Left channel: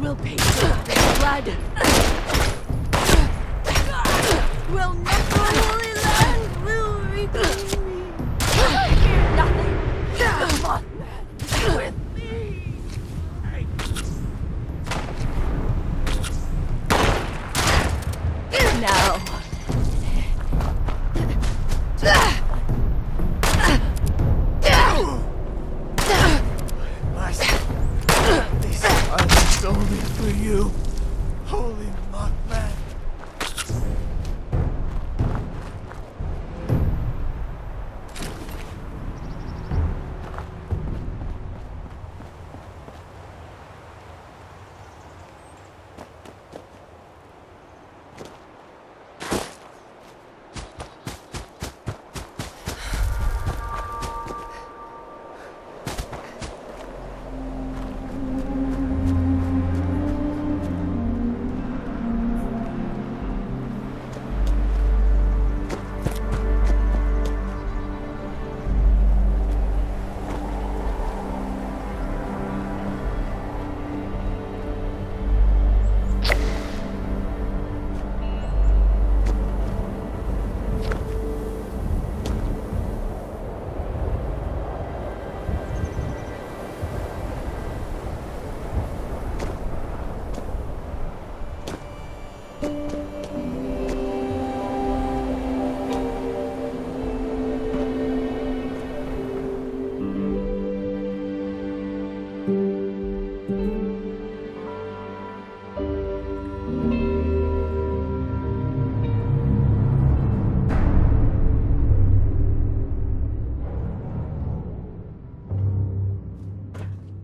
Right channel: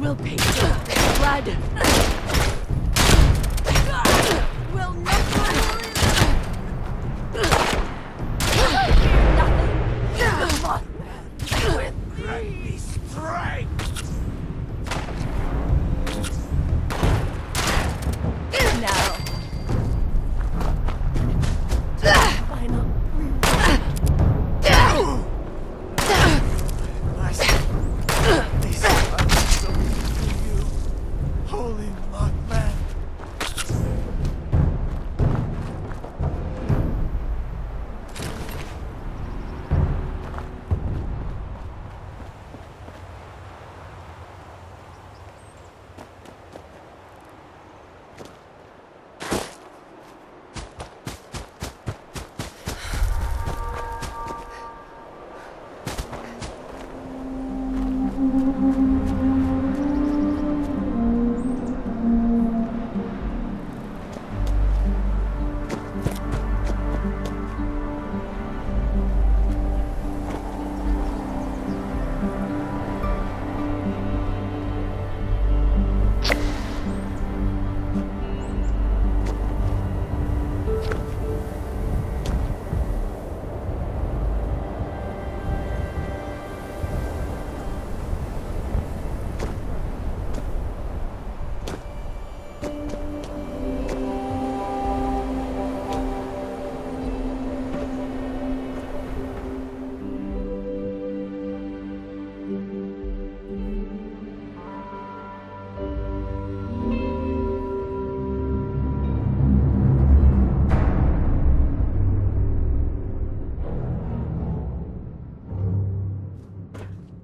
will pay for it, blood. Will never holy land will repay. I fear nothing. The Mothman with me. Strength. Now. These islands only for you, holy Mothman.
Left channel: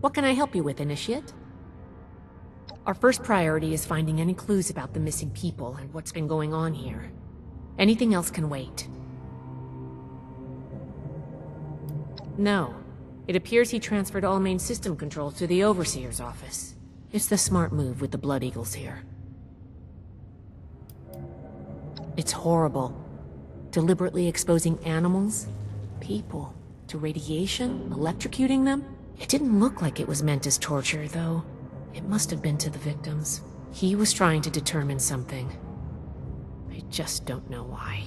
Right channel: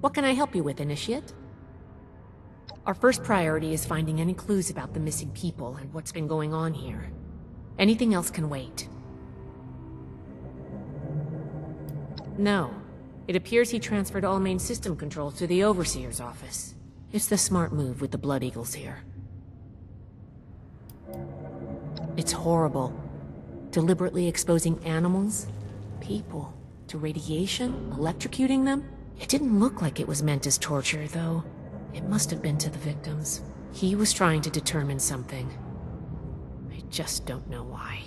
What can I help you with, Initiate? Our first priority is finding any clues about the missing people and what's been going on here. Anything else can wait. No. It appears he transferred all main system control to the Overseer's office. It's the smart move with the Blood Eagles here. It's horrible. Deliberately exposing animals, people, to radiation, electrocuting them. It didn't look like it was meant as torture, though. It must have been to the victims. He was trying to determine something. I just don't know why.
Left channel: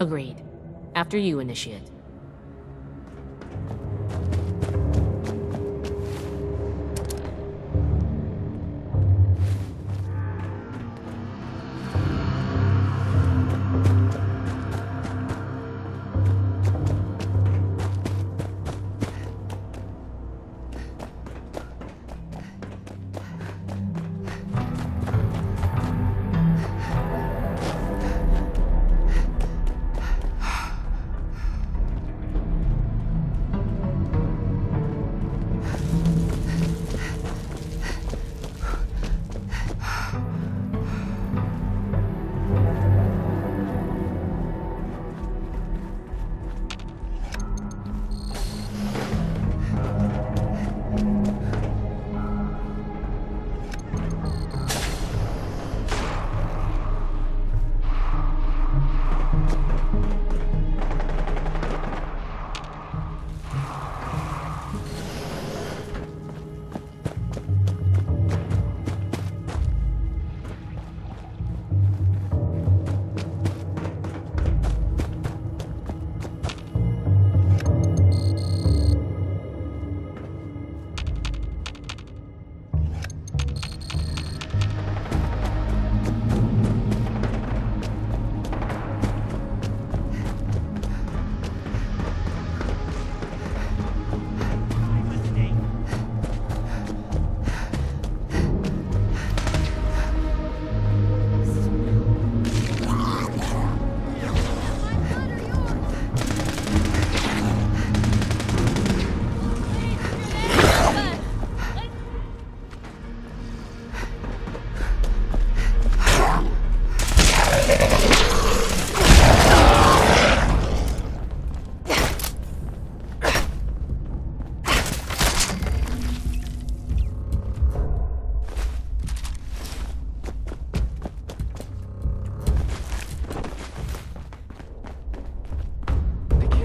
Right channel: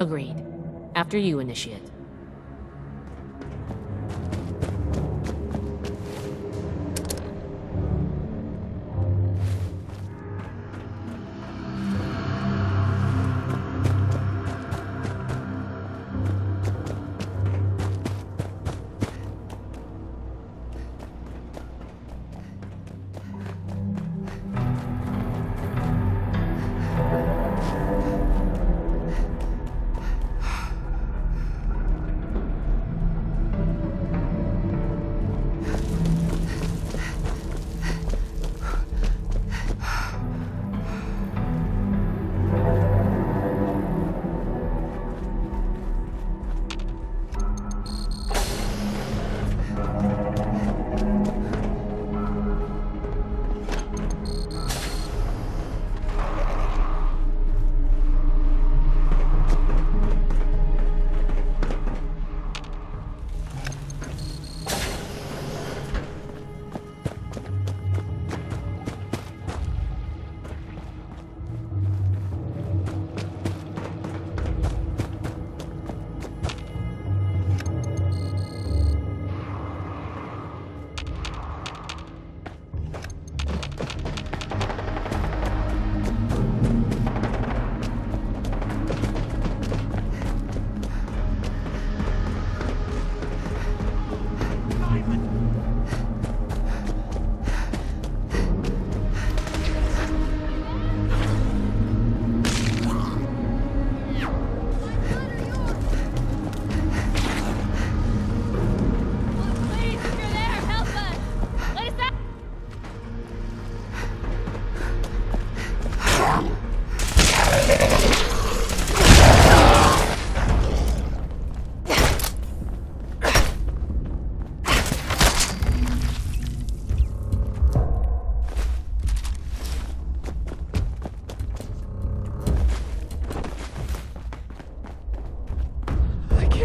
Agreed. After you, Initiate.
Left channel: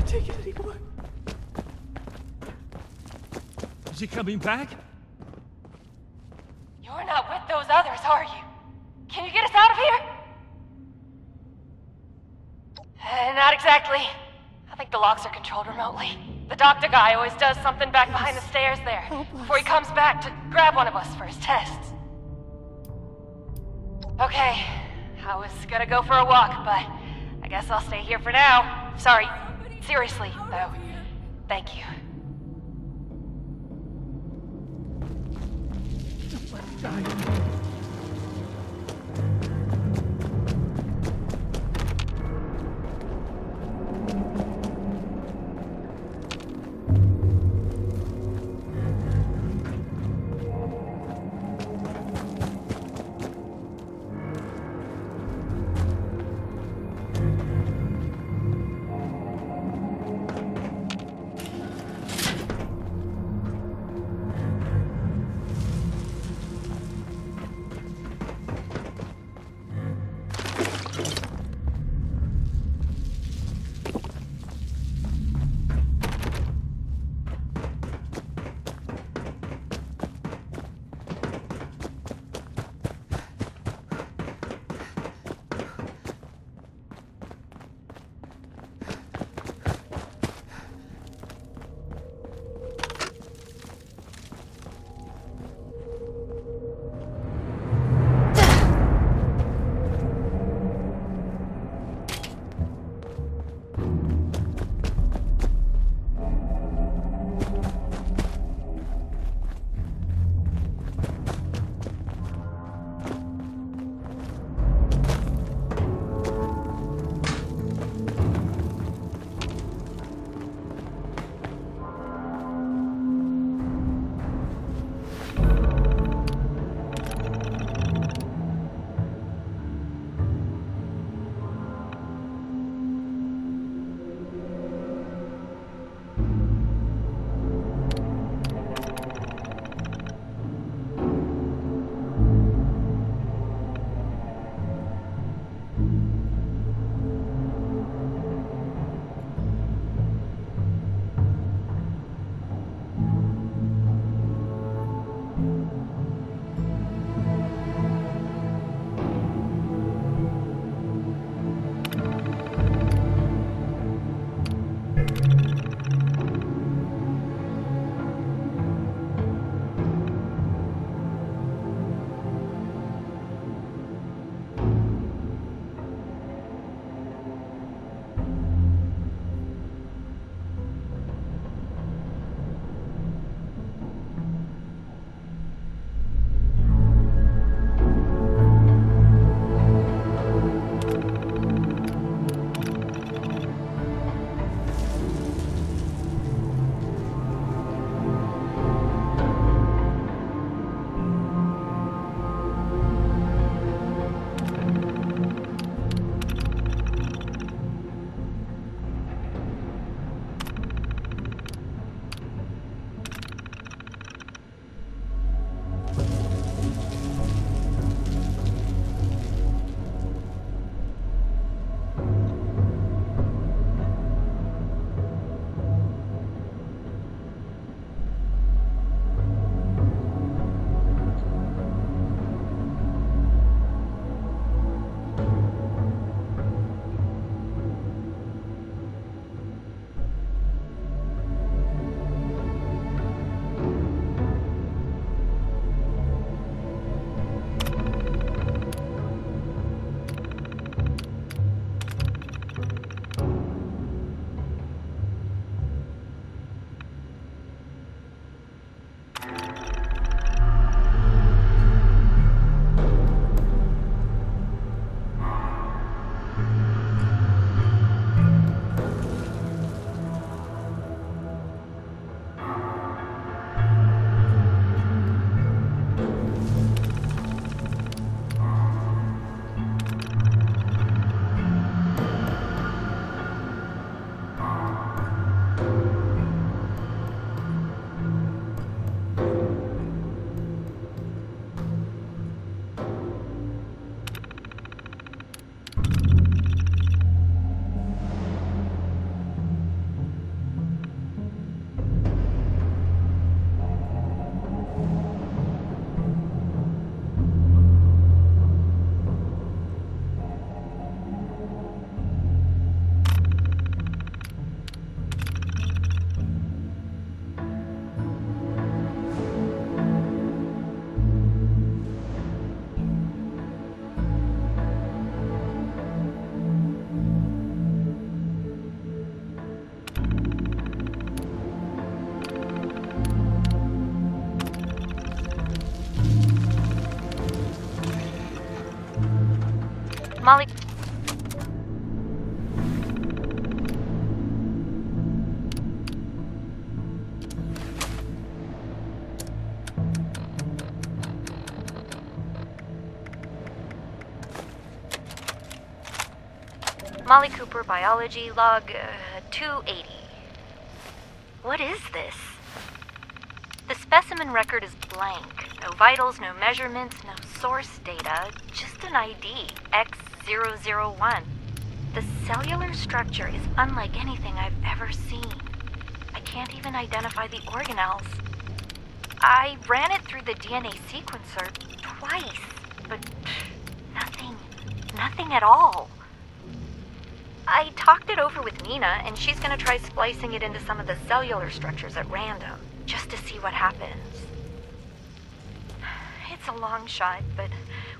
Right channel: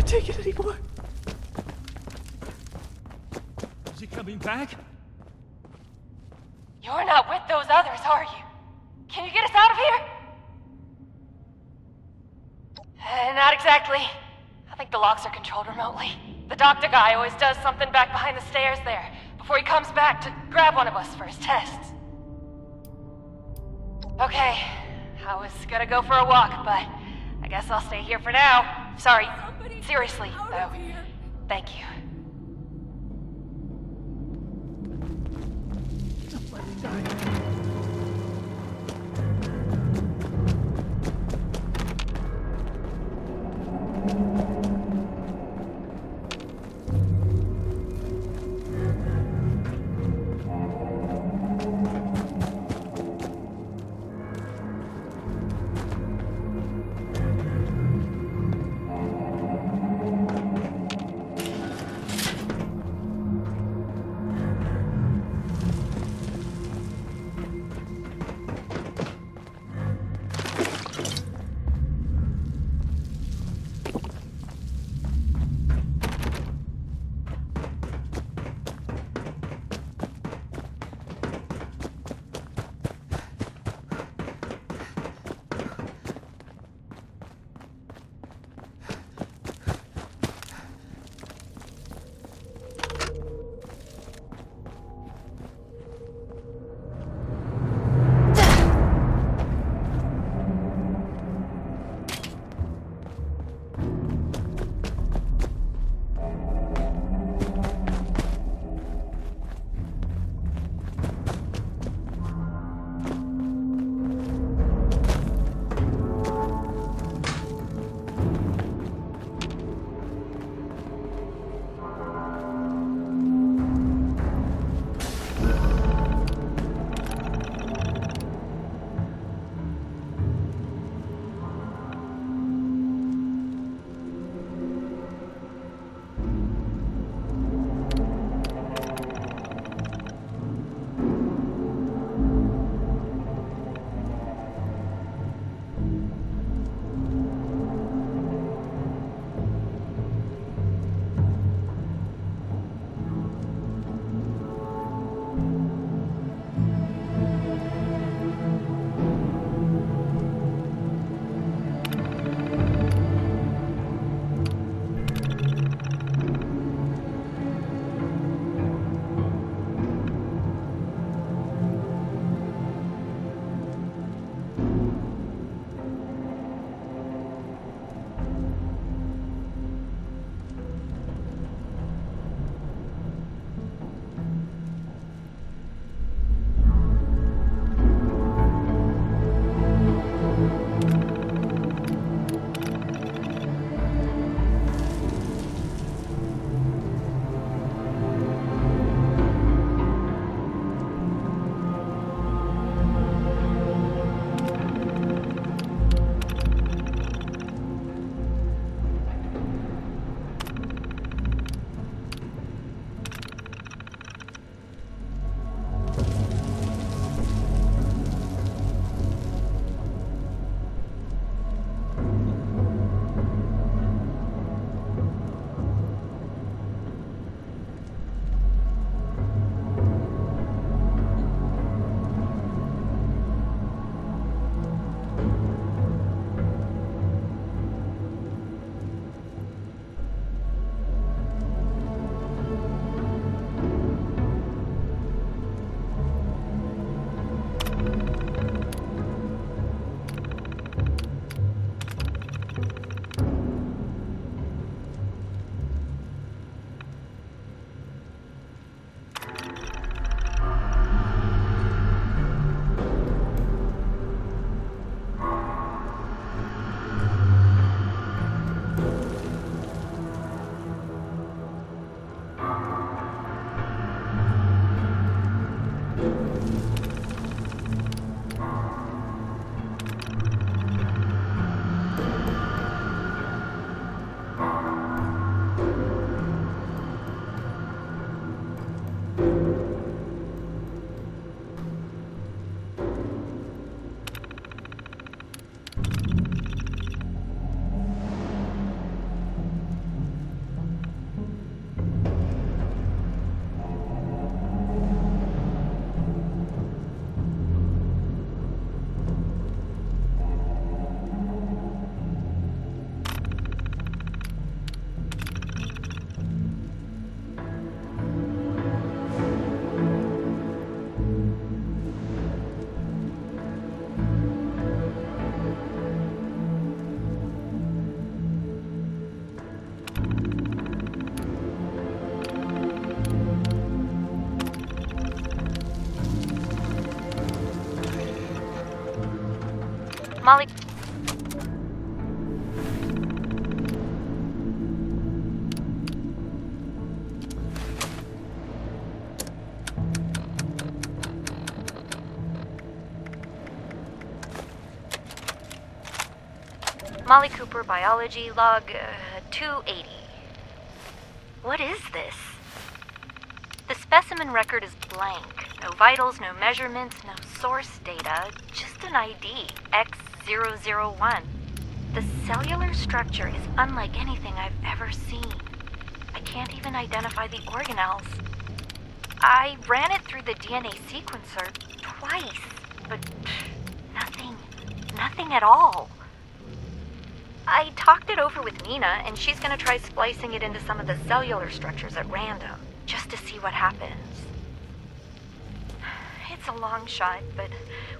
Take it anymore. Is he coming back? You're not with those others, are you? Can you get us out of here? Not exactly. I think the locks are controlled remotely. The doctor guy always does something back behind the stairs there, before he comes back to grab one of us for his tests. Okay, I was gonna go for a walk, but I guess I'll stay here for now. Sorry, seriously, though. Thank you. Don't let me die. Molly... Molly Cooper, biology, log 280. What is this? The specimen record is blank. No vitals, no measurements, no source data, just an ID, X001. The cellular structure is unlike anything I've ever seen. I can't even identify the organelles. I ran it through the DNA sequencer twice, but nothing at all. I talked it over with Nina, and she's gonna try splicing it into some of the cellular structures at random, just to see what happens. It's a long shot, but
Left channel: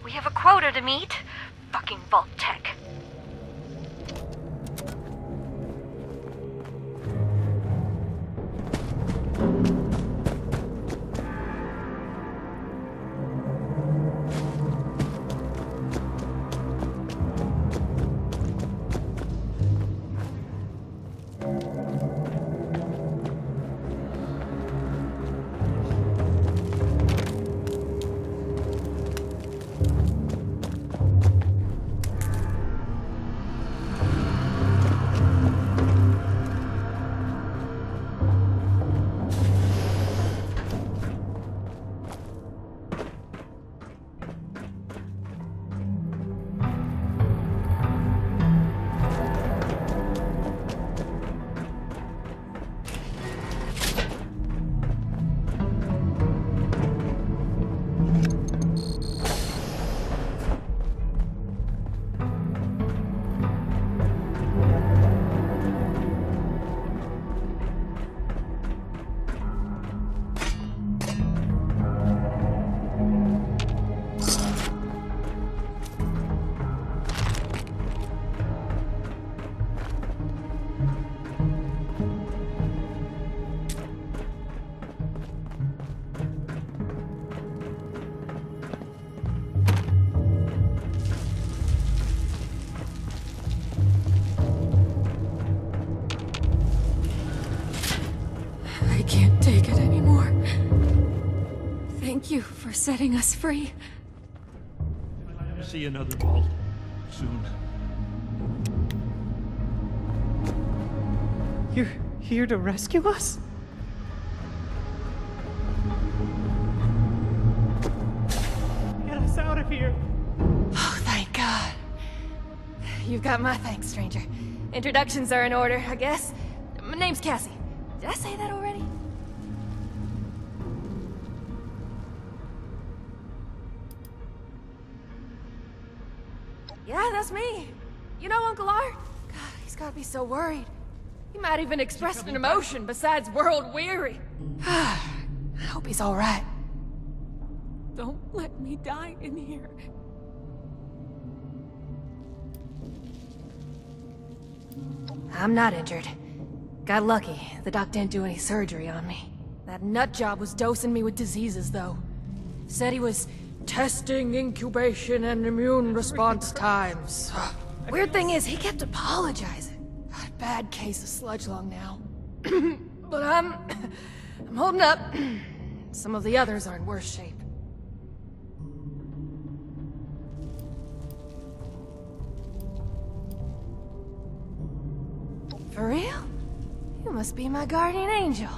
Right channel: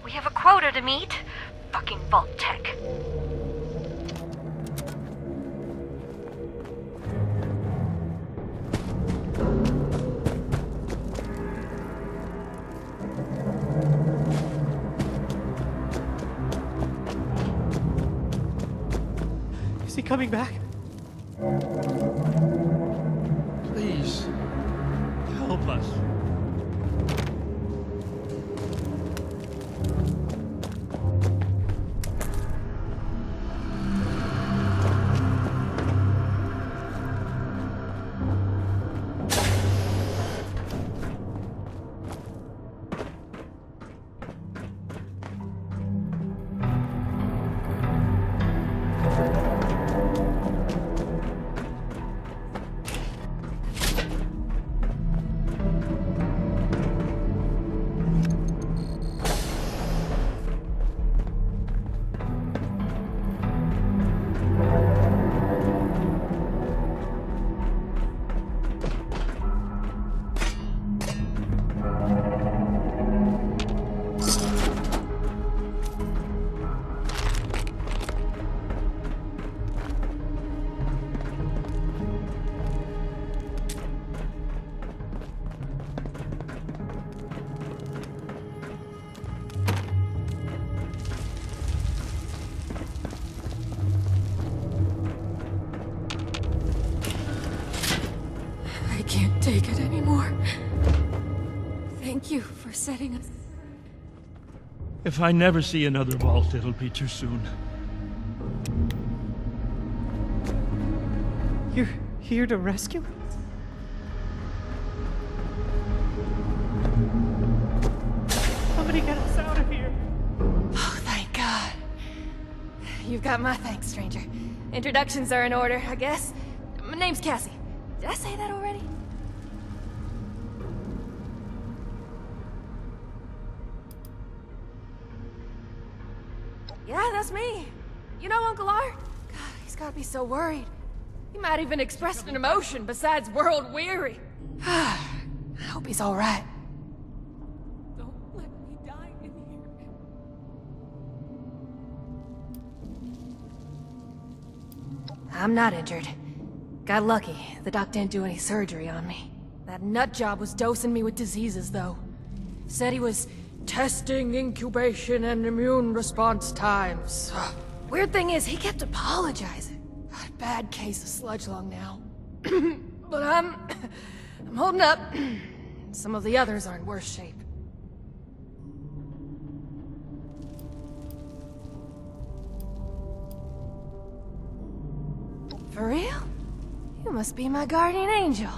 we have a quota to meet. Fucking Vault Tech. Is he coming back? Please, help us. I can't take it anymore. Thank you for setting us free. If I never see another vault, it'll be too soon. You're here to rescue us? Somebody get us out of here. Oh, thank God. You've got my thanks, stranger. Introductions are in order, I guess. My name's Cassie. Did I say that already? Yeah, that's me. You know Uncle Art? God, he's gotta be so worried. He might even express an emotion besides world weary. I hope he's alright. Don't let me die in here. I'm not injured. Got lucky. The doc didn't do any surgery on me. That nut job was dosing me with diseases, though. Said he was testing incubation and immune response times. Weird thing is, he kept apologizing. Bad case of sludge lung now. But I'm holding up. Some of the others are in worse shape. For real? You must be my guardian angel.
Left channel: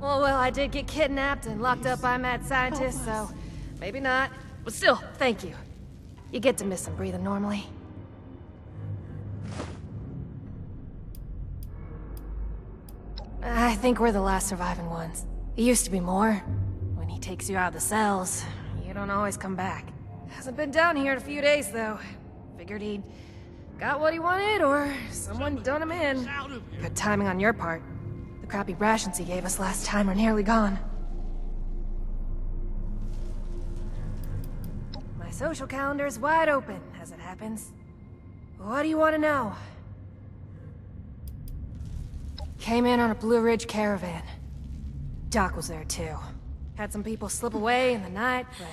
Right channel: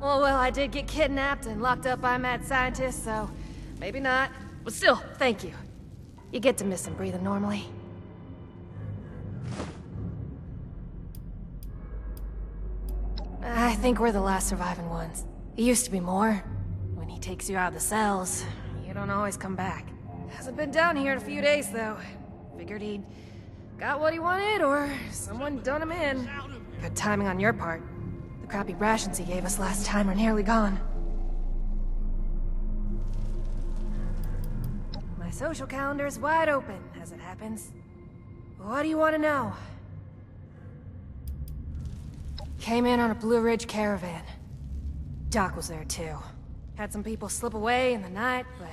Well, I did get kidnapped and locked up by mad scientists, so maybe not. But still, thank you. You get to miss him breathing normally. I think we're the last surviving ones. It used to be more. When he takes you out of the cells, you don't always come back. Hasn't been down here in a few days, though. Figured he'd got what he wanted, or someone done him in. Good timing on your part. The crappy rations he gave us last time are nearly gone. My social calendar's wide open, as it happens. What do you want to know? Came in on a Blue Ridge caravan. Doc was there too. Had some people slip away in the night, but...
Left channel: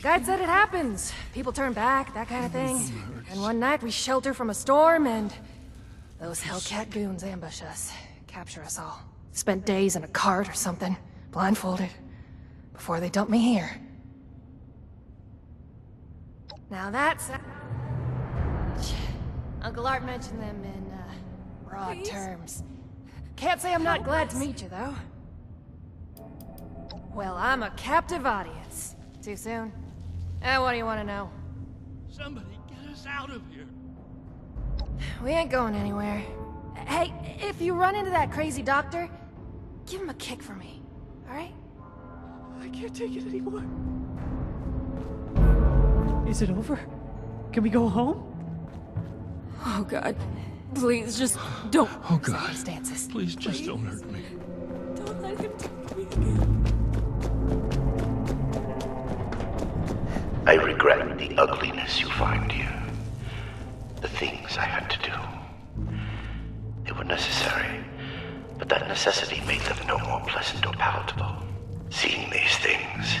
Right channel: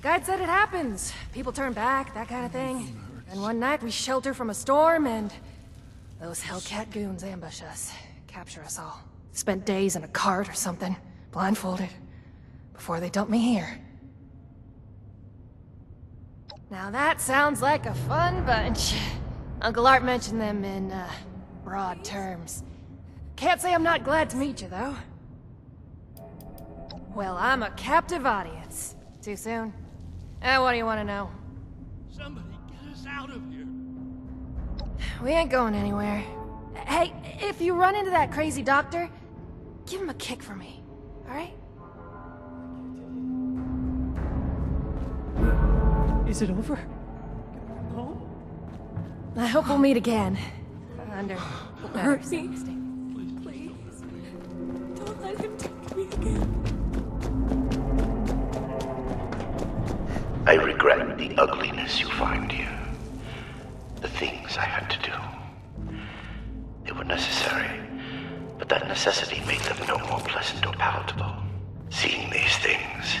Guide said it happens. People turn back, that kind of thing. And one night we shelter from a storm and those Hellcat goons ambush us, capture us all. Spent days in a cart or something, blindfolded, before they dump me here. Now that sounds like a fun bunch. Uncle Art mentioned them in, broad terms. Can't say I'm not glad to meet you, though. Well, I'm a captive audience. Too soon? What do you want to know? Somebody get us out of here. We ain't going anywhere. Hey, if you run into that crazy doctor, give him a kick for me, alright? I can't take it anymore. Is it over? Can we go home? I hope we'll meet again. Please, just Under don't hurt better me. circumstances. Please just don't hurt me. Don't let him take me again. I regret the ugliness you find here. The things I had to do. They were necessary, but that necessity made them no more pleasant or palatable. Seeing these things,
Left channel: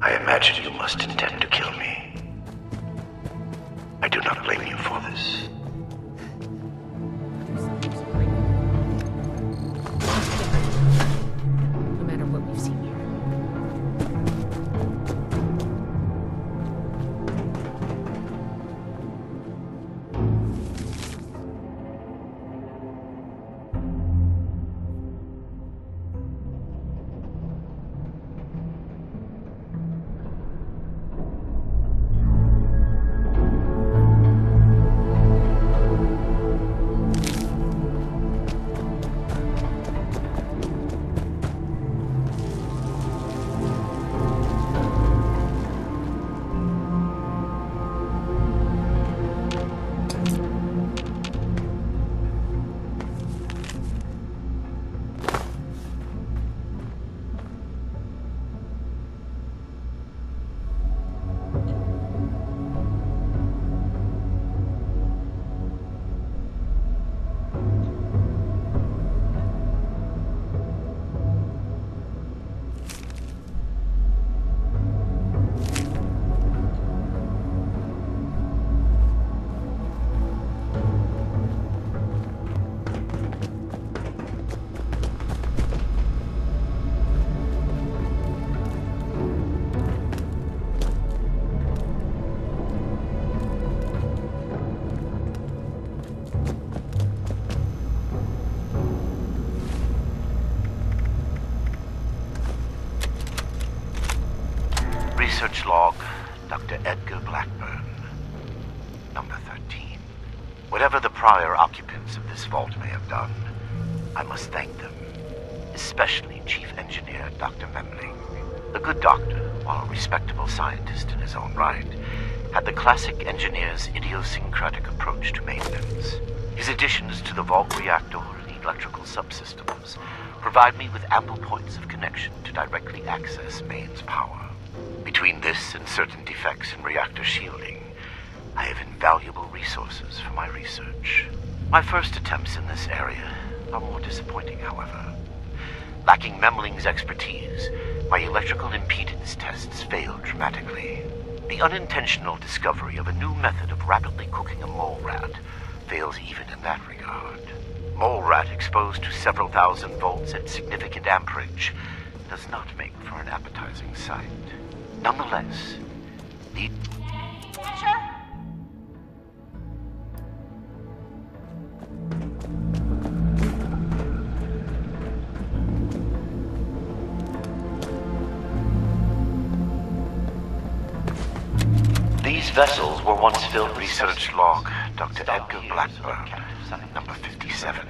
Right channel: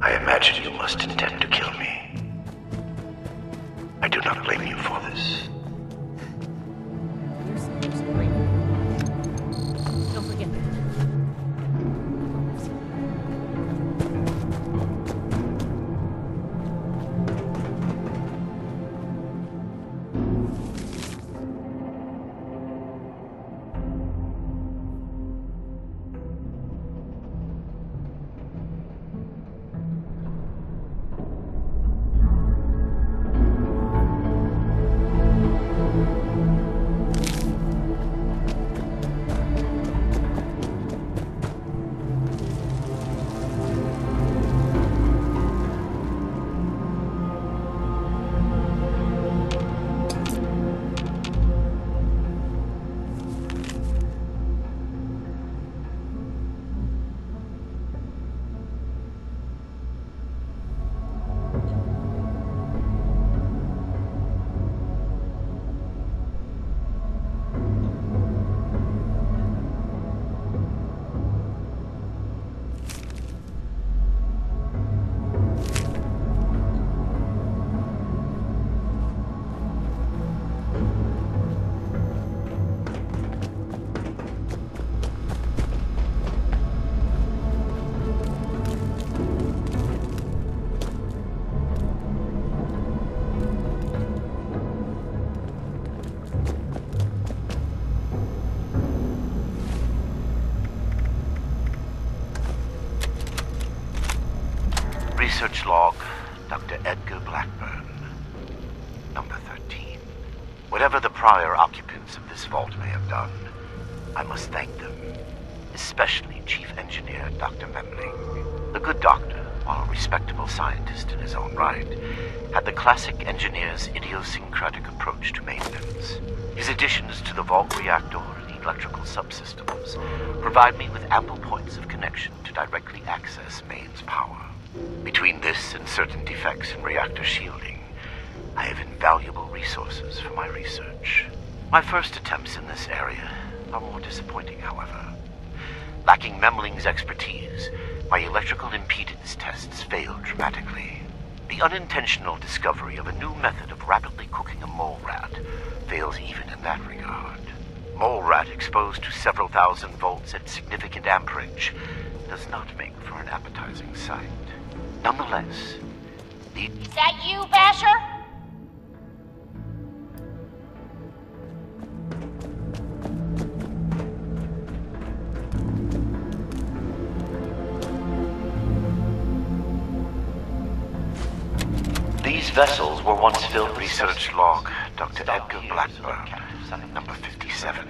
I imagine you must intend to kill me. I do not blame you for this. You're so great. Don't forget that. No matter what we've seen here. Research log, Dr. Edgar Blackburn. Number 13. Whatever the prior occupants of this vault may have done, I must thank them. Especially Chief Engineer Dr. Memling. The good doctor, while a respectable scientist in his own right, had the classic engineer's idiosyncratic approach to maintenance. His additions to the vault reactor and electrical subsystems provide me with ample points of connection to directly access mains power. Between this and certain defects in reactor shielding, I have invaluable resources for my research. My first attempts in this area are more disappointing, however. Lacking Memling's expertise, my electrical impedance tests failed dramatically. The unintentional discovery of a new method of rapidly cooking a mole rat fails even in that regard. Mole rat exposed to several thousand volts at significant amperage does not make for an appetizing sight. Nonetheless, the... Is that you, Basher? These vessels were once filled. Research log, Dr. Edgar Blackburn, number 57.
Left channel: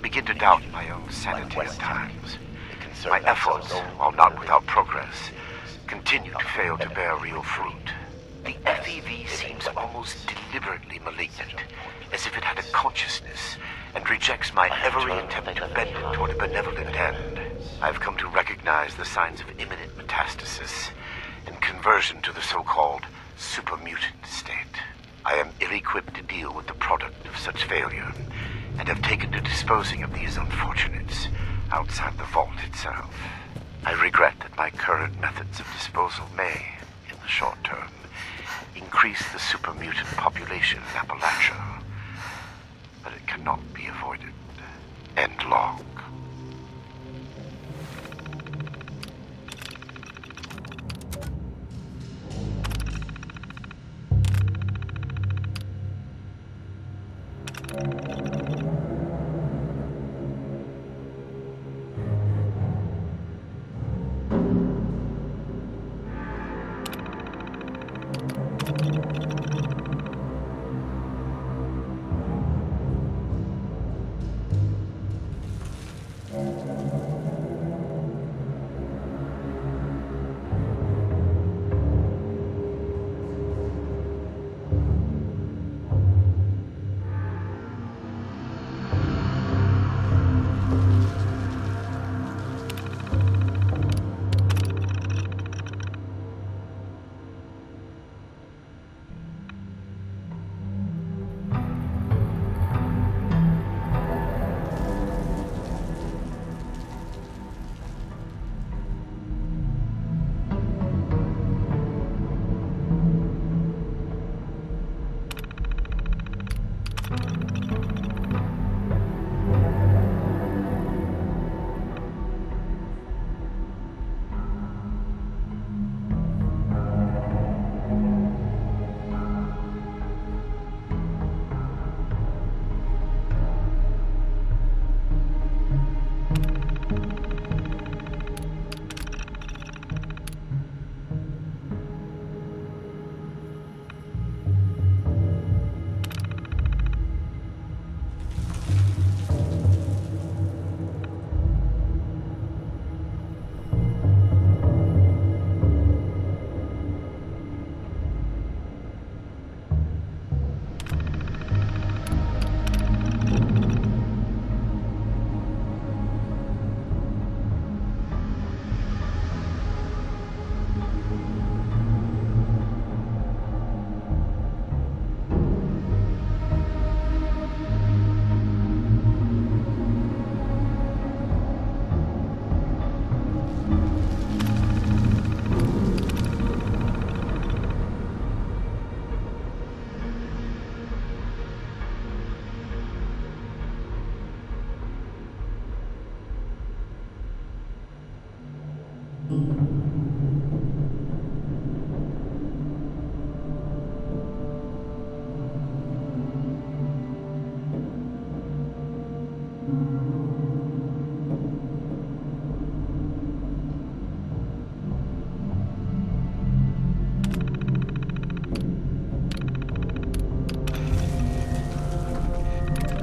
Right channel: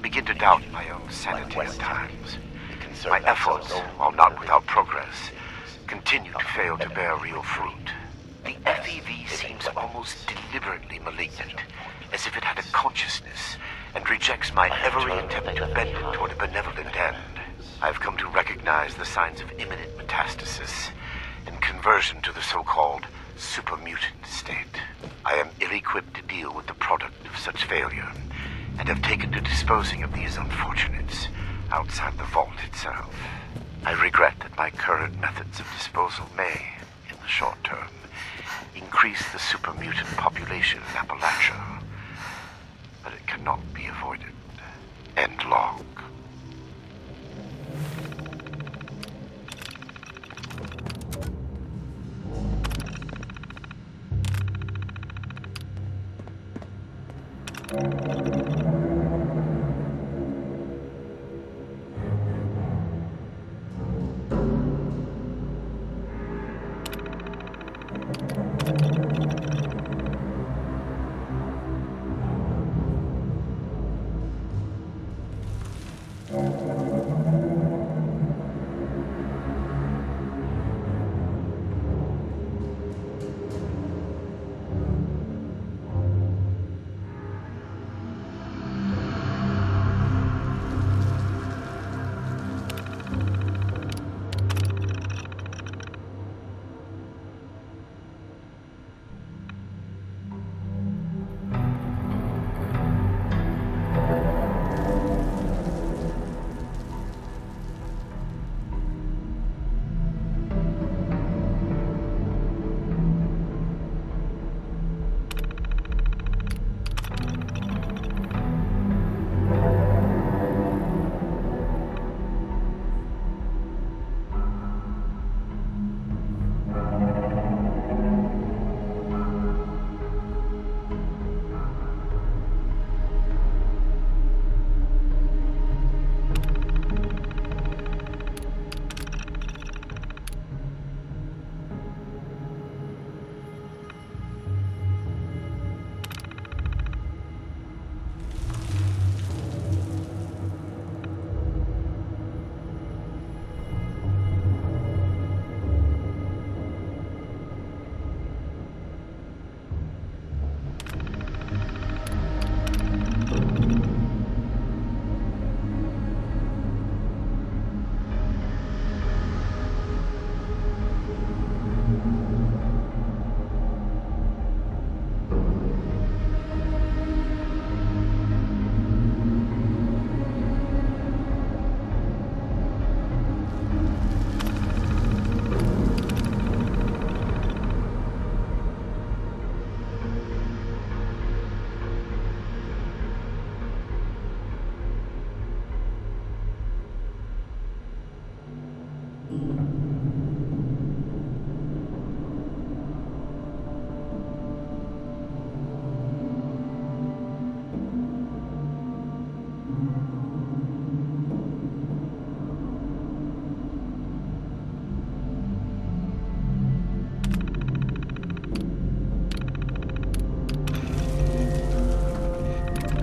Begin to doubt my own sanity at times. My efforts, while not without progress, continue to fail to bear real fruit. The FEV seems almost deliberately malignant, as if it had a consciousness, and rejects my every attempt to bend it toward a benevolent end. I have come to recognize the signs of imminent metastasis and conversion to the so-called supermutant state. I am ill-equipped to deal with the product of such failure, and have taken to disposing of these unfortunates outside the vault itself. I regret that my current methods of disposal may, in the short term, increase the super mutant population in Appalachia. But it cannot be avoided. End log.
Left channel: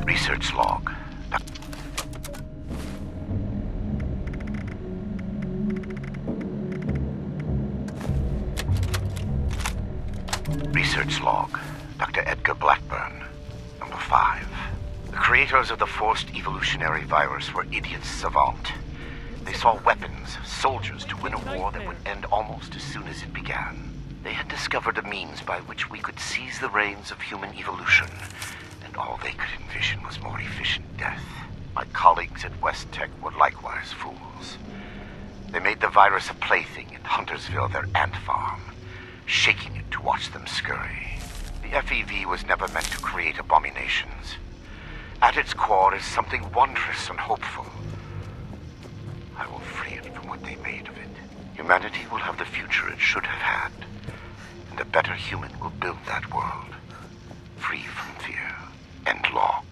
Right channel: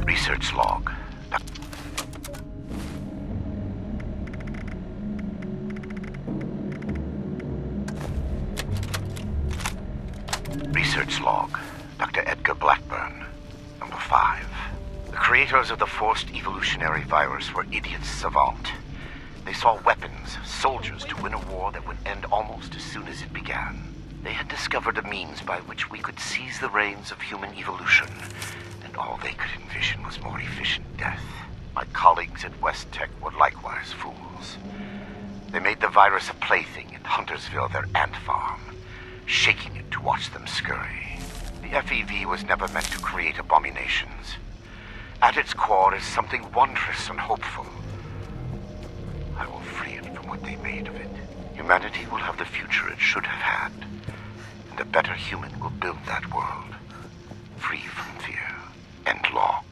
Research log. Research log. Dr. Edgar Blackburn. Number 5. The creators of the forced evolutionary virus were idiots savant. They saw weapons, soldiers to win a war that would end almost as soon as it began. They had discovered a means by which we could seize the reins of human evolution, and all they could envision was more efficient death. My colleagues at West Tech were likewise fools. They made the virus a plaything in Huntersville, their ant farm, shaking it to watch them scurry. The FEV was never meant to create abominations. At its core is something wondrous and hopeful. I will free it from what they made of it. Humanity will have the future it should have had, and a better human will build that world, free from fear. End log.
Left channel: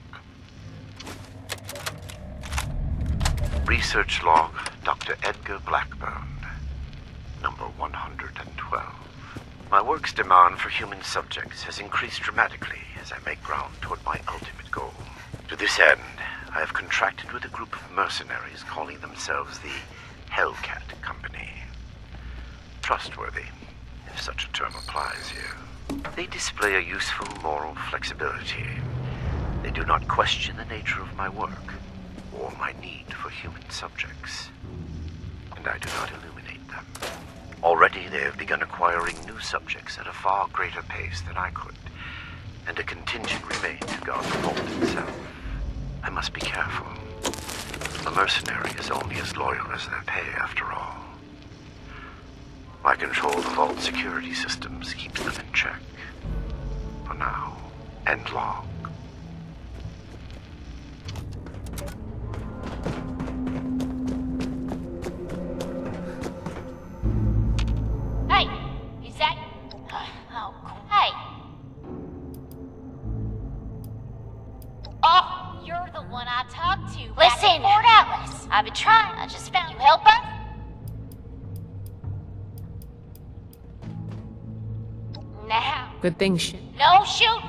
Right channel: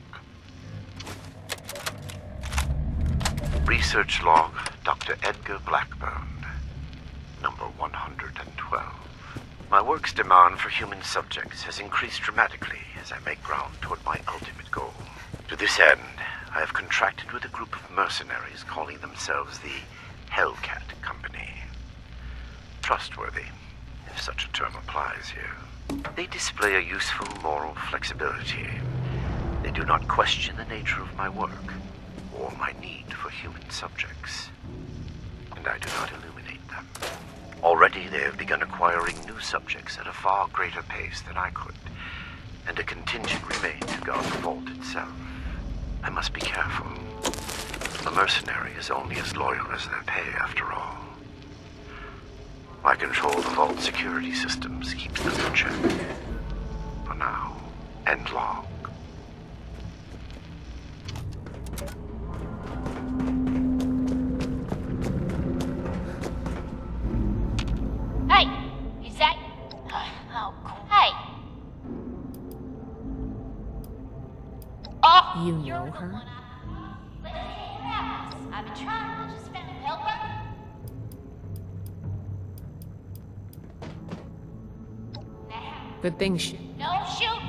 Research log, Dr. Edgar Blackburn, number 112. My work's demand for human subjects has increased dramatically as I make ground toward my ultimate goal. To this end, I have contracted with a group of mercenaries calling themselves the Hellcat Company. Trustworthy, if such a term applies here. They display a useful moral flexibility. They do not question the nature of my work or my need for human subjects, and I do not illuminate them. Already they have begun acquiring new subjects at a far greater pace than I could, and a contingent remains to guard the vault itself. I must be careful. A mercenary is only as loyal as their pay, after all. My control of the vault security systems keeps them in check. For now. End log. Hey! Is that... Oh, hey! Oh, You you're know the her? one I talked to. Listen, Fort Atlas. I've been trying. I just found you. Help her? Now. Good thing shit. No shoot.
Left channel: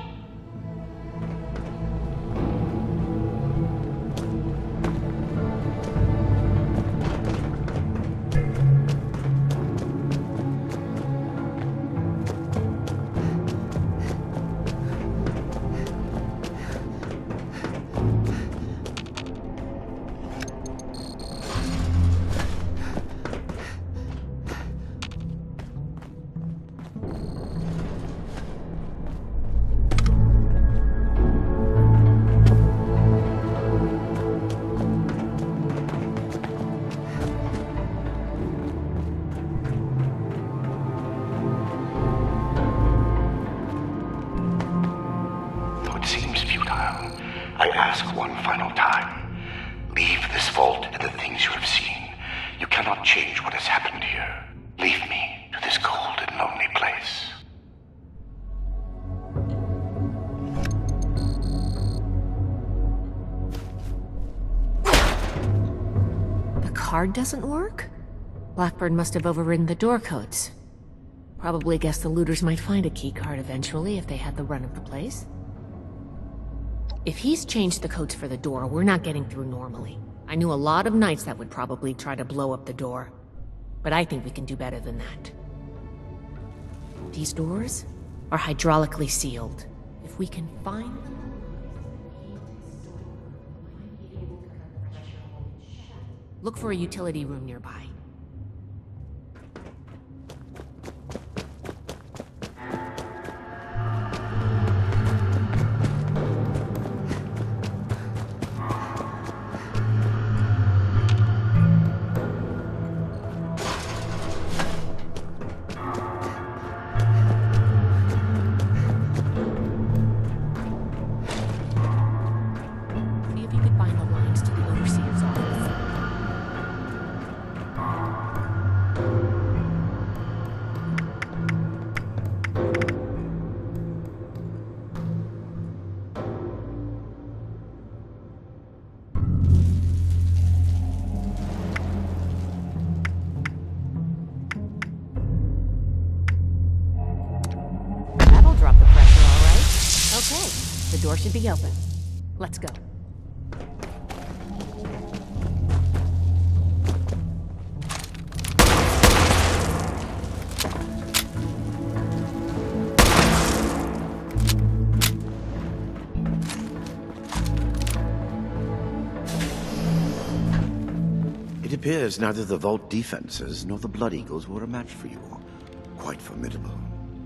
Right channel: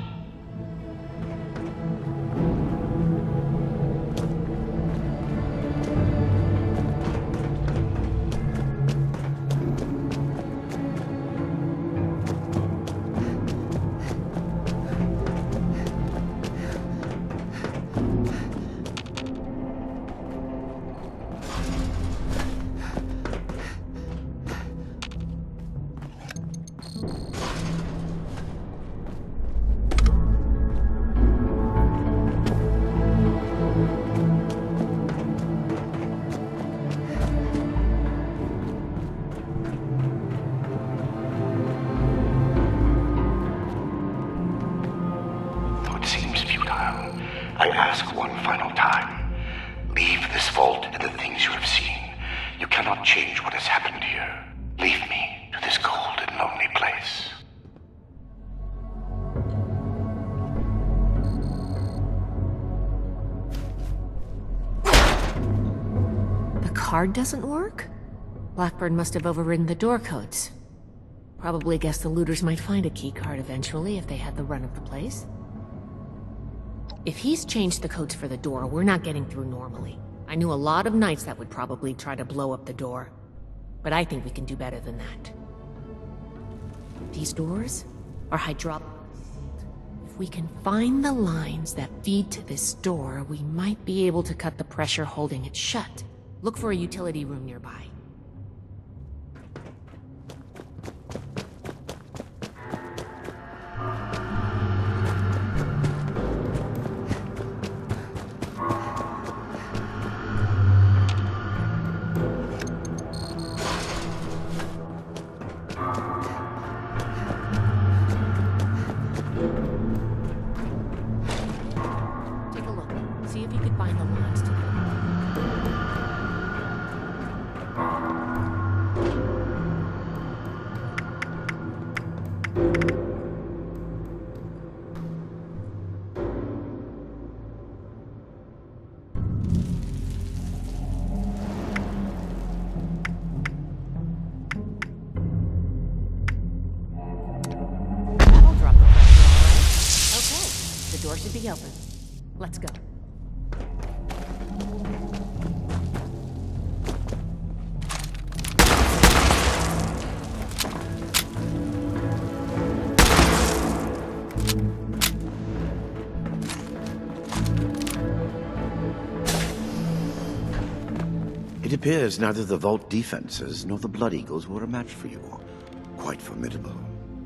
Though it seems futile, I ask one final time. Leave this vault and the things you have seen. You cannot change what has happened here. Leave me to this cold and lonely place. The card doesn't work? Blackbird must have overridden the door codes. Probably guessed the looters might find a key card eventually if they had the run of the place. If he's changed the codes for the door, we're not getting through normally. I knew a lot of knights that would probably try to blow up the door. But I think we can do better than that. These doors are hydraulically sealed. If we can find the lines that feed to this door, we might be able to cut the pressure holding it shut. Look for a utility room nearby. Take a look. See if you could find the lines to the overseer's office. That'll drop the pressure, all right. Okay, the door should be open. Let's go. It appears neither the vault defenses nor the Blood Eagles were a match for you. Quite formidable.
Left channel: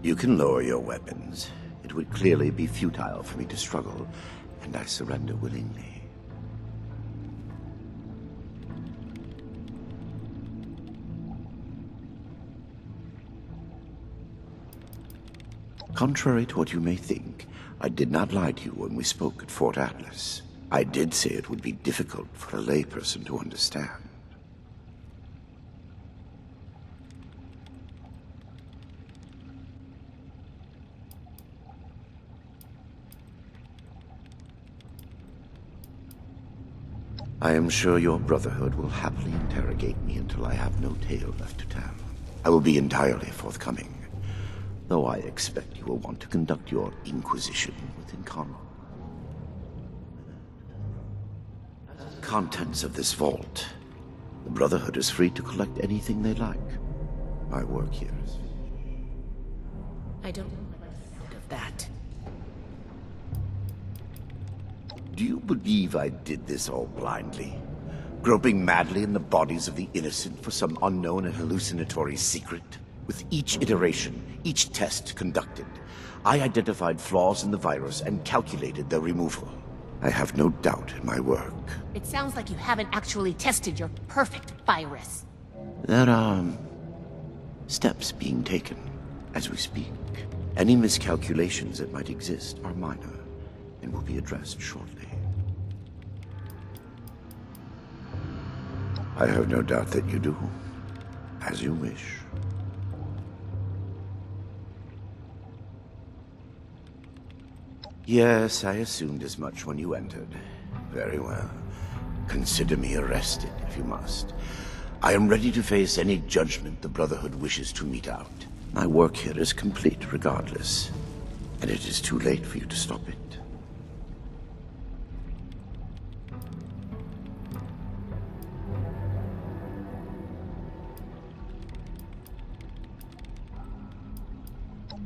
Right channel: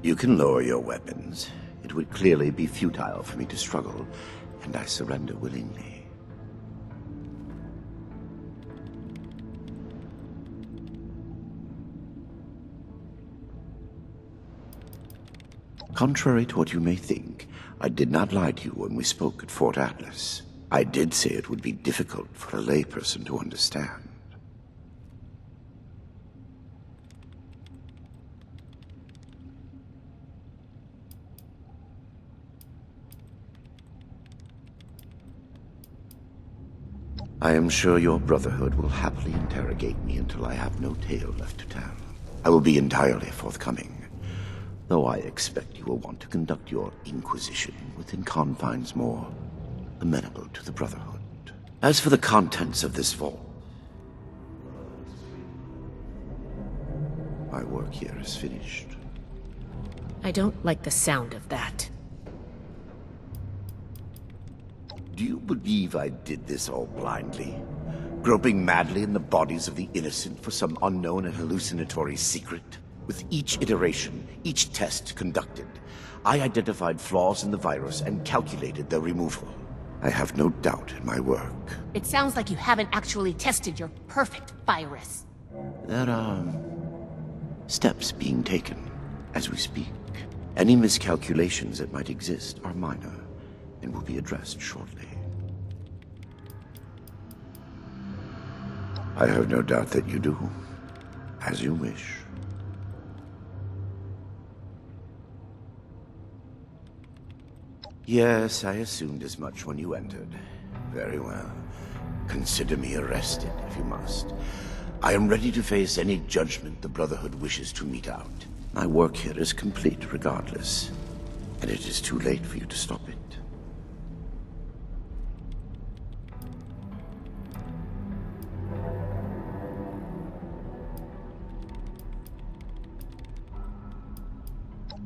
You can lower your weapons. It would clearly be futile for me to struggle, and I surrender willingly. Contrary to what you may think, I did not lie to you when we spoke at Fort Atlas. I did say it would be difficult for a layperson to understand. I am sure your Brotherhood will happily interrogate me until I have no tale left to tell. I will be entirely forthcoming, though I expect you will want to conduct your inquisition within confines more amenable to the Brotherhood. As for the contents of this vault, the Brotherhood is free to collect anything they like. My work here is finished. I don't like the sound of that. Do you believe I did this all blindly? Groping madly in the bodies of the innocent for some unknown and hallucinatory secret? With each iteration, each test conducted, I identified flaws in the virus and calculated their removal. I have no doubt in my work. It sounds like you haven't actually tested your perfect virus. There are steps being taken as we speak. Any miscalculations that might exist are minor and will be addressed shortly. I have no doubt that you do. As you wish. Yes, I assumed as much when you entered. Very well. Consider me arrested, if you must. I am ready to face any judgment the Brotherhood wishes to mete out. My work here is complete regardless, and it is too late for you to stop it.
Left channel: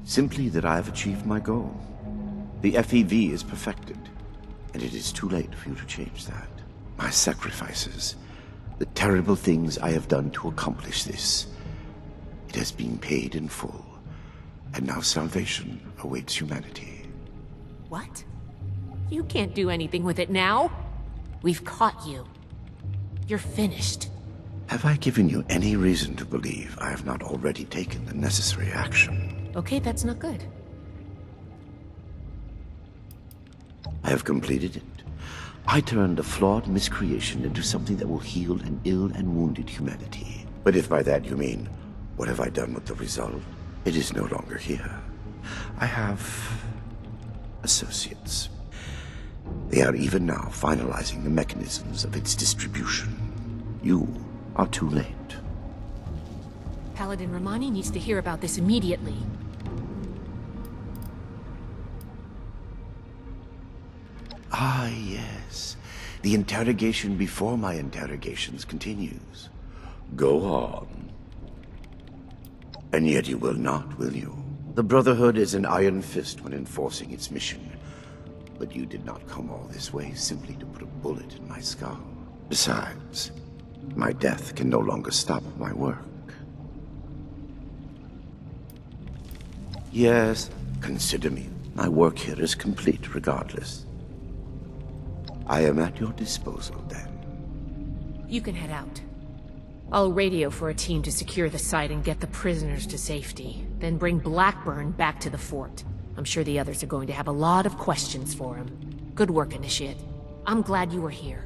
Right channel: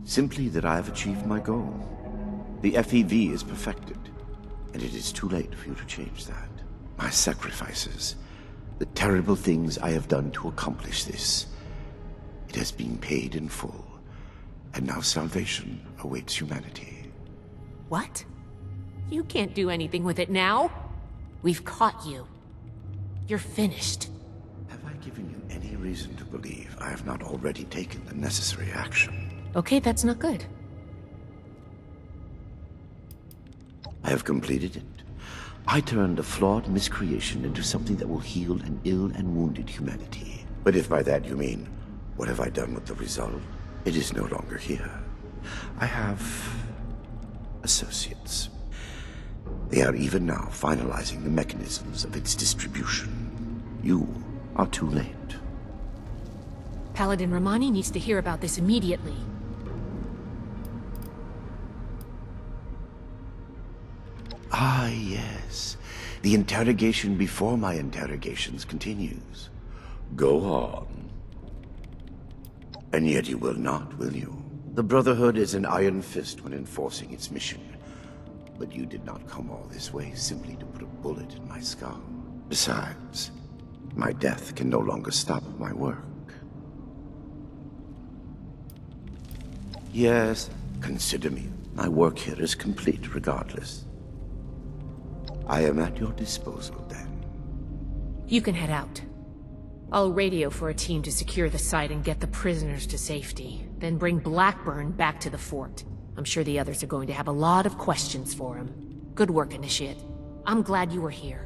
Simply that I have achieved my goal. The FEV is perfected, and it is too late for you to change that. My sacrifices, the terrible things I have done to accomplish this, it has been paid in full, and now salvation awaits humanity. What? You can't do anything with it now. We've caught you. You're finished. Have I given you any reason to believe I have not already taken the necessary action? Okay, that's not good. I have completed it. I turned a flawed miscreation into something that will heal an ill and wounded humanity. But if by that you mean, what have I done with the result? It is no longer here. I have associates. They are even now finalizing the mechanisms of its distribution. You are too late. Paladin Romani needs to hear about this immediately. Ah, yes. The interrogation before my interrogations continues. Go on. And yet you will not, will you? The Brotherhood is an iron fist when enforcing its mission. But you did not come all this way simply to put a bullet in my skull. Besides, my death can no longer stop my work. Yes, consider me. My work here is complete regardless. I am at your disposal, then. You can head out. I'll radio for a team to secure the site and get the prisoners to safety. Then bring Blackburn back to the fort. I'm sure the others are going to have a lot of questions for him. Good work, Initiate. I'm glad you were here.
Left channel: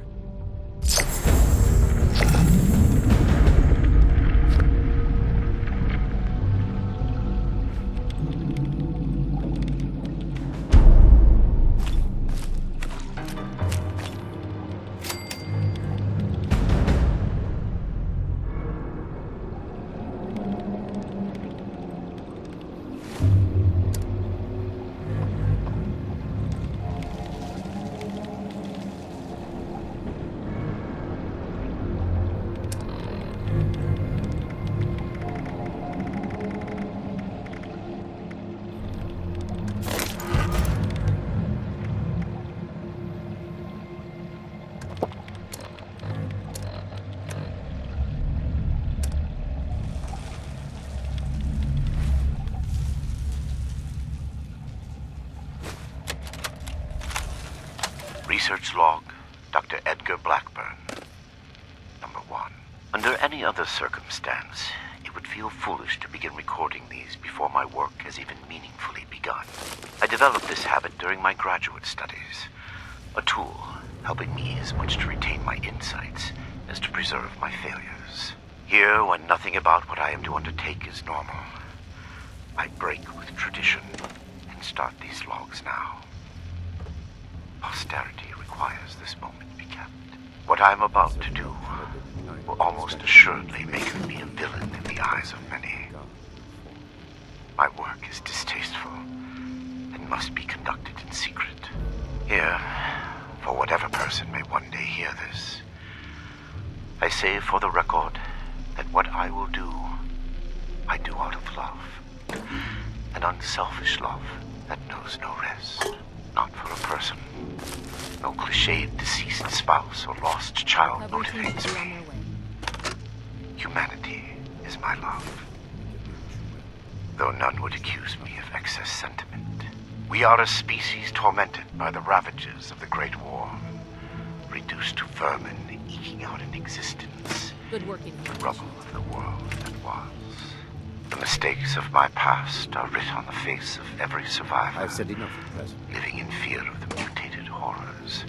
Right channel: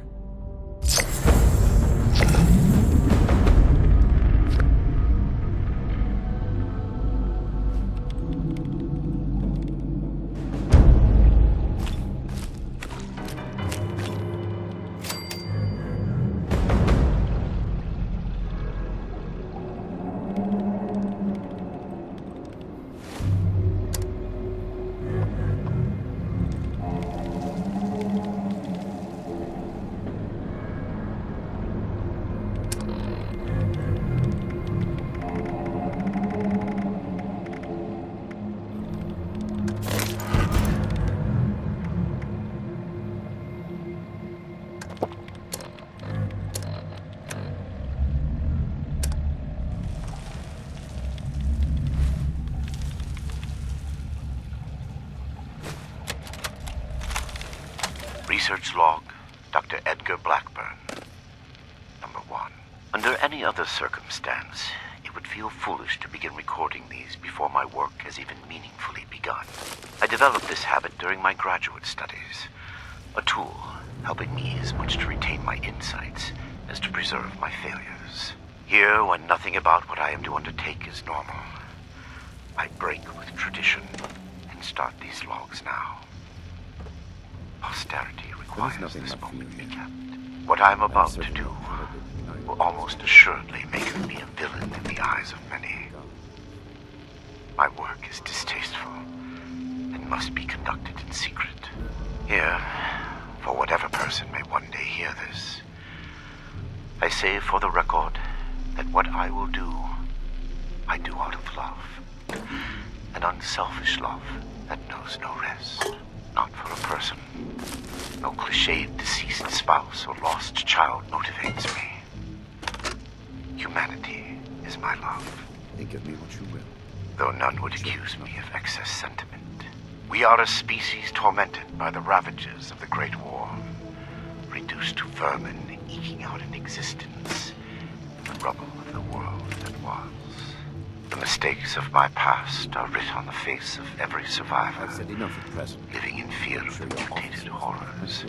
Research log, Dr. Edgar Blackburn. Number 1. Under any other circumstance, it would feel foolish to begin recording these before my work has even meaningfully begun. I developed this habit during my graduate studies, a tool helping me as much to retain my insights as to preserve my failures. Here, when nothing about what I am to undertake is normal, I break with tradition and start these logs now. Posterity requires this moment be kept. What I am about to do will almost assuredly make me a villain in the eyes of many. My work is distasteful and must be conducted in secret. Here, for whatever person may one day hear this, I say for the record that what I will do, I do out of love. An unselfish love that knows no rest. Not for a person. No cliched deceased spouse or lost child motivates me. Humanity is my love. Think of me what you will. Though none would accuse me of excess sentiment. We are a species tormented by the ravages of the Great War. Reduced to vermin, eking out an existence. Good work. The rubble of the world that was. The mistakes of my past are writ on the face of every survivor. I've said enough at present. Living in fear of the mutated horrors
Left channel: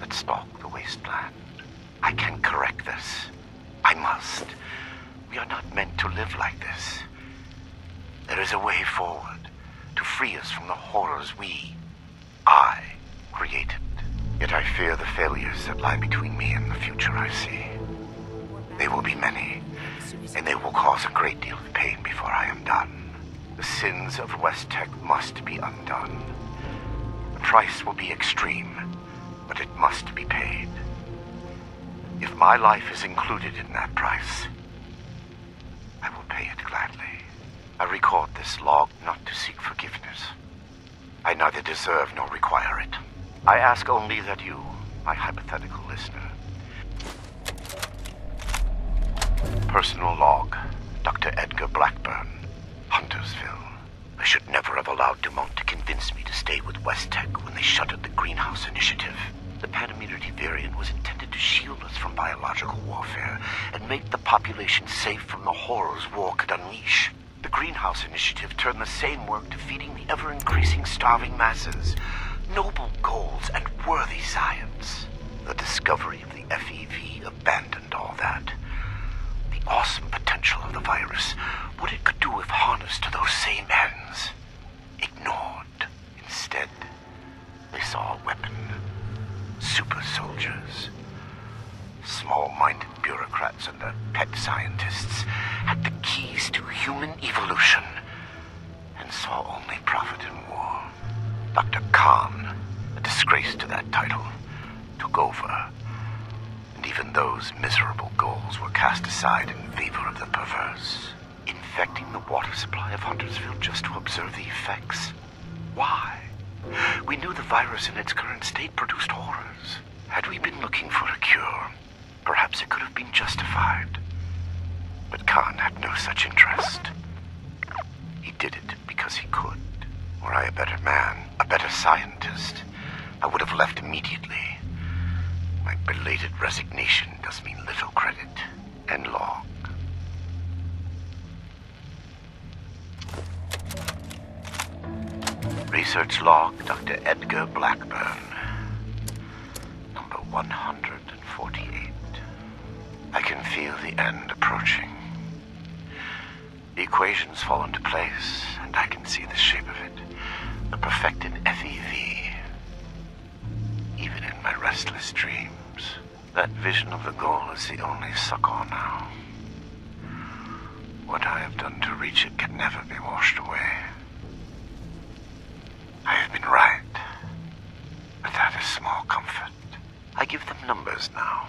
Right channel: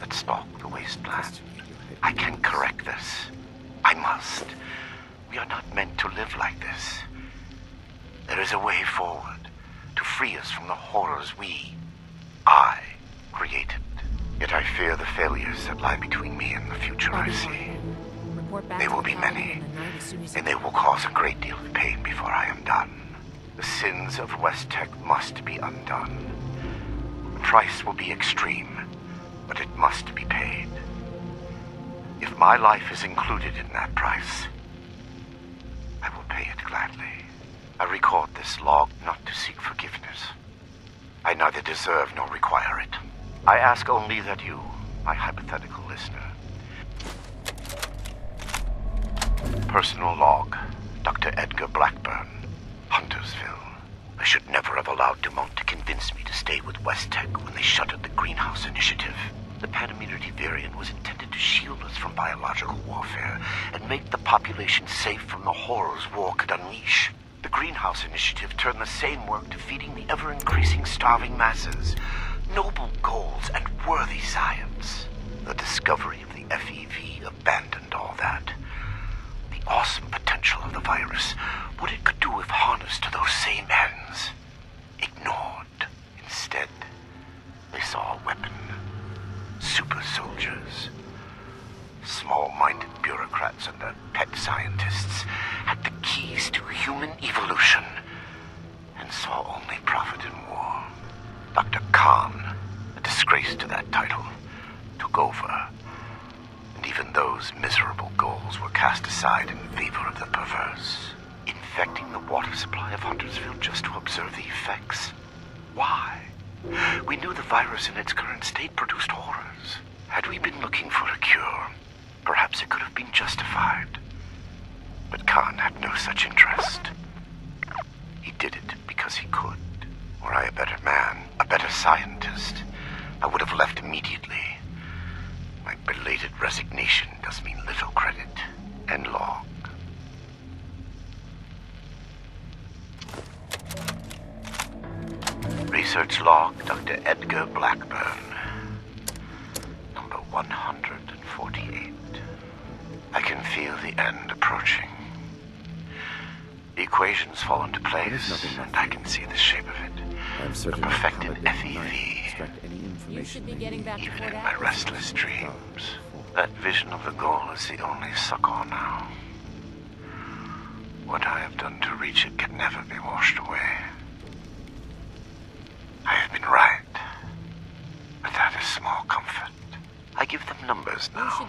that stalk the wasteland. I can correct this. I must. We are not meant to live like this. There is a way forward to free us from the horrors I created. Yet I fear the failures that lie between me and the future I see. They will be many, and they will cause a great deal of pain before I am done. The sins of West Tech must be undone. The price will be extreme, but it must be paid. If my life is included in that price, I will pay it gladly. I record this log not to seek forgiveness. I neither deserve nor require it. I ask only that you, my hypothetical listener. Personal log, Dr. Edgar Blackburn, Huntersville. I should never have allowed Dumont to convince me to stay with West Tech when they shuttered the Greenhouse Initiative. The Panimmunity variant was intended to shield us from biological warfare and make the population safe from the horrors war could unleash. The Greenhouse Initiative turned the same work to feeding the ever-increasing starving masses. Noble goals and worthy science. The discovery of the FEV abandoned all that. The awesome potential of the virus, what it could do if harnessed to those same ends. Ignored. Instead, they saw a weapon. Super soldiers. Small-minded bureaucrats and their pet scientists had the keys to human evolution and saw only profit in war. Dr. Khan, a disgrace to that title, took over. And even those miserable goals were cast aside in favor of the perverse. Infecting the water supply of Huntersville just to observe the effects. Why? We knew the virus in its current state produced horrors. Had we been looking for a cure, perhaps it could have been justified. But Khan had no such interest. He did it because he could. Were I a better man, a better scientist, I would have left immediately. My belated resignation does me little credit. End log. Research log, Dr. Edgar Blackburn. Number 148. I can feel the end approaching. The equations fall into place, and I can see the shape of it. A perfected FEV. Even in my restless dreams, that vision of the goal is the only succor now. What I have done to reach it can never be washed away. I have been right, but that is small comfort. I give them numbers now,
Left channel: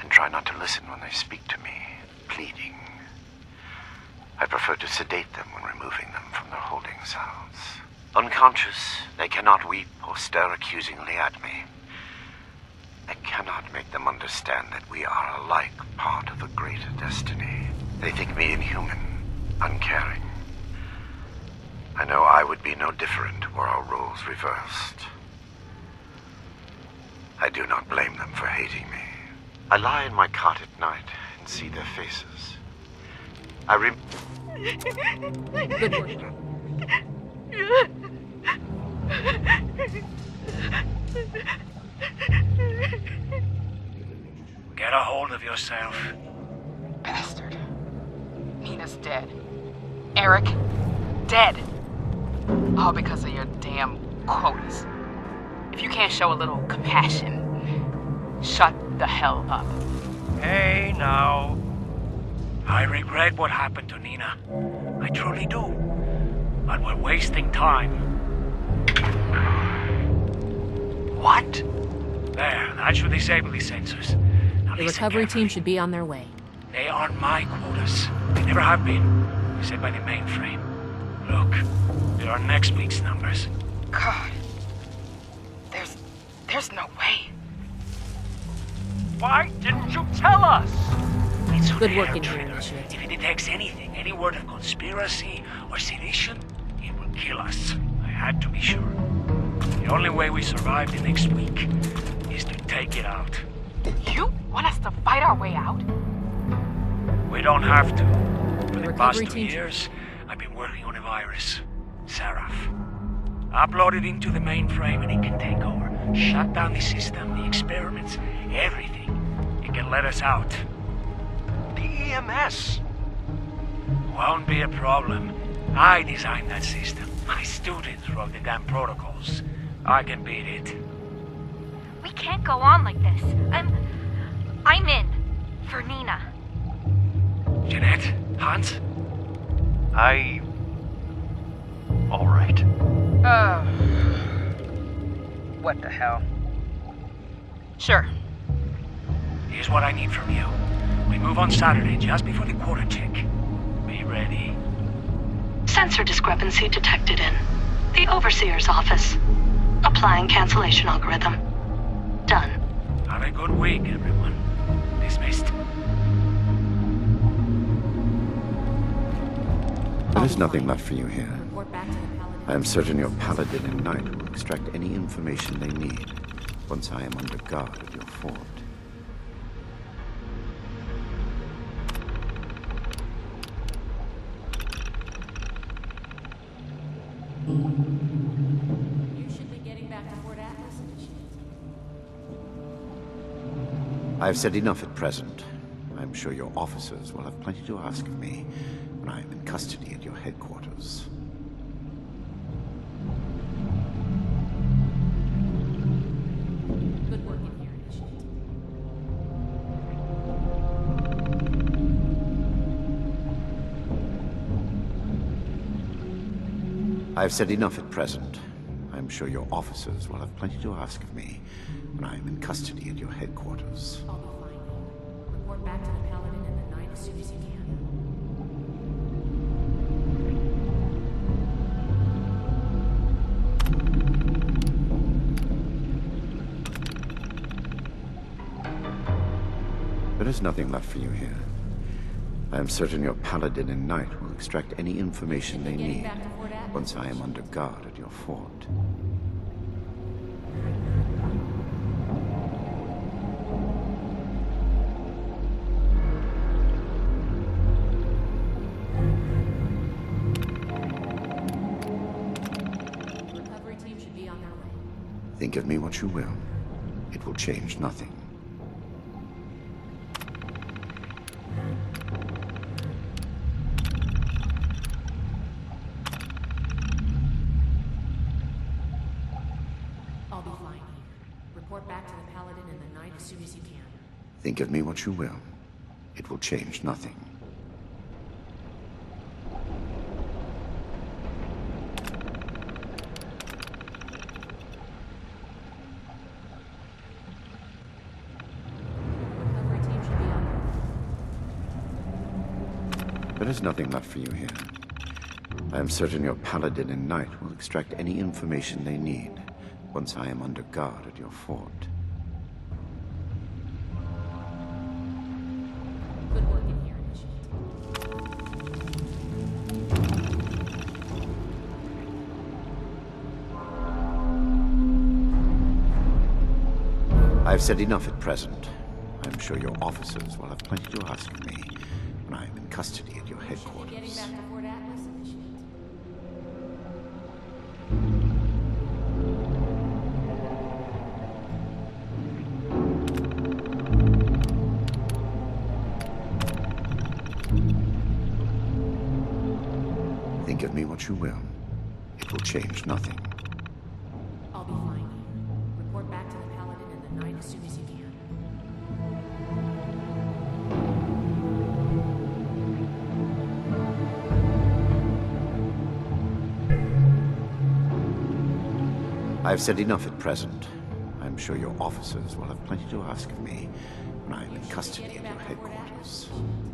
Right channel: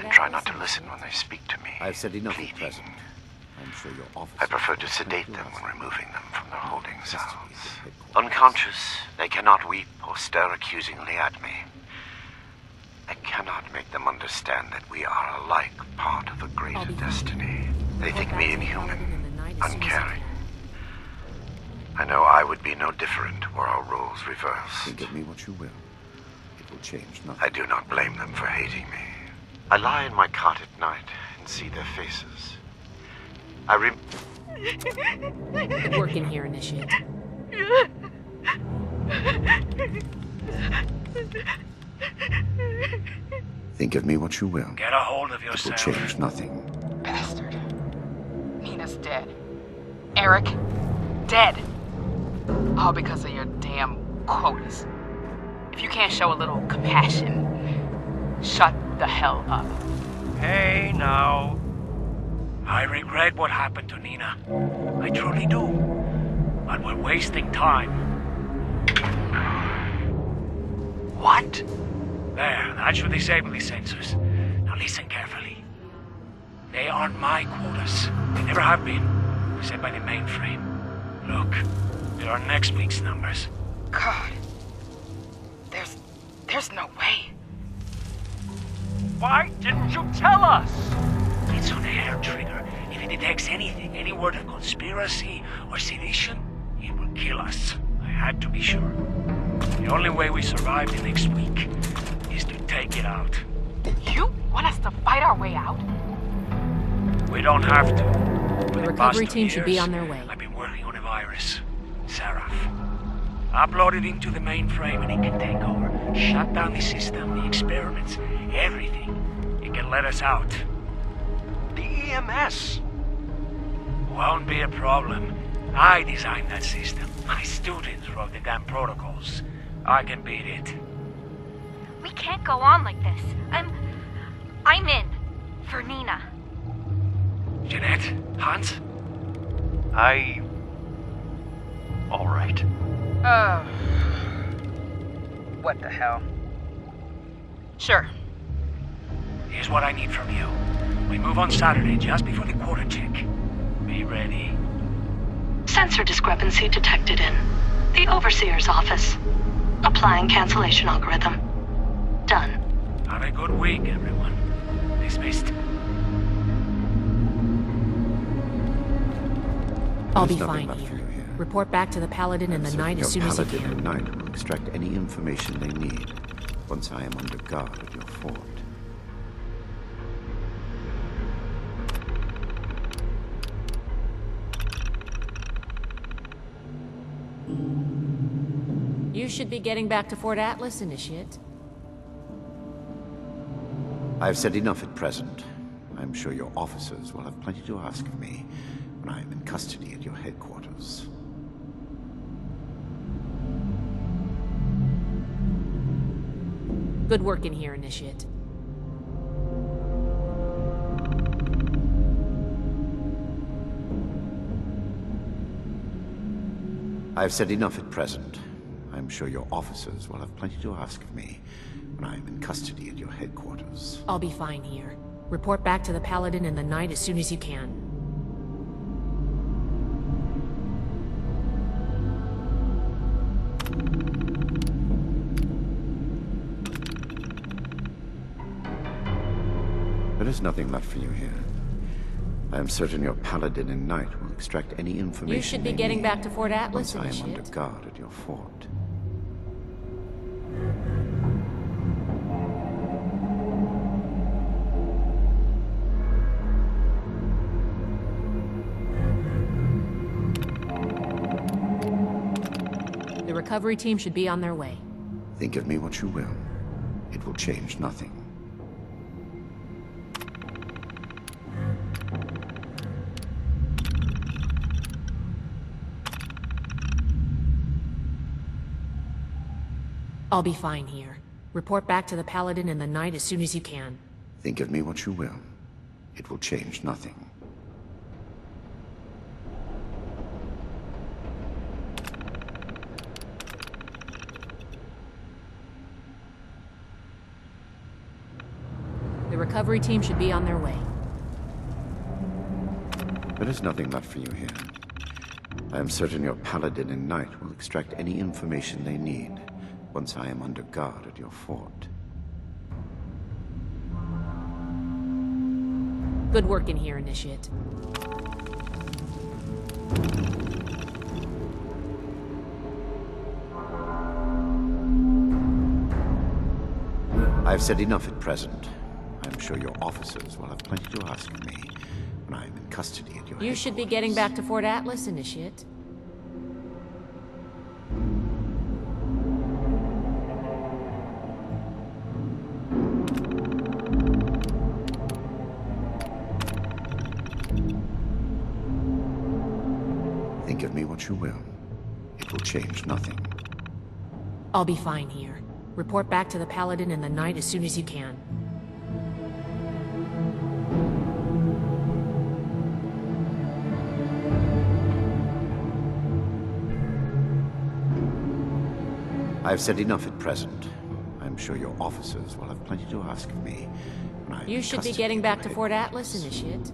and try not to listen when they speak to me, I've said enough. pleading. I'm sure your office. I prefer to sedate them when removing them from their holding cells. Unconscious, they cannot weep or stare accusingly at me. I cannot make them understand that we are alike part of a greater destiny. They think me inhuman, uncaring. I know I would be no different were our roles reversed. Give me what you will. It will change nothing. I do not blame them for hating me. I lie in my cot at night and see their faces. Good work in here, Initiate. Think of me what you will. Get a hold of It will yourself. change nothing. Bastard. Nina's dead. Eric, dead. All because of your damn quotas. If you can't show a little compassion, shut the hell up. Hey, now. I regret what happened to Nina. I truly do. But we're wasting time. What? There, that should disable these sensors. Now The listen recovery carefully. team should be on their way. They aren't my quotas. They never have been. Set by the mainframe. Look, there are next week's numbers. God. There's no way. Why didn't you tell us? It's on Good air, work, Trigger. Initiate. If it detects anything, any word of conspiracy or sedition, it will kill us. I had to be sure. The only way we survive the next week is to take it out. You want us to fight our way out? We don't have to. For The the past recovery 2 team should be years, on their way. I've been working on a virus, Seraph. Upload it into the mainframe and it can take over. Shut down the system, the experiments, everything. It can let us out. The EMS! Won't be a problem. I designed that system. My students wrote the damn protocols. I can beat it. We can't go on like this. I'm in. For Nina. Jeanette? Hans? All right. What the hell? Sure. Here's what I need from you. We move on Saturday, just before the quota check. Be ready. Sensor discrepancy detected in the Overseer's office. Applying cancellation algorithm. Done. Have a good week, everyone. Dismissed. I'll There's be nothing fine. left for you here. Report back to the Paladin I am and the certain Knight your as soon as you Paladin can. and Knight will extract any information they need once I am under guard at your fort. You should be getting back to Fort Atlas, Initiate. I have said enough at present. I am sure your officers will have plenty to ask of me when I am in custody at your headquarters. Good work in here, Initiate. I have said enough at present. I am sure your officers will have plenty to ask of me when I am in custody at your headquarters. I'll be fine here. Report back to the Paladin and the Knight as soon as you can. There is nothing left for you here. I am certain your Paladin and Knight will extract any information be they getting need back to Fort Atlas, once I am Initiate. under guard at your fort. The recovery team should be on their way. Think of me what you will. It will change nothing. I'll be fine here. Report back to the Paladin and the Knight as soon as you can. Think of me what you will. It will change nothing. The recovery team should be on their way. There is nothing left for you here. I am certain your Paladin and Knight will extract any information they need once I am under guard at your fort. Good work in here, Initiate. I have said enough at present. I am sure your officers will have plenty to ask of me when I am in custody at your You should be getting back to Fort Atlas, Initiate. Think of me what you will. It will change nothing. I'll be fine here. Report back to the Paladin and the Knight as soon as you can. I have said enough at present. I am sure your officers will have plenty to ask of me when I am You in should be custody getting at back your to Fort headquarters. Atlas, Initiate.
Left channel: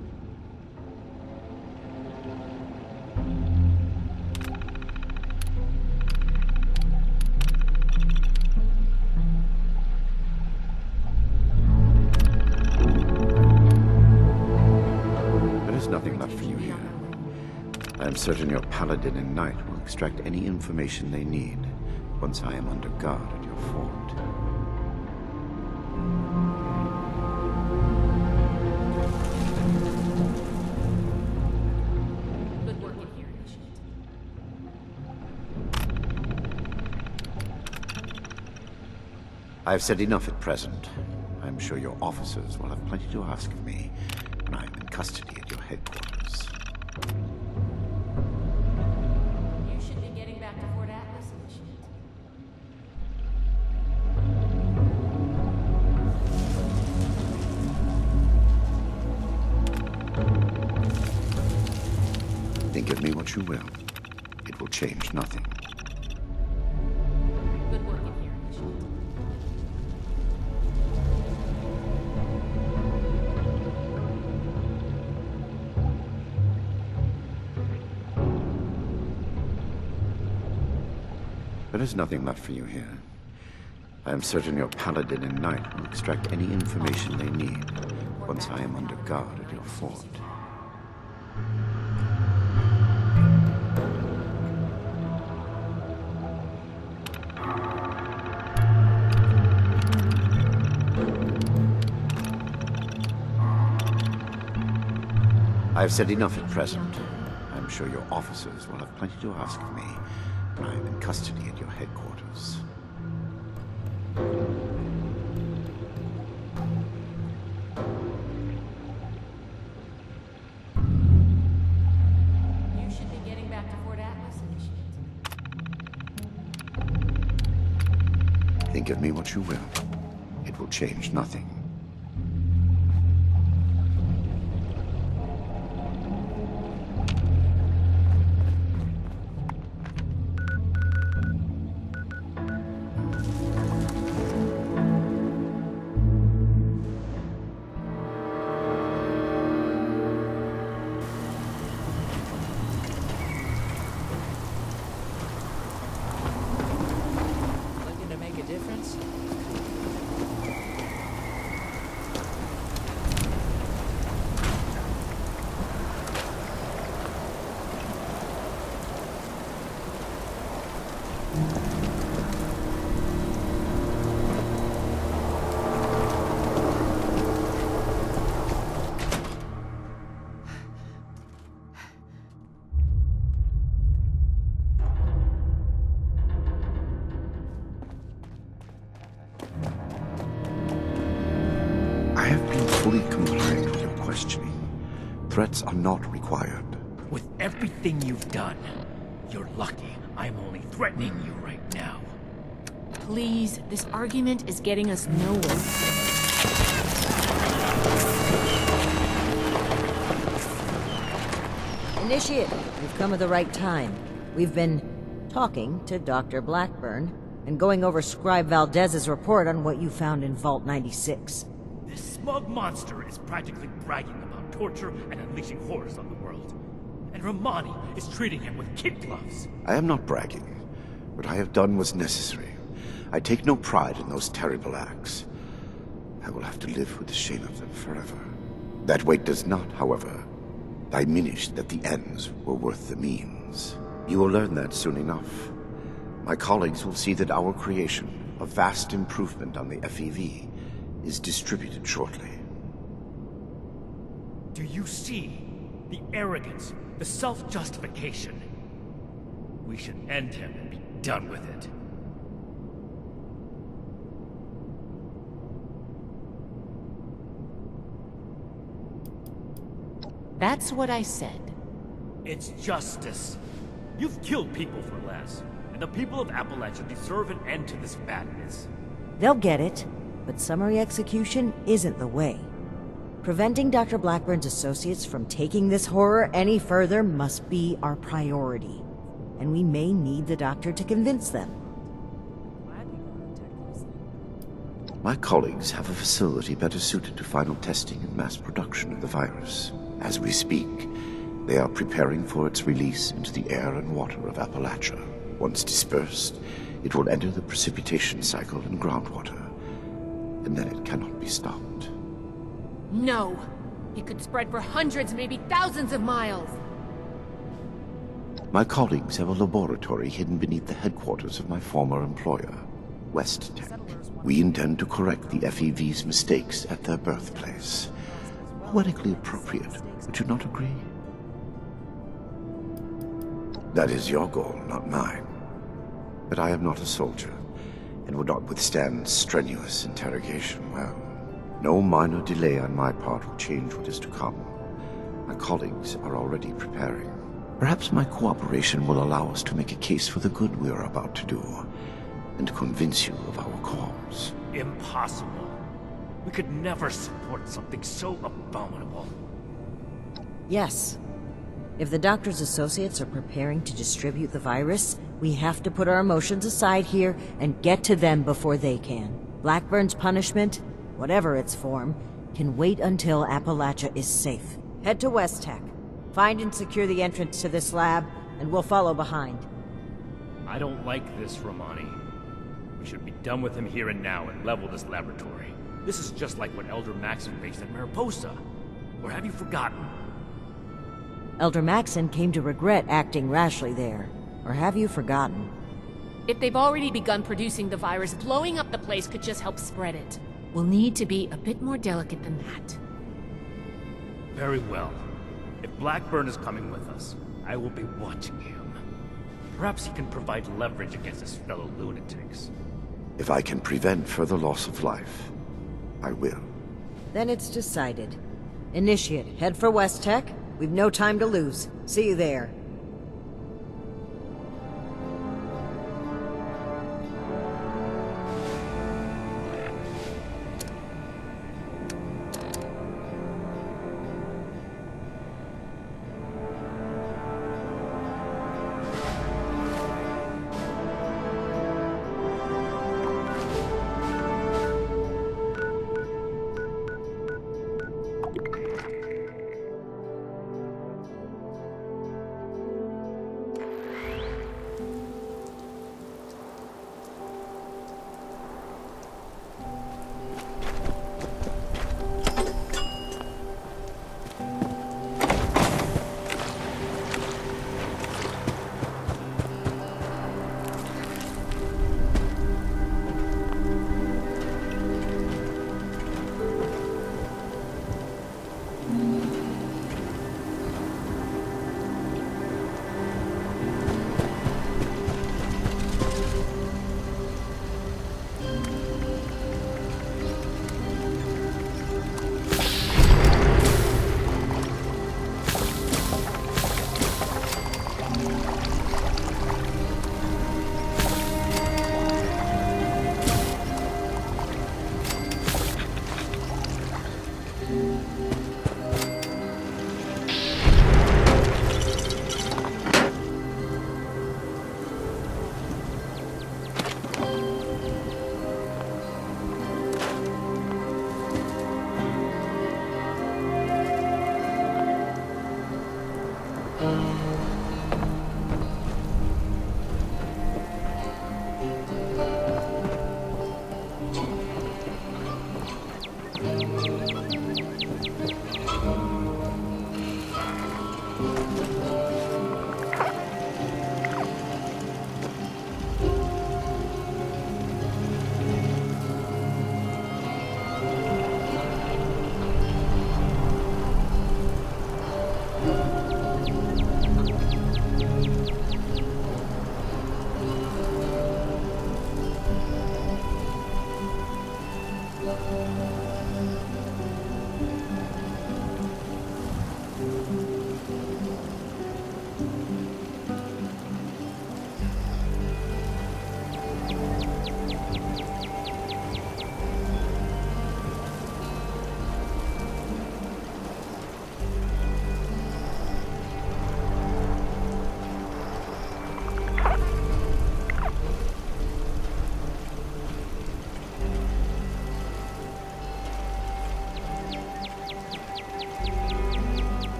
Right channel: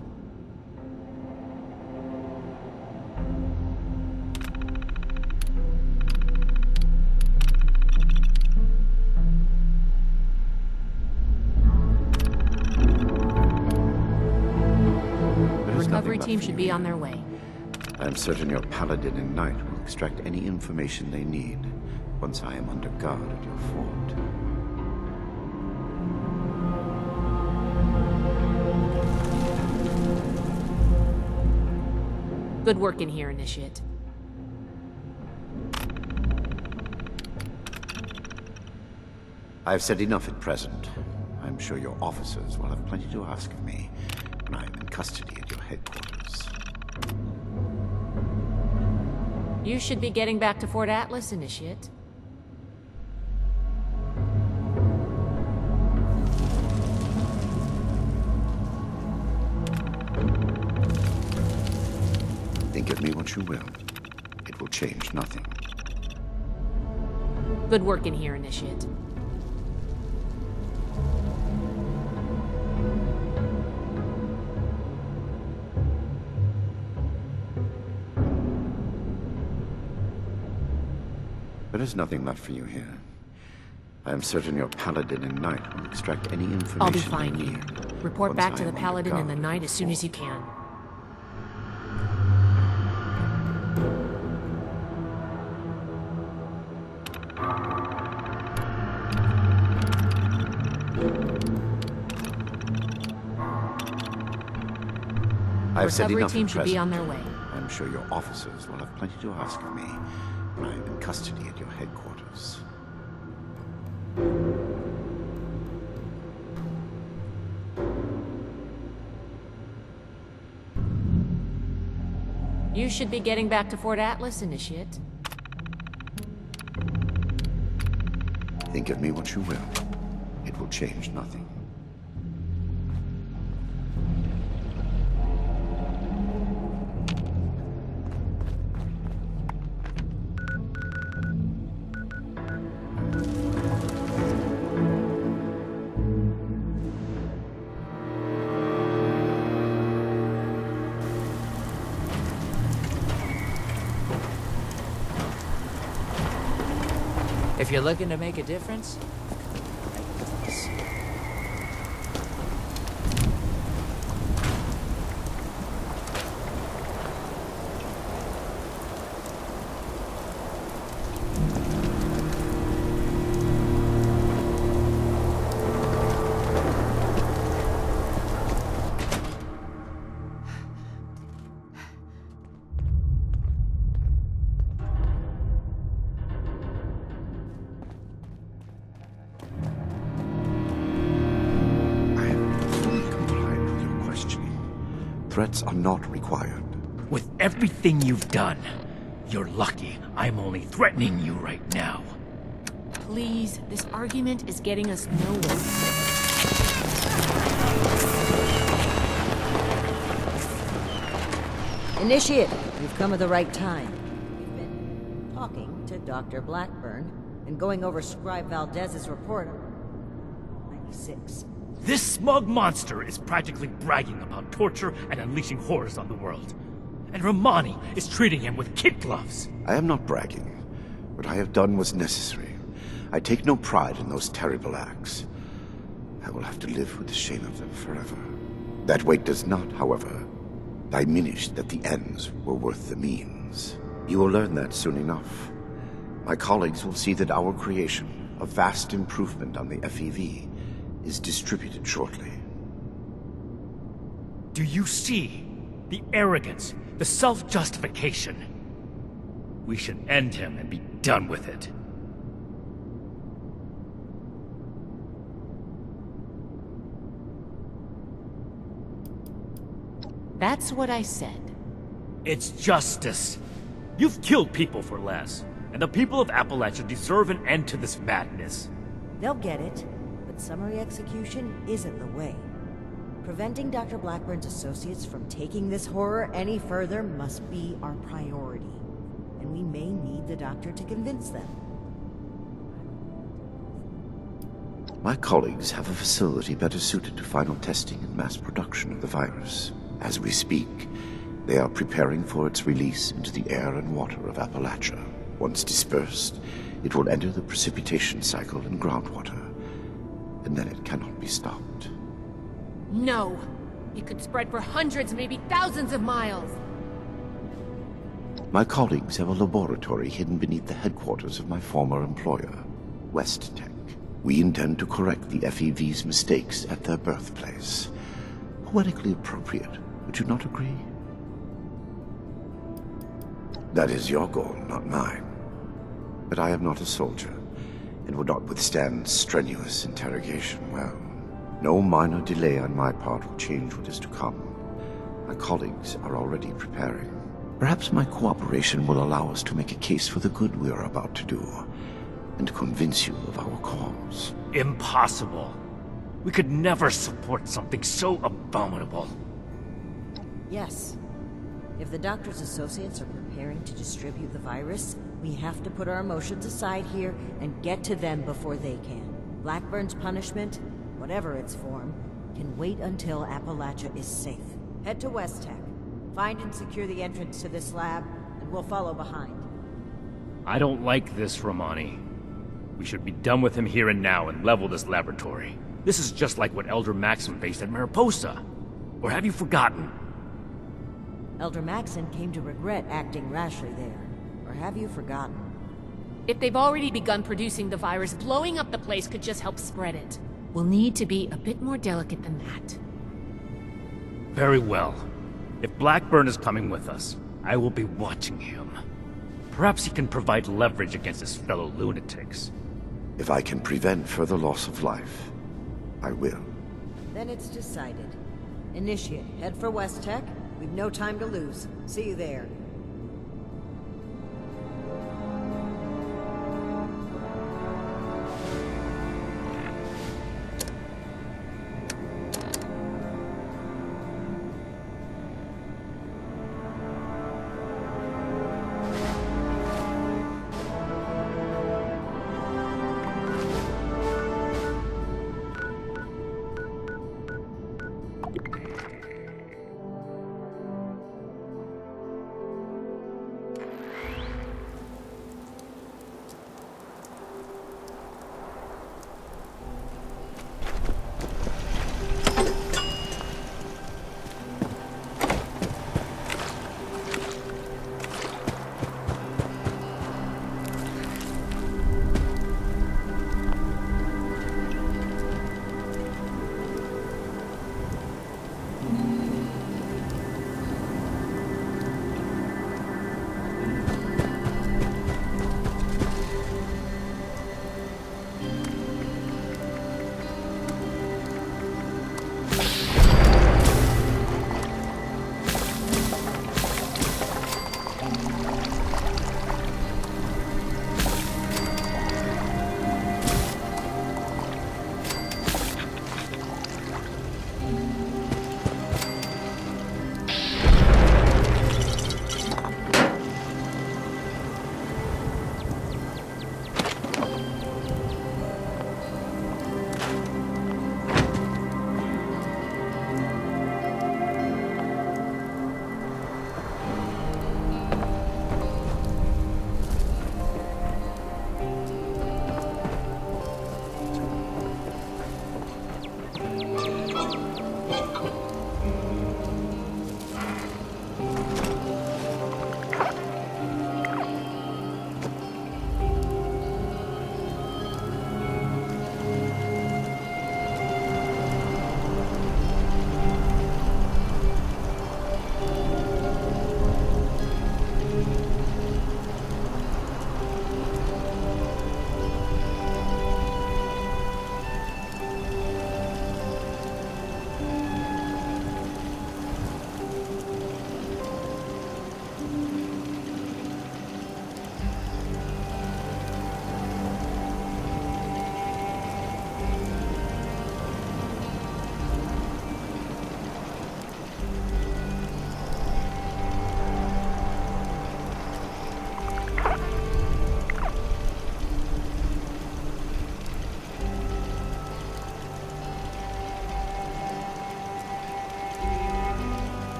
There is nothing Recovery left team for should you be on here. their way. I am certain your Paladin and Knight will extract any information they need once I am under guard at your fort. Good work in here, Initiate. I've said enough at present. I'm sure your officers will have plenty to ask of me when I'm in custody at your headquarters. You should be getting back to Fort Atlas, Initiate. Think of me what you will. It will change nothing. Good work in here, Initiate. There is nothing left for you here. I am certain your Paladin and Knight will extract any information they need. Report once back I to the am under Paladin and the guard at Knight your as soon as you fort. can. I have said Recovery enough team at should be on present. their way. I'm sure your officers will have plenty to ask of me when I am in custody at your headquarters. You should be getting back to Fort Atlas, Initiate. Think of me what you will. It will change nothing. If you're looking to make a difference, I have been fully compliant with your questioning. Threats are not required. With everything you've done, you're lucky I'm only threatening you right now. Please, this argument is getting us nowhere. Initiate, you've come at the right time. We've been talking to Dr. Blackburn and going over Scribe Valdez's report on what you found in Vault 96. This smug monster is practically bragging about torture and unleashing horrors on the world. And Romani is treating him with kid gloves. I am not bragging. What I have done was necessary. I take no pride in those terrible acts. I will have to live with the shame of them forever. That weight does not, however, diminish that the ends were worth the means. You will learn that soon enough. My colleagues will see that our creation, a vast improvement on the FEV, is distributed shortly. Do you see the arrogance, the self-justification? We should end him and be done with it. That's what I said. It's justice. You've killed people for less, and the people of Appalachia deserve an end to this madness. They'll get it, but summary execution isn't the way. Preventing Dr. Blackburn's associates from taking this horror any further must be our priority. And we may need the doctor to convince them. My colleagues have a facility better suited to final testing and mass production of the virus. As we speak, they are preparing for its release into the air and water of Appalachia. Once dispersed, it will enter the precipitation cycle in groundwater, and then it cannot be stopped. No! It could spread for hundreds, maybe thousands of miles! My colleagues have a laboratory hidden beneath the headquarters of my former employer, West Tech. We intend to correct the FEV's mistakes at their birthplace. Poetically appropriate, would you not agree? That is your goal, not mine. But I am not a soldier, and would not withstand strenuous interrogation well. No minor delay on my part will change what is to come. My colleagues are already preparing. Perhaps my cooperation will allow us to make a case for the good we are about to do, and convince you of our cause. Impossible. We could never support something so abominable. Yes. If the doctor's associates are preparing to distribute the virus, we have to put our emotions aside here and get to them before they can. Blackburn's punishment, whatever its form, can wait until Appalachia is safe. Head to West Tech. Find and secure the entrance to this lab, and we'll follow behind. I don't like this, Romani. We should be done with him here and now and level this laboratory. This is just like what Elder Maxim faced at Mariposa. Or have you forgotten? Elder Maxon came to regret acting rashly there. Or have you forgotten? If they've already begun producing the virus, blowing up the place could just help spread it. We'll need to be a bit more delicate than that. Very well. If Blackburn is coming with us, I will be watching him. Perhaps he can provide leverage against his fellow lunatics. If I can prevent further loss of life, I will. Then it's decided. Initiate, head for West Tech. We've no time to lose. See you there.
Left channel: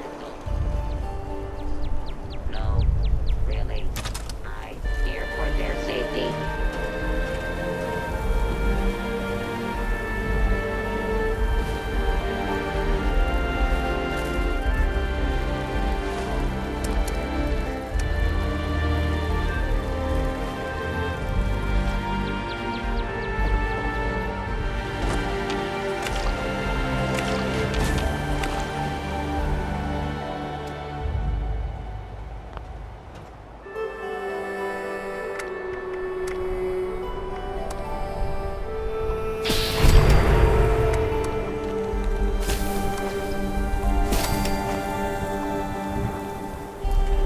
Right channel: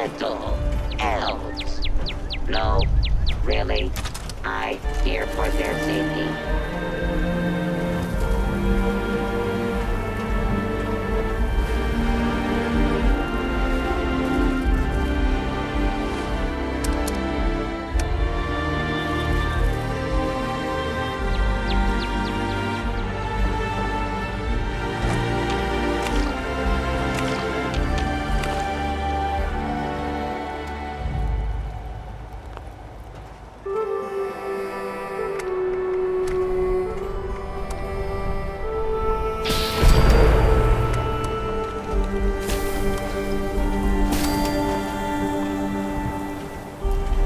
little elves. No, really, I fear for their safety.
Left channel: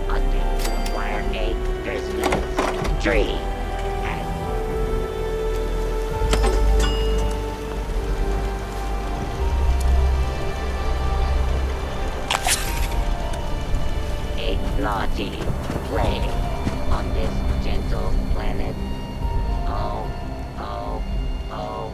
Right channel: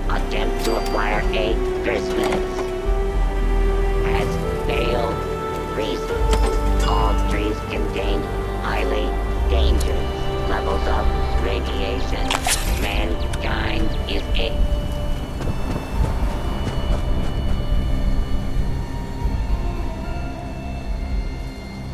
Attempt to acquire a Christmas tree has failed. Reason: all trees contain highly dangerous levels of radiation. Mankind is a naughty plague on this gentle planet. Oh, oh, oh.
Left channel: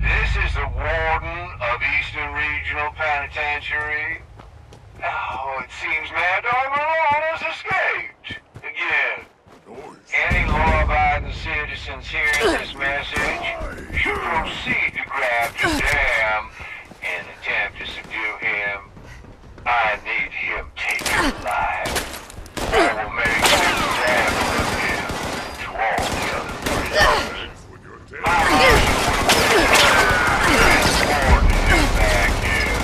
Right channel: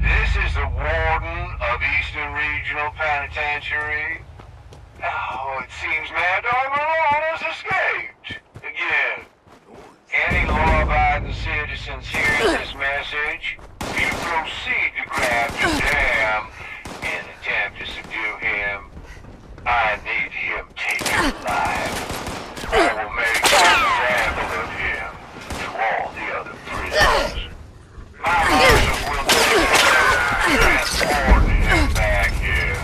This is the warden of Eastern Regional Penitentiary. Oh, it seems Mad Dog Malone has escaped. Again. Any law-abiding citizens hearing this message, you proceed to grab the dam and attempt to subdue him. I need him taken alive. I will make an example of him to all the other prisoners. My marshal will transport him back here.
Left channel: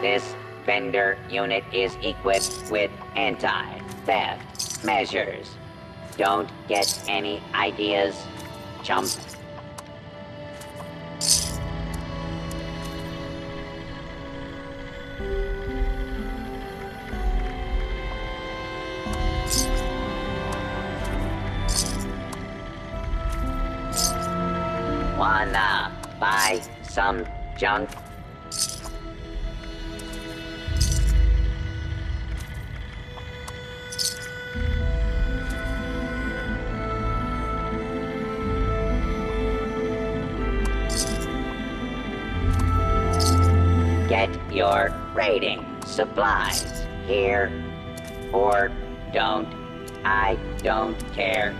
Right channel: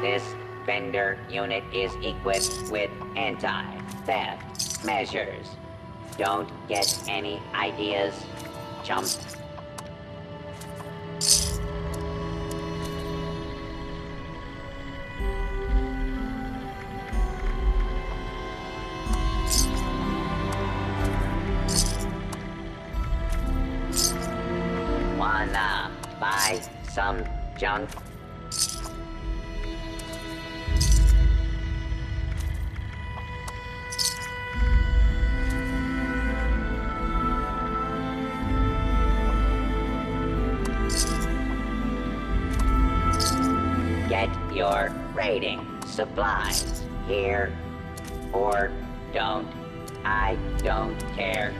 This vendor unit is equipped with anti-theft measures. Don't get any ideas, chump. Wanna buy some junk? Get your raiding supplies here, or don't. I don't care.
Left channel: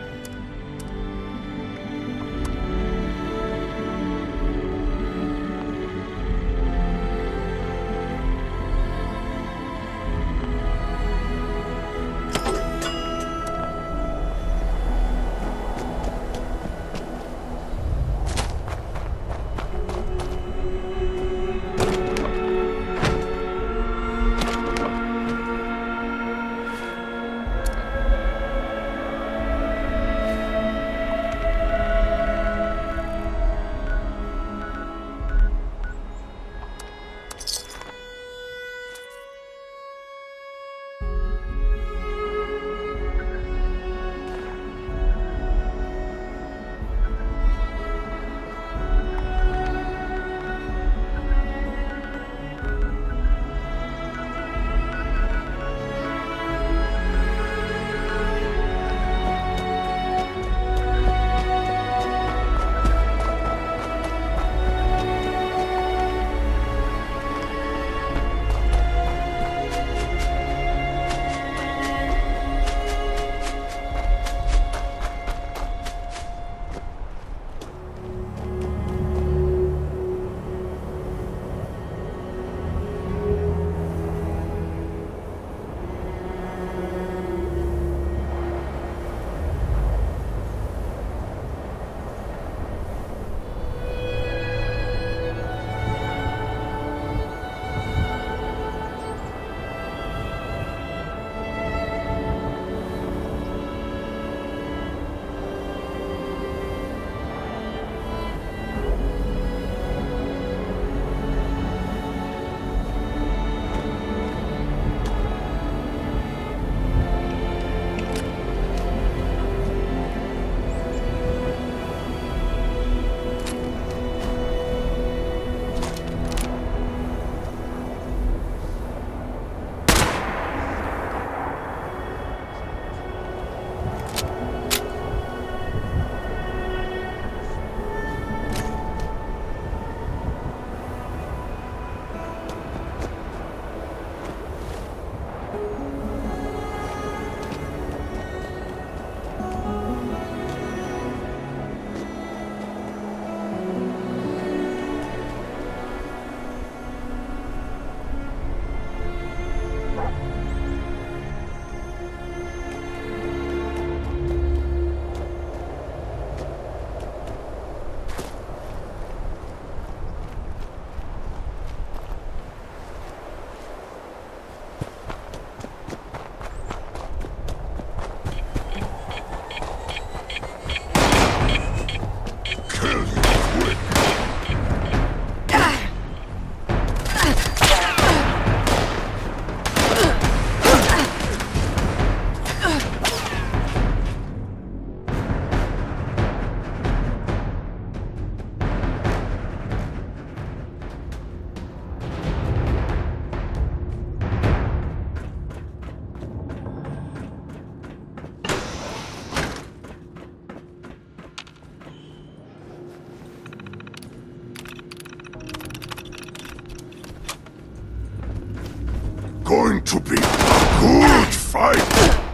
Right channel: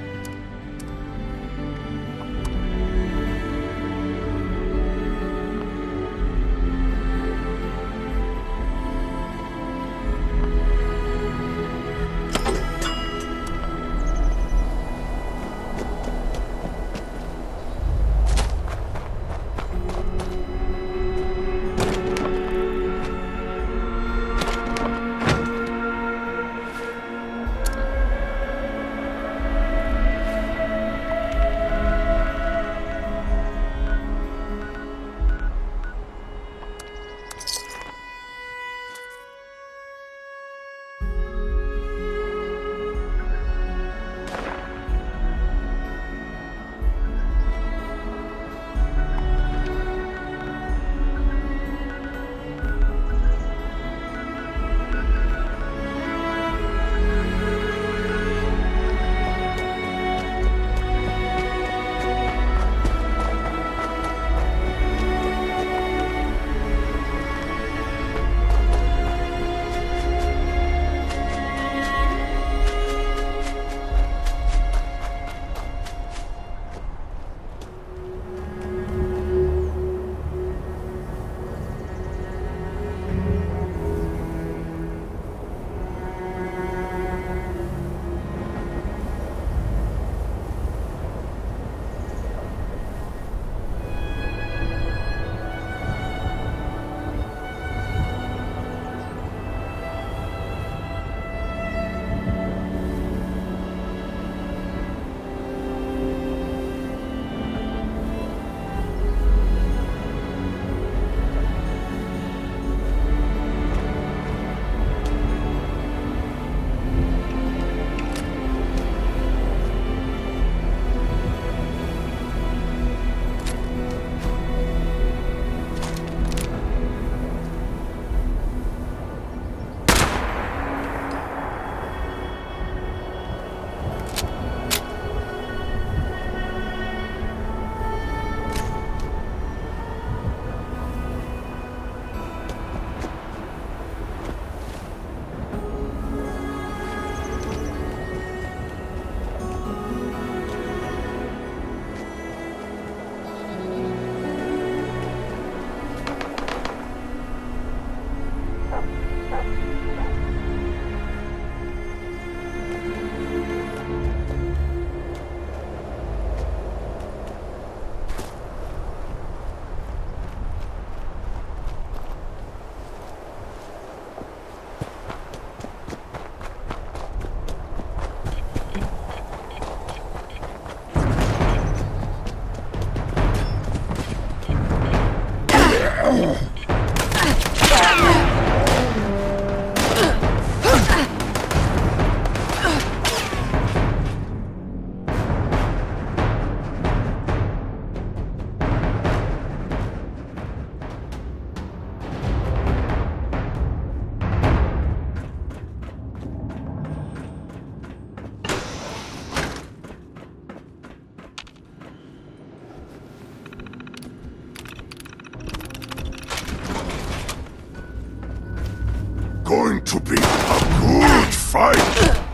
to be a good fight!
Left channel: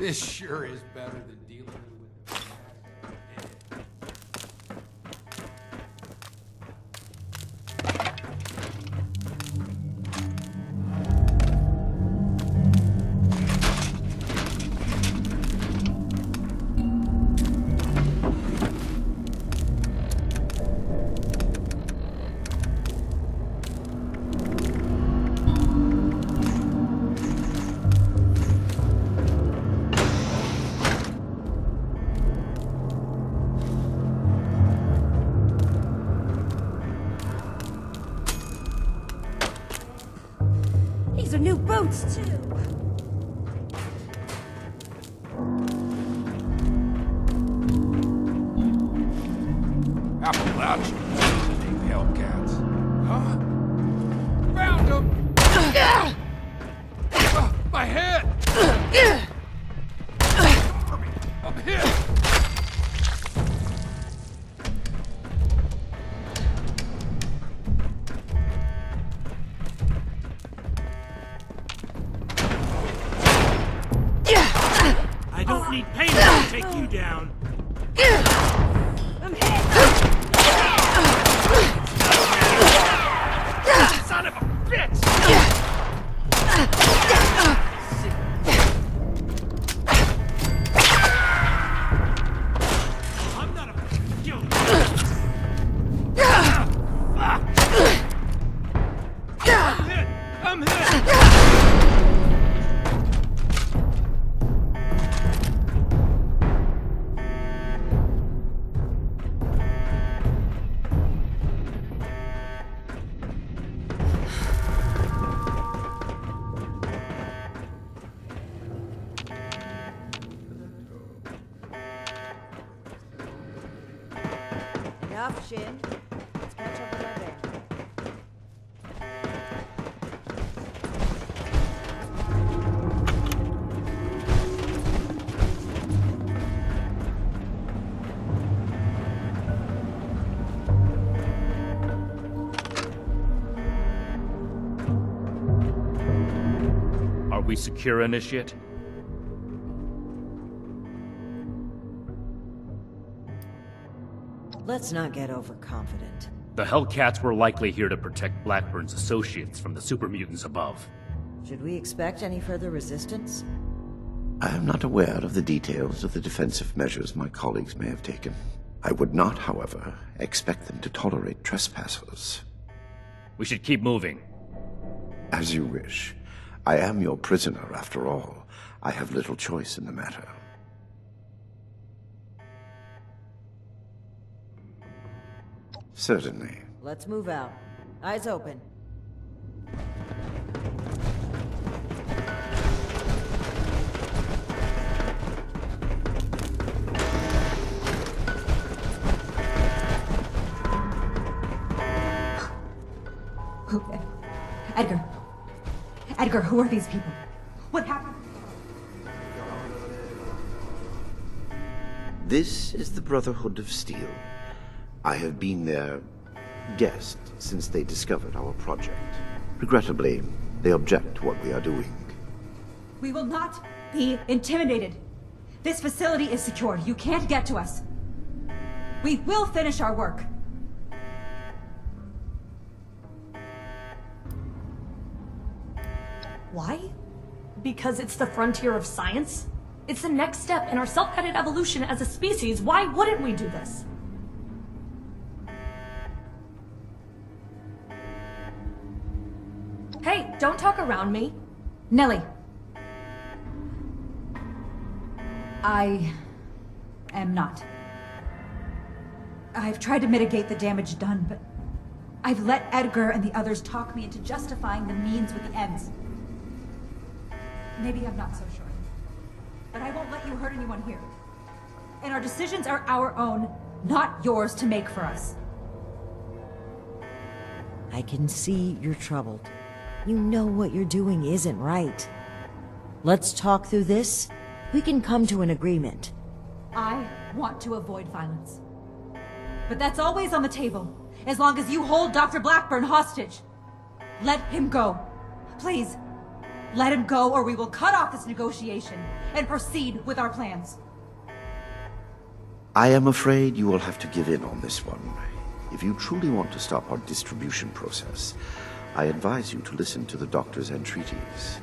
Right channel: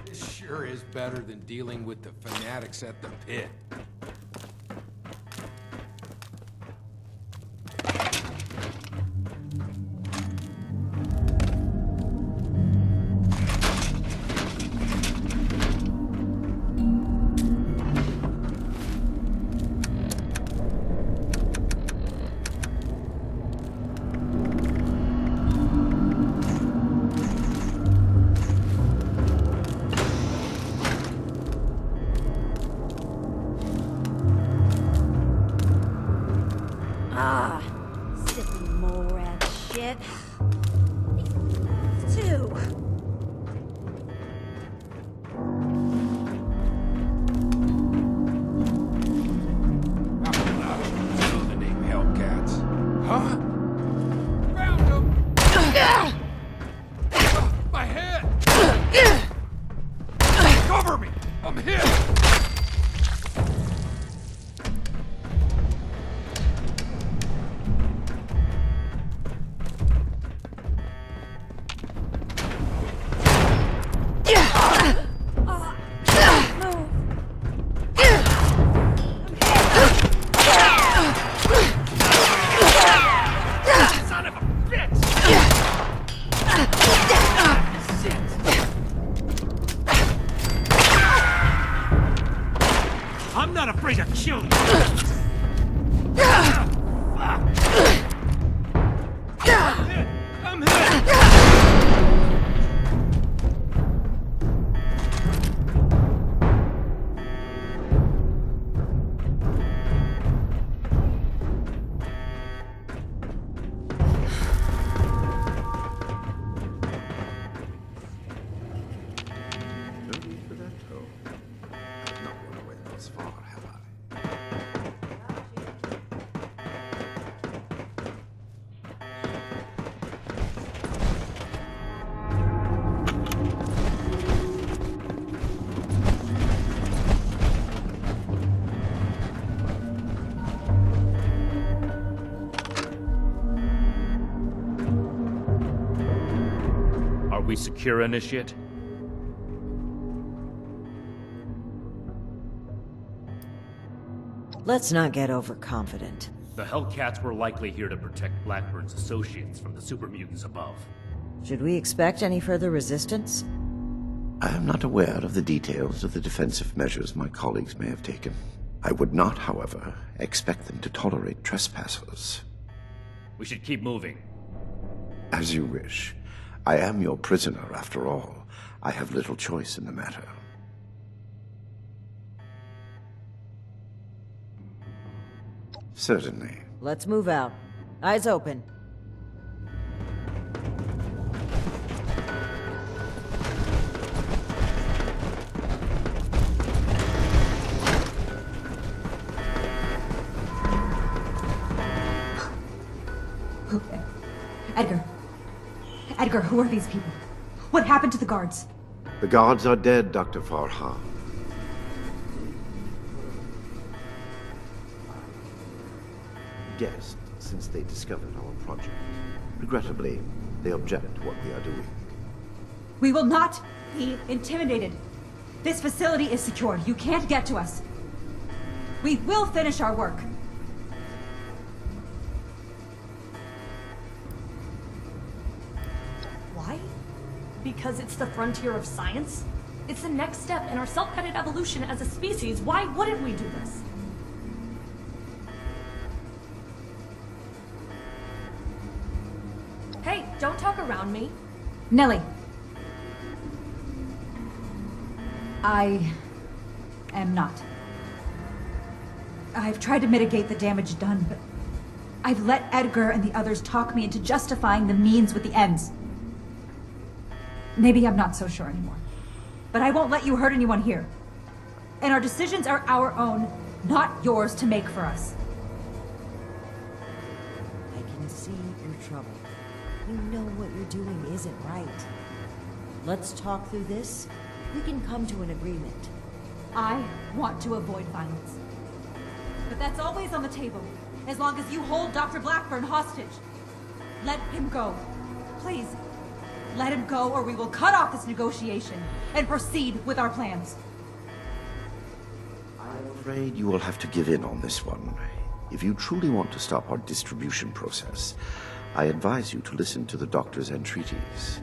This sure is better than dealing with the fanatics at the pit. Too. Appalachians, the name Hellcats. Huh? Found them! My head! Cover me! I'm hit! we secure, Initiate? Let's not get overconfident. The Hellcats were likely here to protect Blackburn's associates from the super mutants above. Should we expect any further resistance? I am not aware of the details of the defensive measures my colleagues may have taken. I would not, however, expect them to tolerate trespassers. We should keep moving. As you wish. I am your prisoner, after all. I have little choice in the matter. Certainly. Let's move out. Eyes open. Edgar. Edgar, who are these people? What happened to the guards? The guards are dead, Dr. Farha. This is the Brotherhood of Steel. I have been their guest since they discovered our project. Regrettably, they object to what we are doing. We will not be intimidated. This facility is secured. You can't get to us. We will finish our work. Why? Because it's the frontier of science? It's the next step in our self-guided evolution as a species. Why wouldn't we do this? Hey, don't talk around me. Nellie. I am not. I've tried to mitigate the damage done, but I've let Edgar and the others talk me into justifying the means with the ends. Maybe I'm not so sure anymore. But I won't let you hurt anyone here. And our decisions are our own, not yours to make for us. I can see you're troubled. You know what you're doing isn't right. Let's talk through this. We can come to an agreement. I want to avoid violence. But that's always on the table, as long as you hold Dr. Blackburn hostage. Let him go. Please. Let him go, or we will cut off this negotiation and proceed with our plans. I am afraid you will have to give in on this one. If you truly want to stop our distribution process, I advise you to listen to the doctor's entreaties.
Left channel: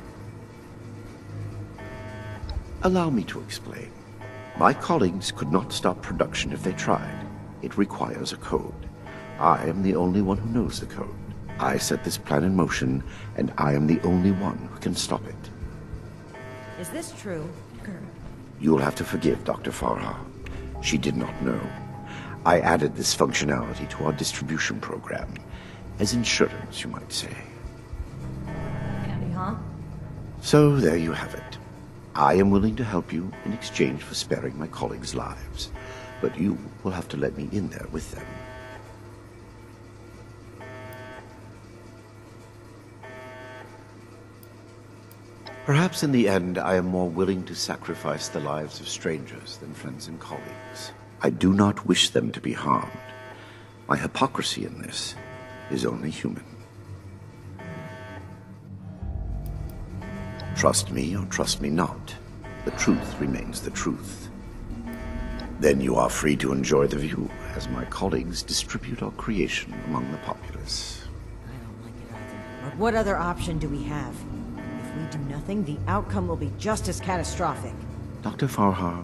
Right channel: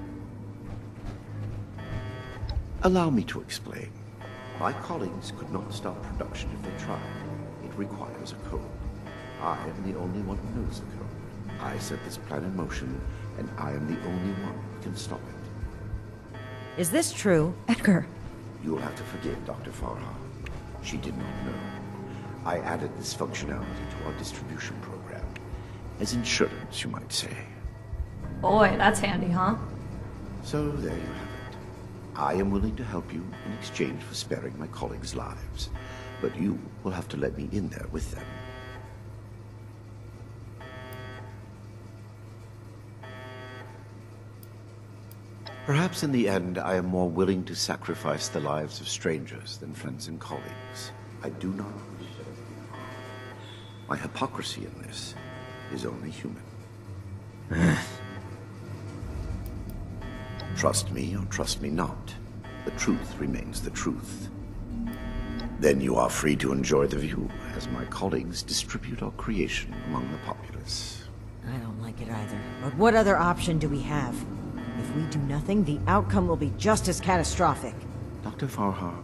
Allow me to explain. My colleagues could not stop production if they tried. It requires a code. I am the only one who knows the code. I set this plan in motion, and I am the only one who can stop it. Is this true? Edgar. You will have to forgive Dr. Farha. She did not know. I added this functionality to our distribution program. As insurance, you might say. Boy, that's handy, huh? So there you have it. I am willing to help you in exchange for sparing my colleagues' lives. But you will have to let me in there with them. Perhaps in the end, I am more willing to sacrifice the lives of strangers than friends and colleagues. I do not wish them to be harmed. My hypocrisy in this is only human. Trust me or trust me not, the truth remains the truth. Then you are free to enjoy the view as my colleagues distribute our creation among the populace. I don't like it either. But what other option do we have? If we do nothing, the outcome will be just as catastrophic. Dr. Farha,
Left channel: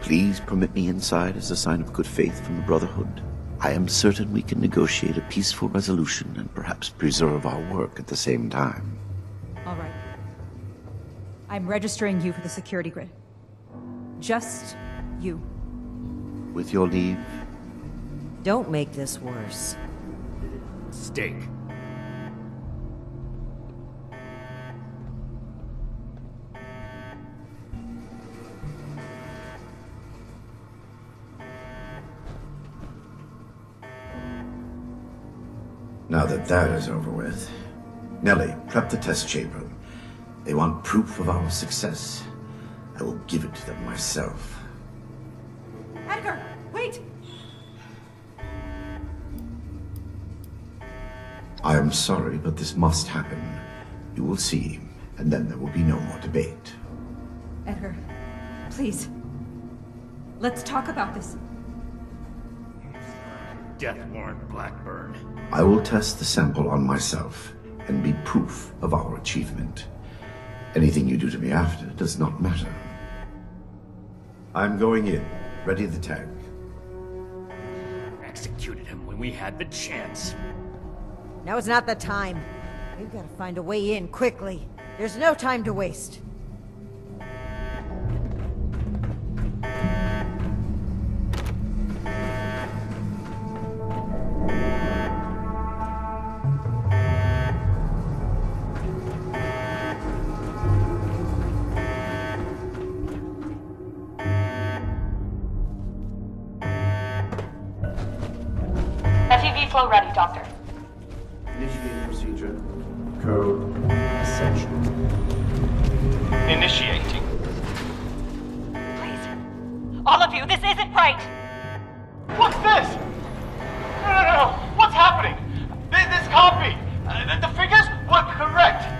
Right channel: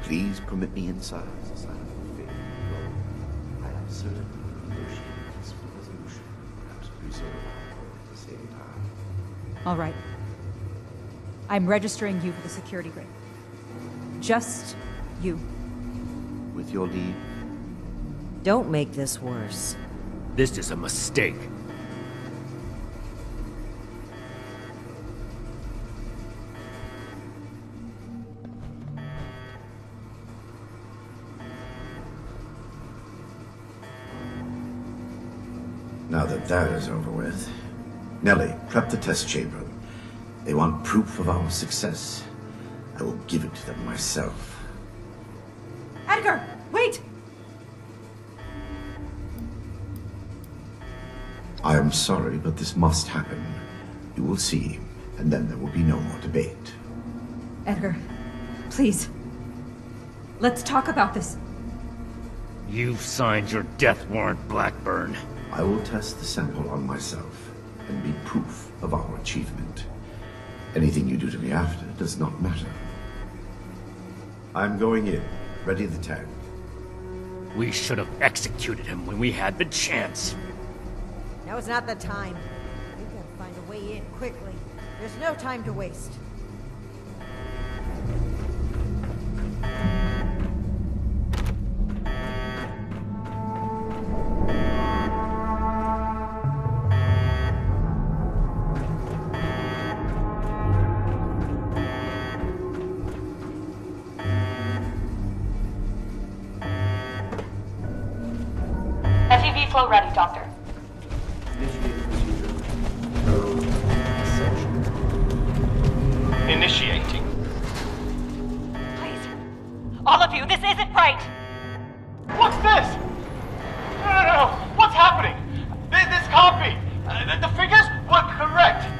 please permit me inside as a sign of good faith from the Brotherhood. I am certain we can negotiate a peaceful resolution and perhaps preserve our work at the same time. All right. I'm registering you for the security grid. Just you. With your leave? Don't make this worse. This is a mistake. Now that that is over with, Nellie, prep the test chamber. They want proof of our success. I will give it to them myself. Edgar, wait! I am sorry, but this must happen. You will see, and then there will be no more debate. Edgar, please. Let's talk about this. You've signed your death warrant, Blackburn. I will test the sample on myself and be proof of our achievement. Anything you do to me after does not matter. I'm going in. Ready the tank. We should have executed him when we had the chance. Now is not the time. We've got to find a way in quickly. There's no time to waste. FEV flow ready, Doctor. Initiate procedure. Code essential. Initiating. Please. All of you, this isn't right! What's this? No. What's happening? This can't be. The figures were correct.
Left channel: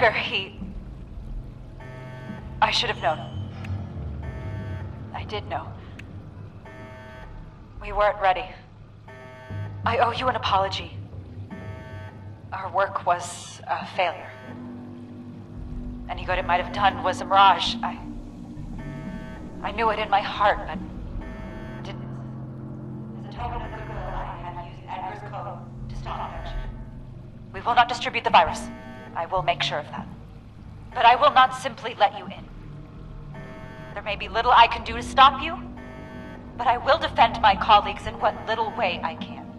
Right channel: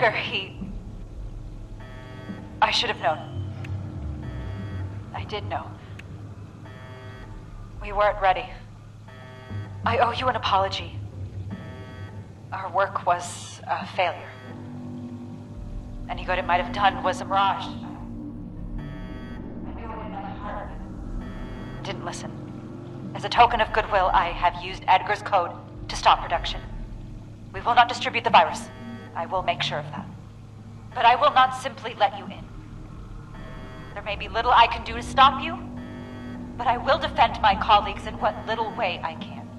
Edgar, I should have known. I did know. We weren't ready. I owe you an apology. Our work was a failure. Any good it might have done was a mirage. I knew it in my heart, but didn't listen. As a token of goodwill, I have used Edgar's code to stop production. We will not distribute the virus. I will make sure of that. But I will not simply let you in. There may be little I can do to stop you, but I will defend my colleagues in what little way I can.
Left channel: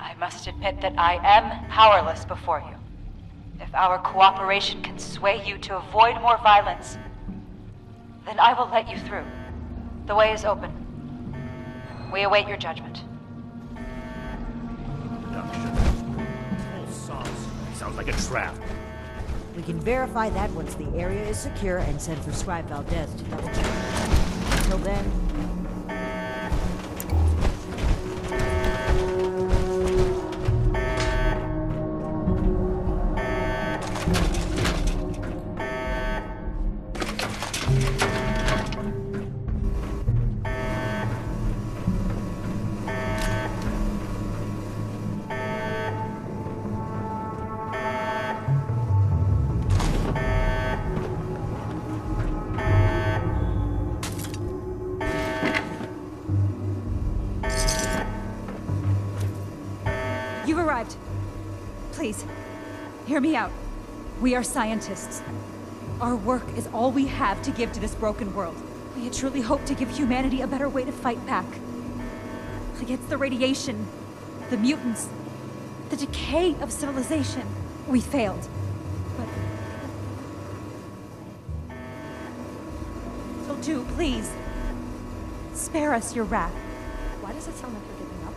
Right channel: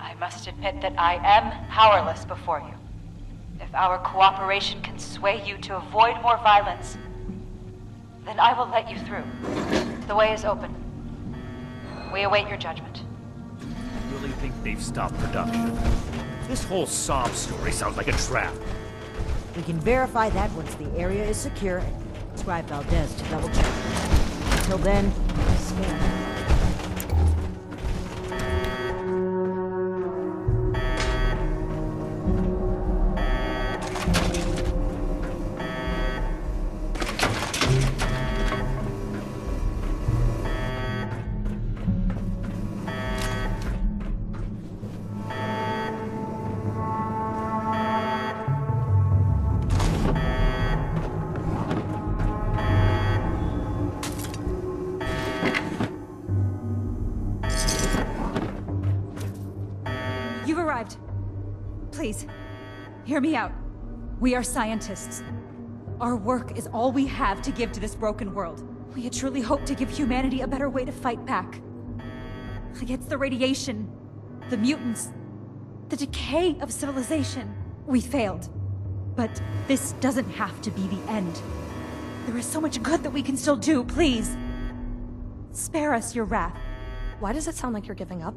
I must admit that I am powerless before you. If our cooperation can sway you to avoid more violence, then I will let you through. The way is open. We await your judgment. I really think they've stopped production. This whole sob story sounds like a trap. We can verify that once the area is secure and send for Scribe Valdez to double check. Until then, You've arrived. Please, hear me out. We are scientists. Our work is all we have to give to this broken world. We had truly hoped to give humanity a better way to fight back. Against the radiation, the mutants, the decay of civilization. We failed. But this doesn't have to be the end. There is so much good that we can still do, please. Spare us your wrath. Why does it sound like you're giving up?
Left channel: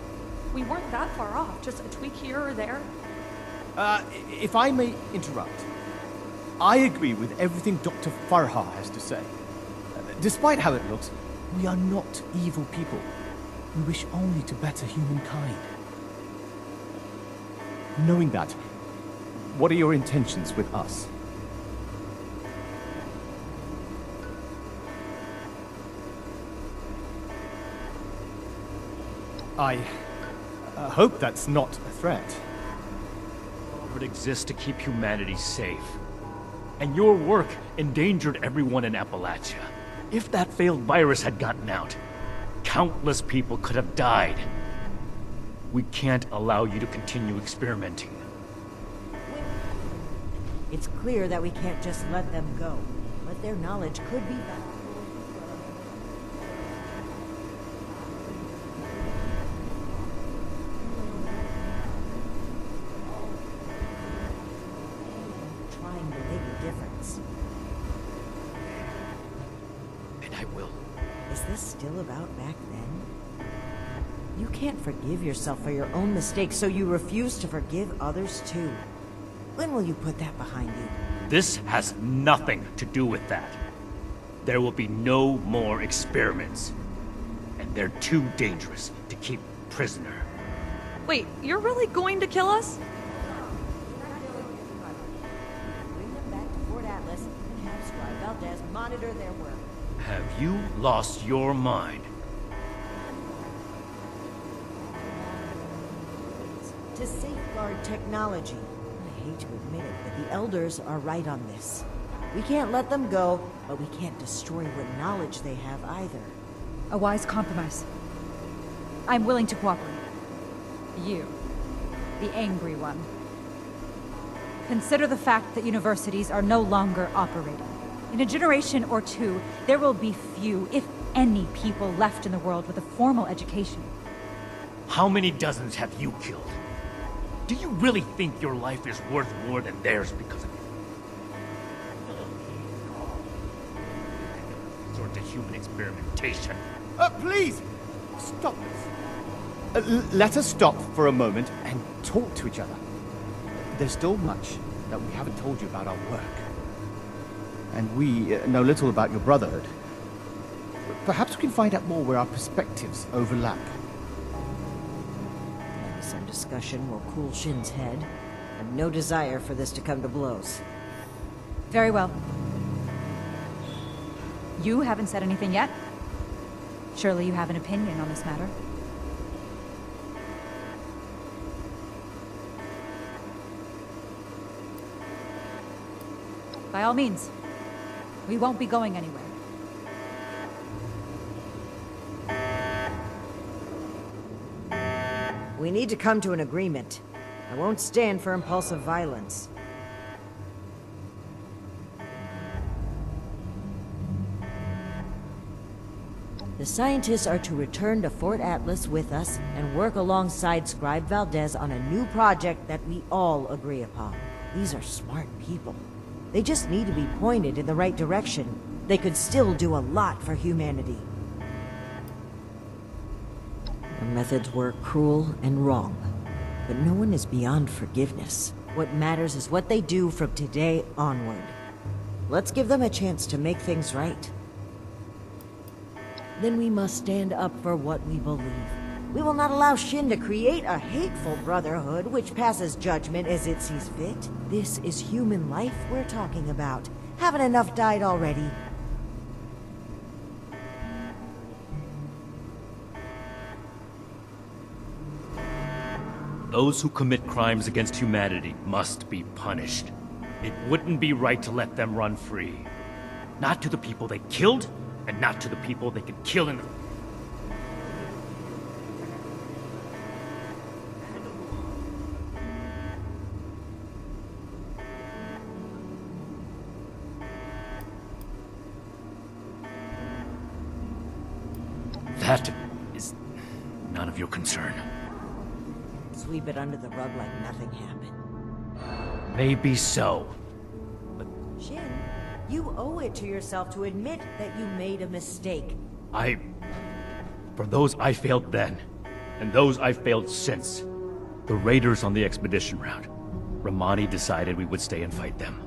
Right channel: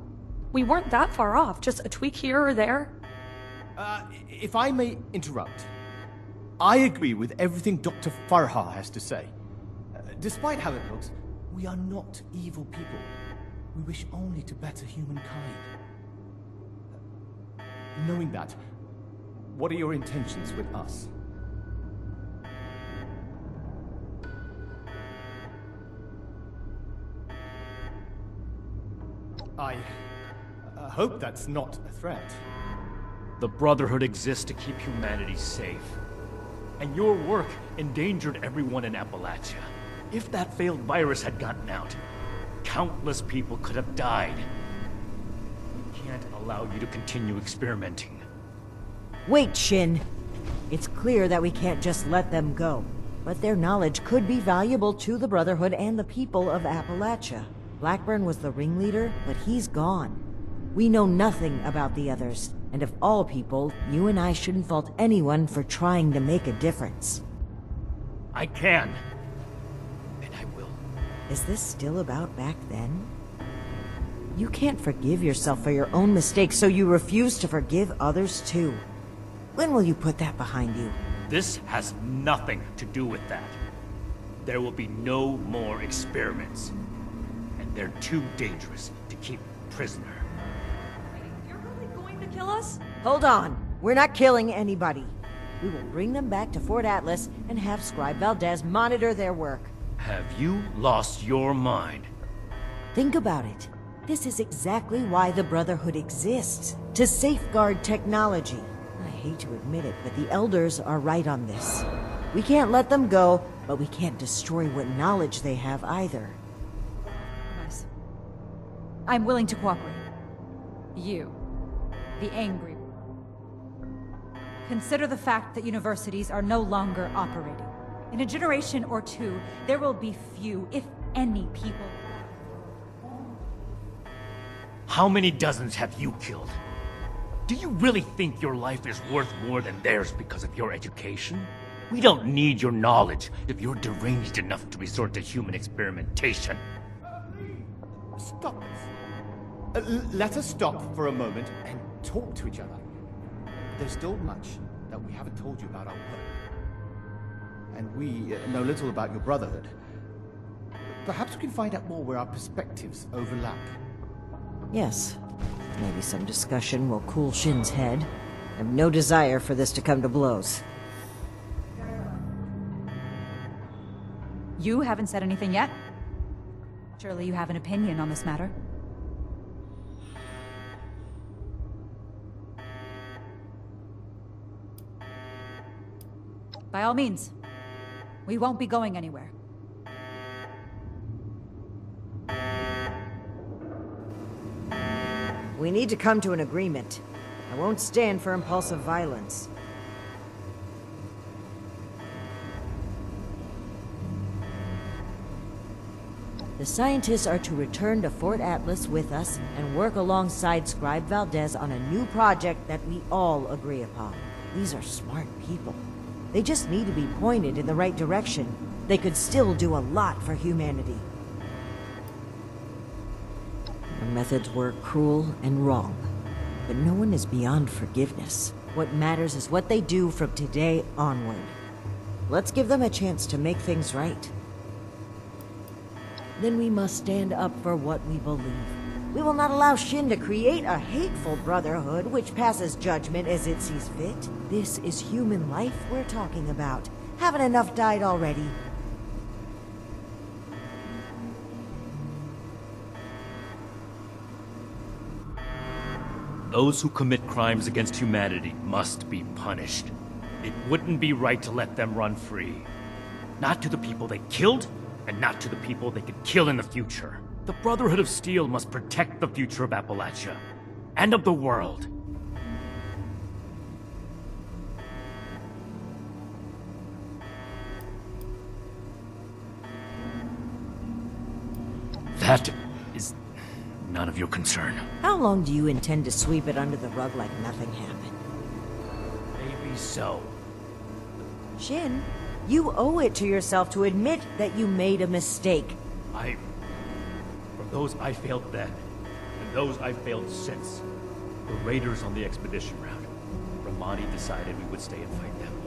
We weren't that far off, just a tweak here or there. If I may interrupt, I agree with everything Dr. Farha has to say. Despite how it looks, we are not evil people. We wish only to better humankind. Knowing that, what are your intentions with us? I hope that's not a threat. The Brotherhood exists to keep humanity safe. And your work endangered everyone in Appalachia. If that failed virus had gotten out, countless people could have died. We can't allow you to continue experimenting. wait, Shin. It's clear that we can't just let them go. But their knowledge could be valuable to the Brotherhood and the people of Appalachia. Blackburn was the ringleader, but he's gone. We know nothing about the others, and of all people, you and I shouldn't fault anyone for trying to make a difference. I can. And I will. Is this still about back then? You can't forgive yourself for your own mistakes, so you refuse to forgive others too. When will you put that behind you? This has nothing to do with that. There will be no more experiments. And they're too dangerous to keep prisoner. Wait, you're really going to kill us? Hold on. We're not killing anybody. We will bring them back to Fort Atlas and have Scribe Valdez monitor their work. Have you lost your mind? Think about it. This is exactly why the Brotherhood exists. To safeguard technology. I hate to admit it, but the Elders are right on this. We can't let them go, but we can't destroy what knowledge they have either. A wise compromise. I'm willing to cooperate. You, the angry one. Consider the fact that universities are no longer operating. In a generation or two, there will be few, if any, people left in the world with a formal education. How many dozens have you killed? Do you really think your life is worth more than theirs because of your education? We don't need your knowledge if you're deranged enough to resort to human experimentation. Please, stop this. Let us stop for a moment and talk to each other. There's still much that we haven't told you about our work. And we know little about your Brotherhood. Perhaps we can find out more where our perspectives overlap. Yes. Maybe some discussion will cool Shin's head. I have no desire for this to come to blows. Very well. You haven't said anything yet? Surely you have an opinion on this matter. By all means. We won't be going anywhere. We need to come to an agreement. I won't stand for impulsive violence. The scientists are to return to Fort Atlas with us and work alongside Scribe Valdez on a new project that we all agree upon. These are smart people. They just need to be pointed in the right direction. They could still do a lot for humanity. Their methods were cruel and wrong, but no one is beyond forgiveness. What matters is what they do from today onward. Let's give them a chance to make things right. Then we must stand up for what we believe. We will not allow Shin to create a hateful brotherhood which passes judgment as it sees fit. This is human life we're talking about. Haven't enough died already? Those who commit crimes against humanity must be punished. It wouldn't be right to let them run free. Not to the people they killed, and not to the people they could kill in the future. The Brotherhood of Steel must protect the future of Appalachia, and of the world. That is none of your concern. How long do you intend to sweep it under the rug like nothing happened? Maybe so. Shin, you owe it to yourself to admit that you made a mistake. For those I failed then, and those I failed since, the raiders on the expedition route, Romani decided we would stay and fight them.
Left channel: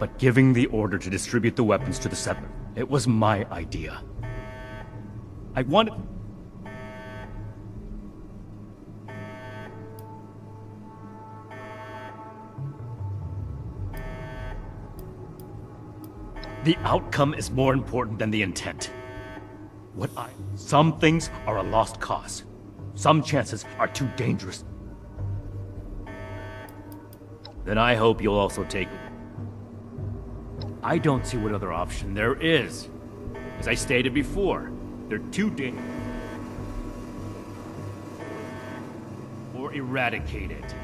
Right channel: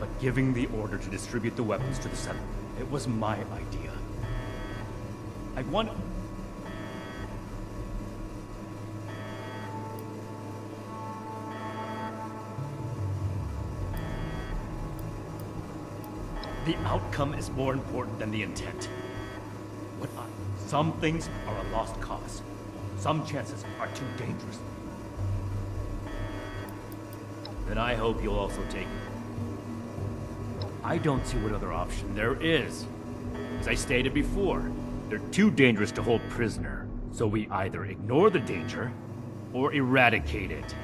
But giving the order to distribute the weapons to the settler, it was my idea. I wanted... The outcome is more important than the intent. Some things are a lost cause. Some chances are too dangerous. Then I hope you'll also take it. I don't see what other option there is. As I stated before, they're too dangerous to hold prisoner. So we either ignore the danger, or eradicate it.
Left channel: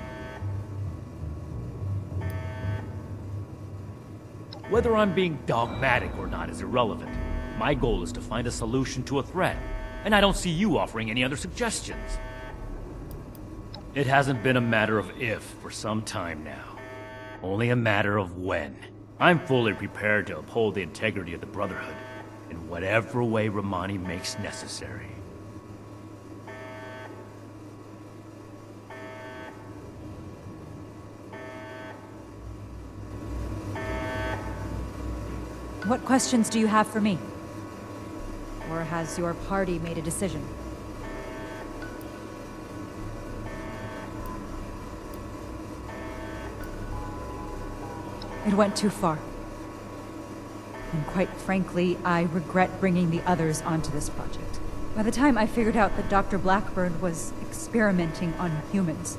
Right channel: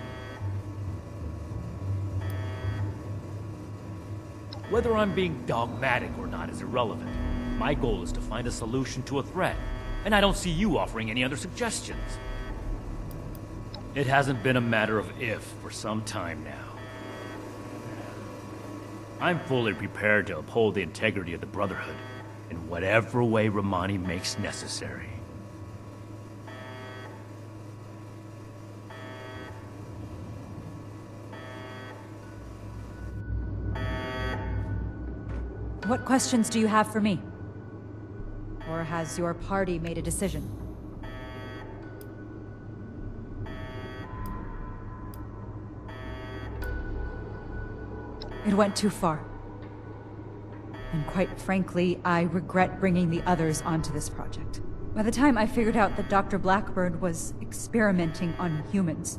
Whether I'm being dogmatic or not is irrelevant. My goal is to find a solution to a threat, and I don't see you offering any other suggestions. It hasn't been a matter of if for some time now, only a matter of when. I'm fully prepared to uphold the integrity of the Brotherhood in whatever way Romani makes necessary. What questions do you have for me? Or has your party made a decision? It went too far. And quite frankly, I regret bringing the others onto this project. By the time I figured out that Dr. Blackburn was experimenting on humans,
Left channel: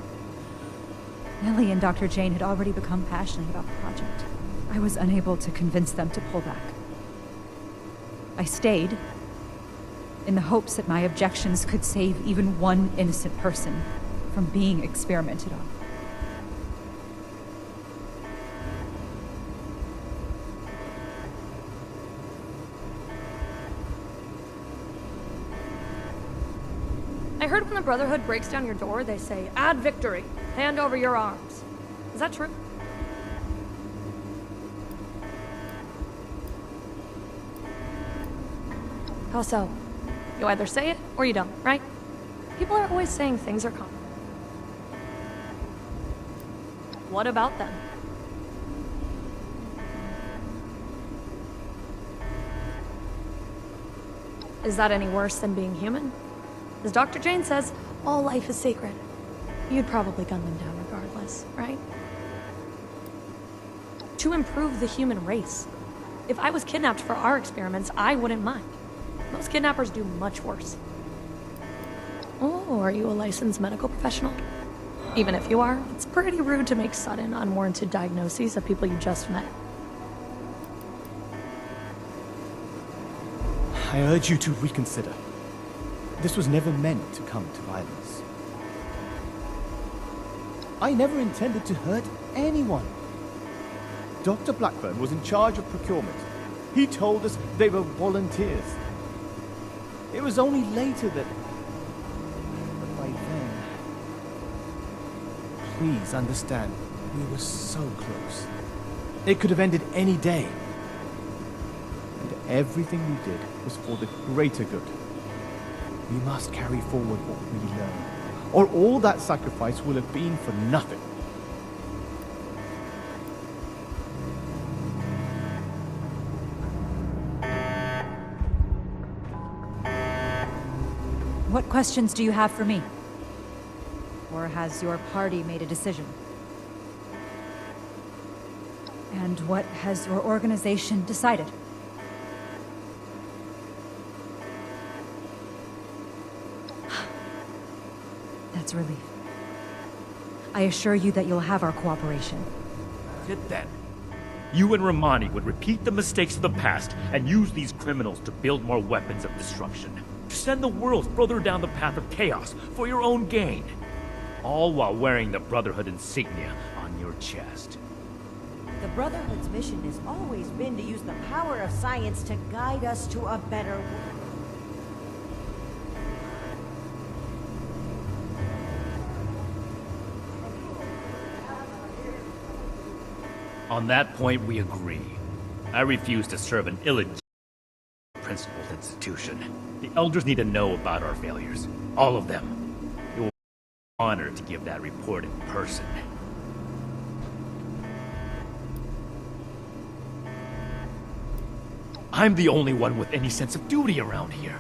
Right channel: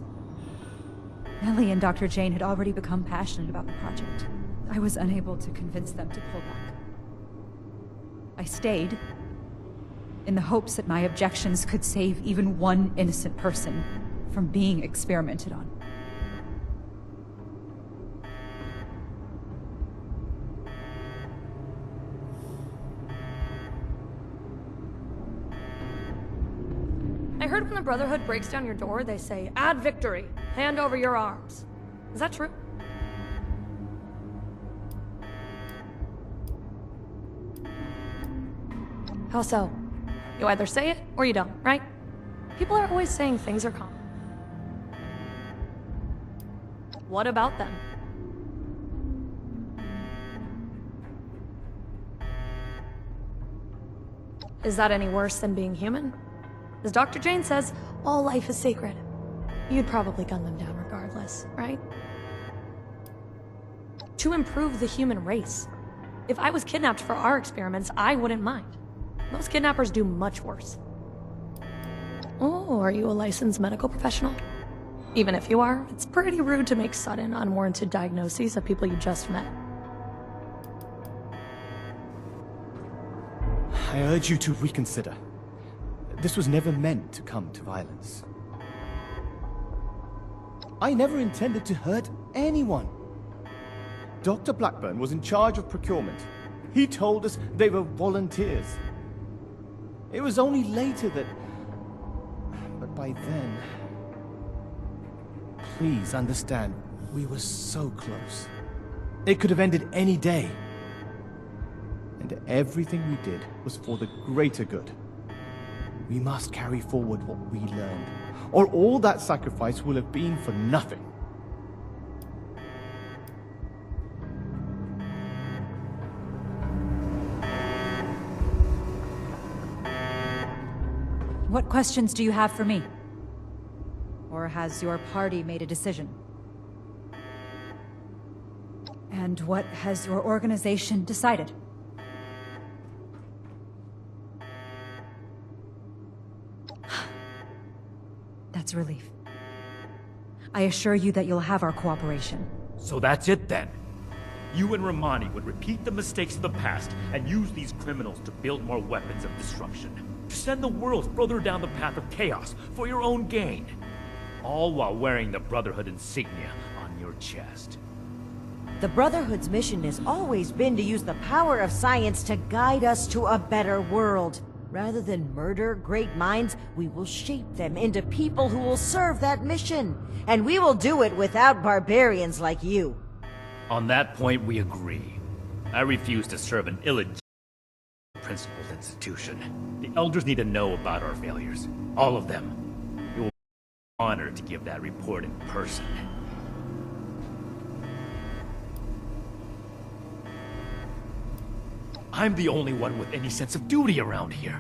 Ellie and Dr. Jane had already become passionate about the project. I was unable to convince them to pull back. I stayed, in the hopes that my objections could save even one innocent person from being experimented on. I heard when the Brotherhood breaks down your door, they say, "Add victory, hand over your arms." Is that true? How so? You either say it, or you don't, right? People are always saying things are common. What about them? Is that any worse than being human? As Dr. Jane says, all life is sacred. You'd probably gun them down regardless, right? To improve the human race. If I was kidnapped for our experiments, I wouldn't mind. Most kidnappers do much worse. Oh, are you a licensed medical professional? Even if you are, it's pretty rude to make sudden, unwarranted diagnoses of people you just met. I urge you to reconsider. This was never meant to come to violence. I never intended to hurt anyone. Dr. Blackburn was in charge of procurement. He told us they were volunteers. It was only later that... But by then... Please understand, we were so close. It could have ended any day. And everything we did was for the greater good. We must carry forward what we learned, or all that sacrifice will have been for nothing. What questions do you have for me? Or has your party made a decision? And what has your organization decided? That's a relief. I assure you that you'll have our cooperation. So that's it then. You and Romani would repeat the mistakes of the past and use these criminals to build more weapons of destruction. To send the world further down the path of chaos for your own gain. All while wearing the Brotherhood insignia on your chest. The Brotherhood's mission has always been to use the power of science to guide us to a better world. Rather than murder great minds, we will shape them into people who will serve that mission. And we will do it without barbarians like you. On that point, we agree. I refuse to serve an illegitimate principled institution. The Elders need to know about our failures. All of them. It will be an honor to give that report in person. I'm the only one with any sense of duty around here.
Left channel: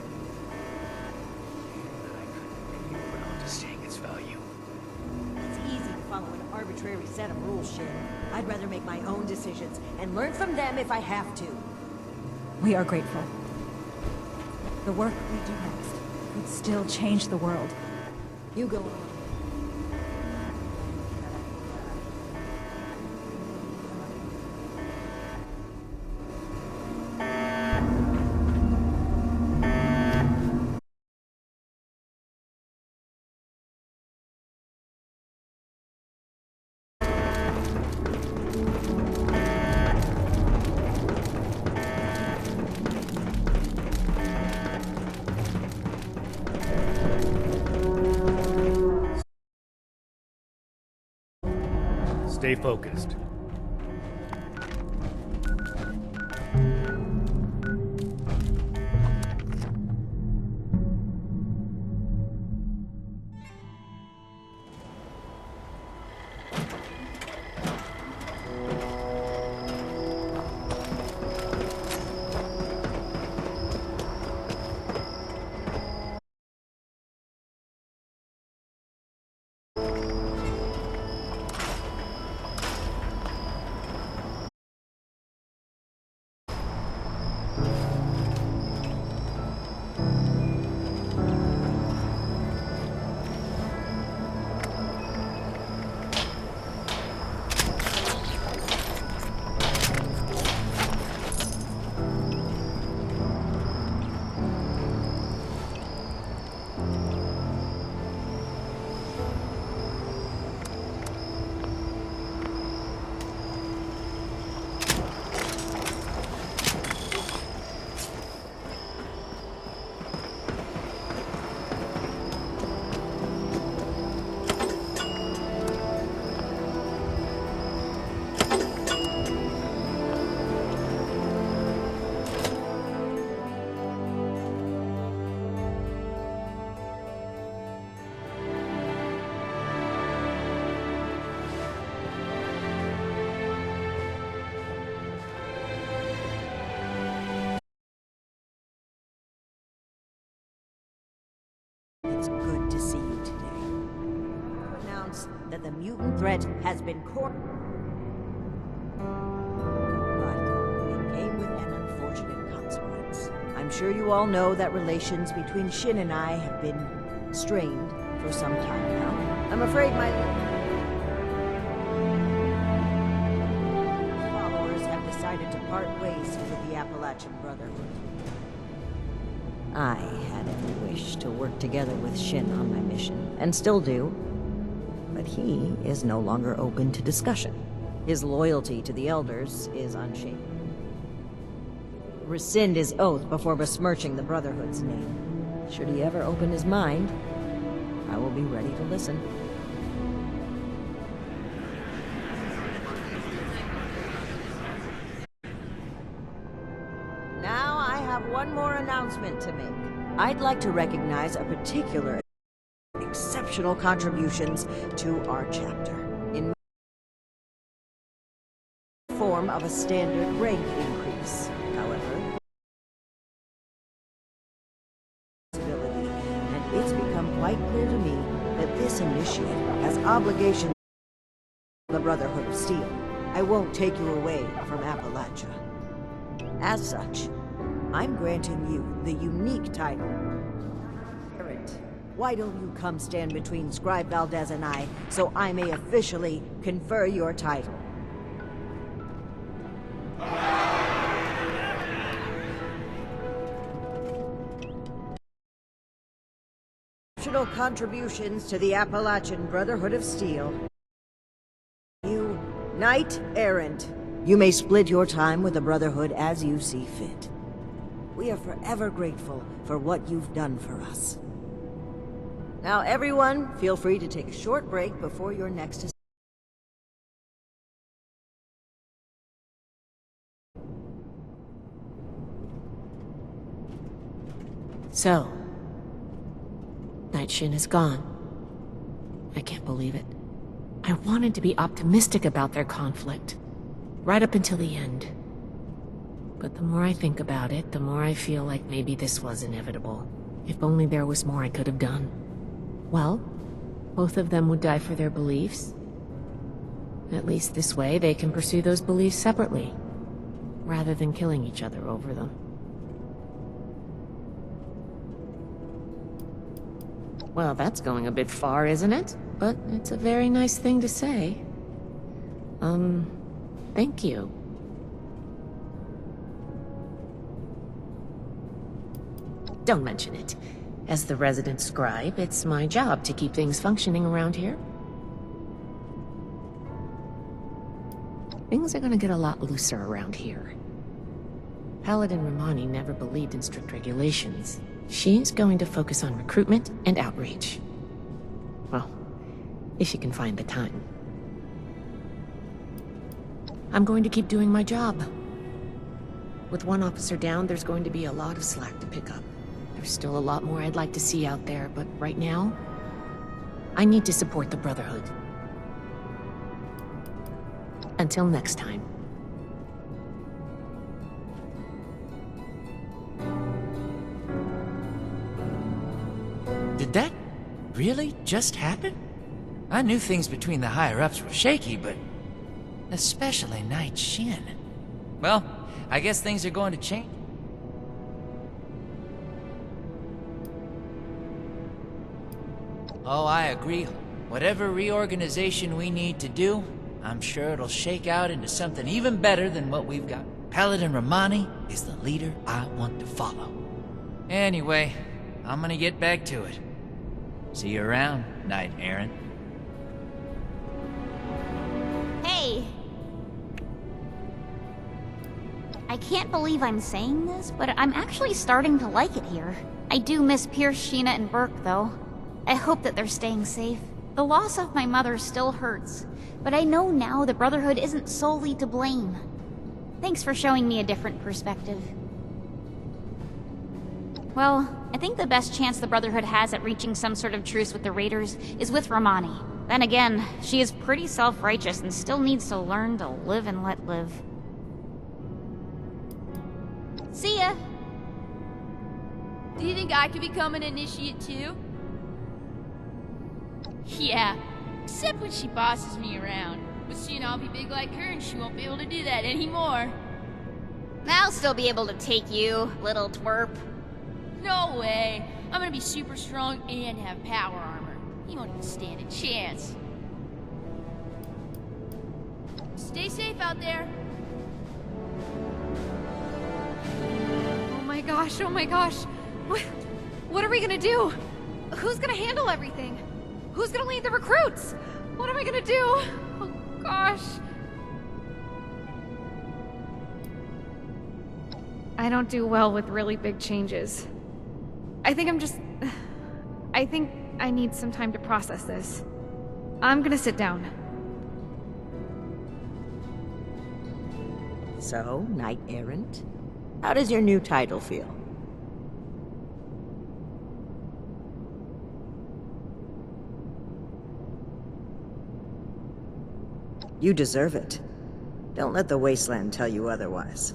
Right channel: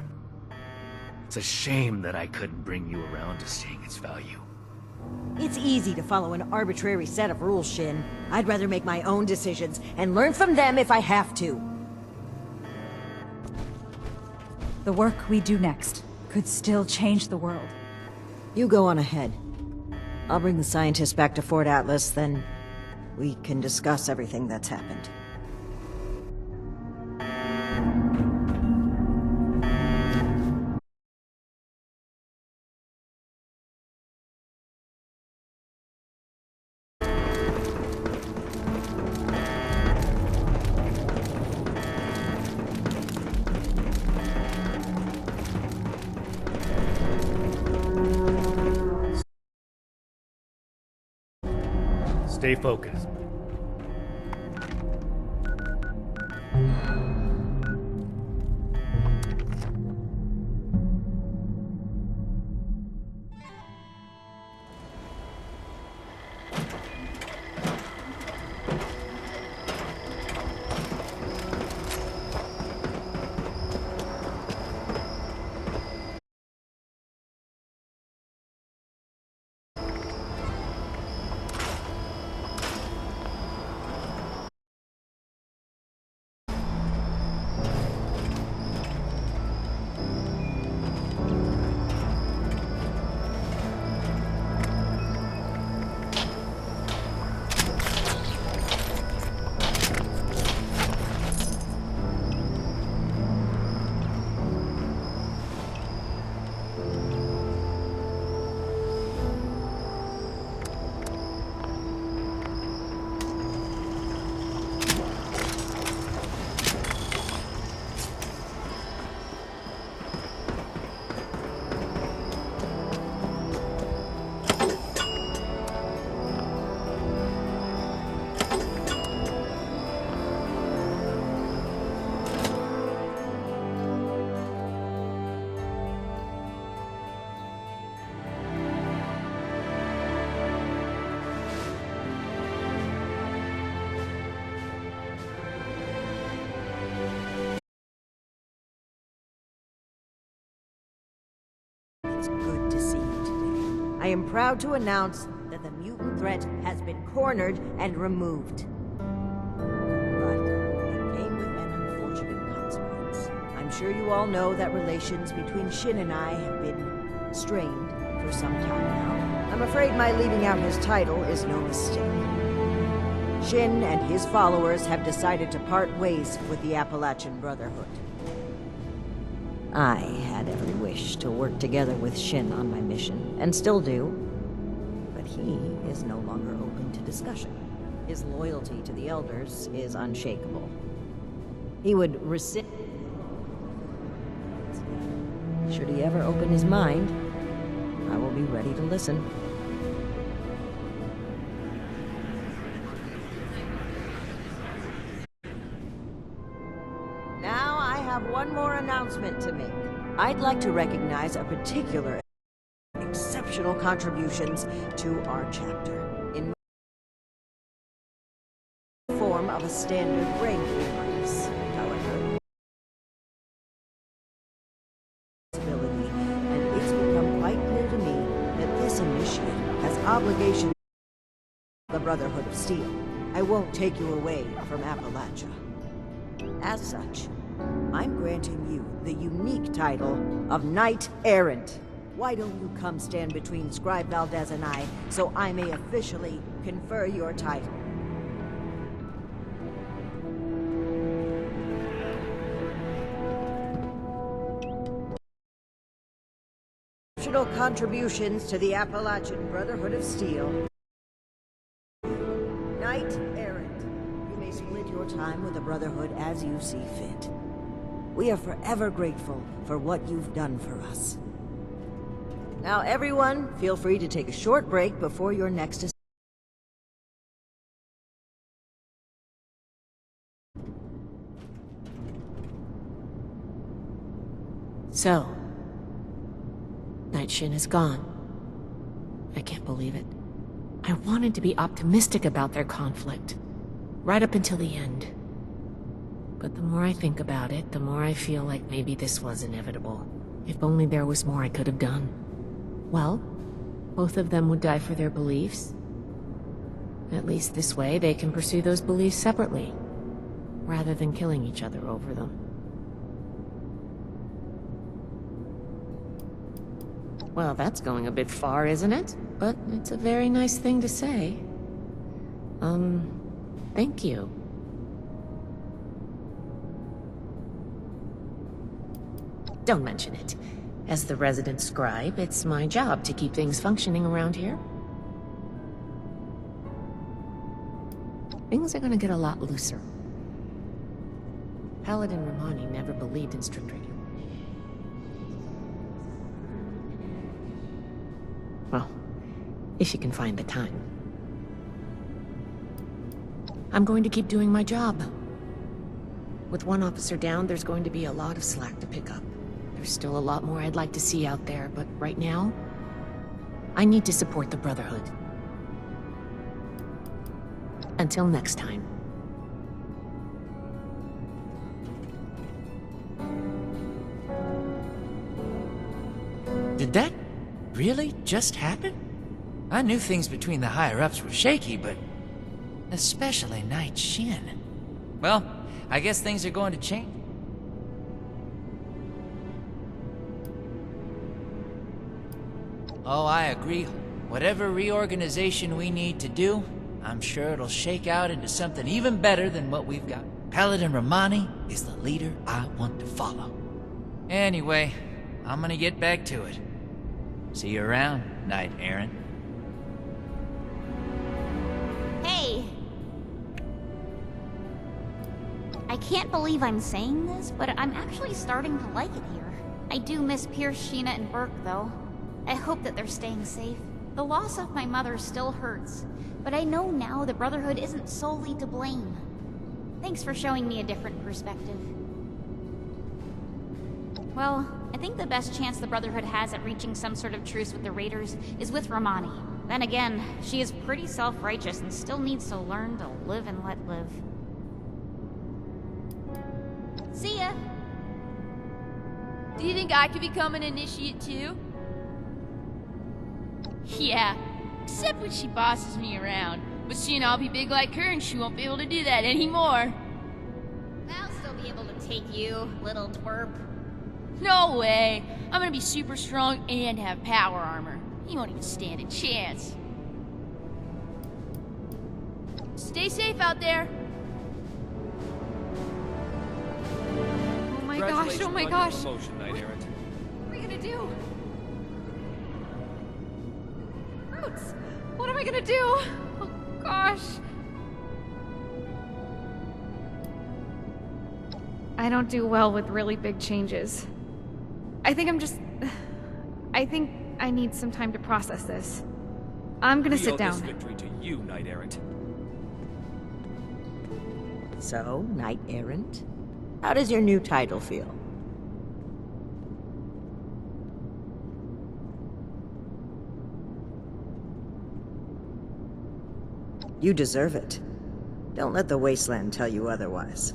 It's a shame that I couldn't bring you around to seeing its value. It's easy to follow an arbitrary set of rules, Shin. I'd rather make my own decisions and learn from them if I have to. We are grateful. The work we do next could still change the world. You go on ahead. I'll bring the scientists back to Fort Atlas, then we can discuss everything that's happened. Stay focused. It's good to see you today. I am proud to announce that the mutant threat has been cornered and removed. But it came with an unfortunate consequence. I'm sure you all know that relations between Shin and I have been strained for some time now. I'm afraid my leaving out his title is no mistake. Shin and his followers have decided to part ways with the Appalachian Brotherhood. I had every wish to work together with Shin on my mission, and still do. But he is no longer open to discussion. His loyalty to the Elders is unshakable. He would rescind his oath before besmirching the Brotherhood's name. Should he ever open his mind, I will be ready to listen. Now I have one more announcement to make. I'd like to recognize a particular exceptional contributions to our chapter in the form of a standard rank increase. However, and it's become quite clear to me that this initiate has obligations to the Brotherhood of Steel. I won't take you away from Appalachia. As such, I'm granting you the unique title of Knight Errant. Why don't you come stand between Scribe Valdez and I, so I may officially confer your title? Exceptional contributions to the Appalachian Brotherhood of Steel. You, Knight Errant. You may split your time with the Brotherhood as you see fit. We are forever grateful for what you've done for us. Now everyone, feel free to take a short break before your next So, Night Shin is gone. I can't believe it. I wanted to be optimistic about their conflict, right up until the end. But the more I think about it, the more I feel like maybe this was inevitable. If only there was more I could have done. Well, both of them would die for their beliefs. At least this way they can pursue those beliefs separately, rather than killing each other over them. Well, that's going a bit far, isn't it? But it's a very nice thing to say. Thank you. Don't mention it. As the resident scribe, it's my job to keep things functioning around here. Things are gonna get a lot looser around here. Paladin Romani never believed in strict regulations. She's going to focus on recruitment and outreach. Well, if she can find the time. I'm going to keep doing my job. With one officer down, there's going to be a lot of slack to pick up. There's still a lot more I'd like to see out there, but right now, I need to support the Brotherhood. Until next time. Did that really just happen? I knew things between the higher-ups were shaky, but especially Knight Shin. Well, I guess things are going to change. Oh, I agree. Whatever reorganization we need to do, I'm sure it'll shake out into something even better than what we've got. Paladin Romani is the leader I want to follow. Anyway, I'm gonna get back to it. See you around, Knight Errant. Hey! I can't believe I'm saying this, but I'm actually starting to like it here. I do miss Pierce, Sheena, and Burke, though. I hope that they're staying safe. The loss of my mother still hurts, but I know now the Brotherhood isn't solely to blame. Thanks for showing me a different perspective. Well, I think the best chance the Brotherhood has at reaching some sort of truce with the Raiders is with Romani. Then again, she is pretty self-righteous and still needs to learn to live and let live. See ya! Do you think I could become an initiate too? Yeah, except when she bosses me around. But soon I'll be big like her and she won't be able to do that anymore. I'll still be able to take you, little twerp. No way. I'm gonna be super strong and have power armor. He won't even stand a chance. Stay safe out there. Oh my gosh, oh my gosh. What are we gonna do? Who's gonna handle everything? Who's gonna lead the recruits? What am I gonna do? Oh gosh. I don't do well with really big changes. I think I need some time to process this. I'm gonna sit down. So, Knight Errant? How does your new title feel? You deserve it. Don't let the wasteland tell you otherwise.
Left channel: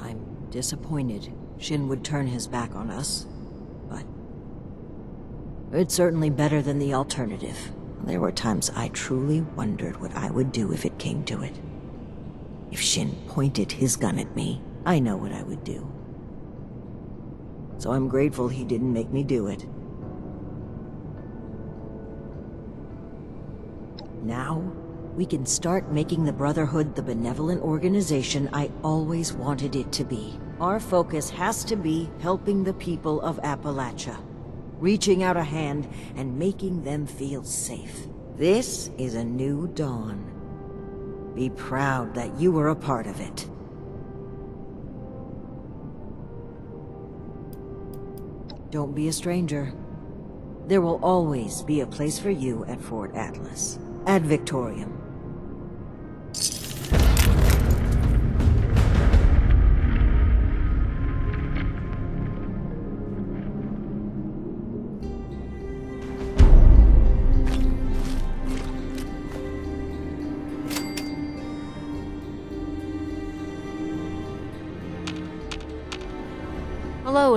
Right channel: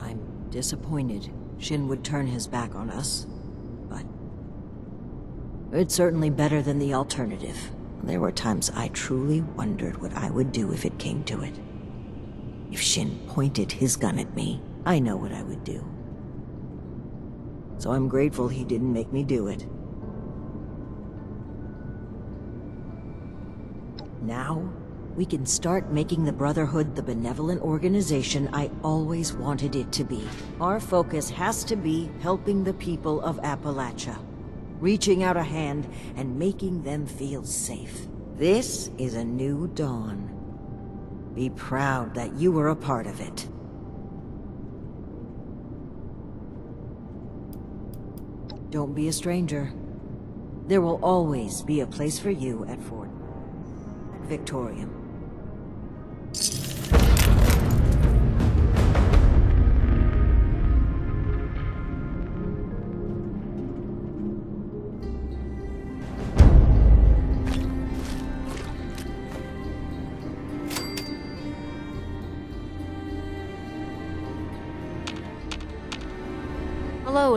I'm disappointed Shin would turn his back on us, but it's certainly better than the alternative. There were times I truly wondered what I would do if it came to it. If Shin pointed his gun at me, I know what I would do. So I'm grateful he didn't make me do it. Now, we can start making the Brotherhood the benevolent organization I always wanted it to be. Our focus has to be helping the people of Appalachia, reaching out a hand and making them feel safe. This is a new dawn. Be proud that you were a part of it. Don't be a stranger. There will always be a place for you at Fort Atlas. Ad Victoriam. Hello,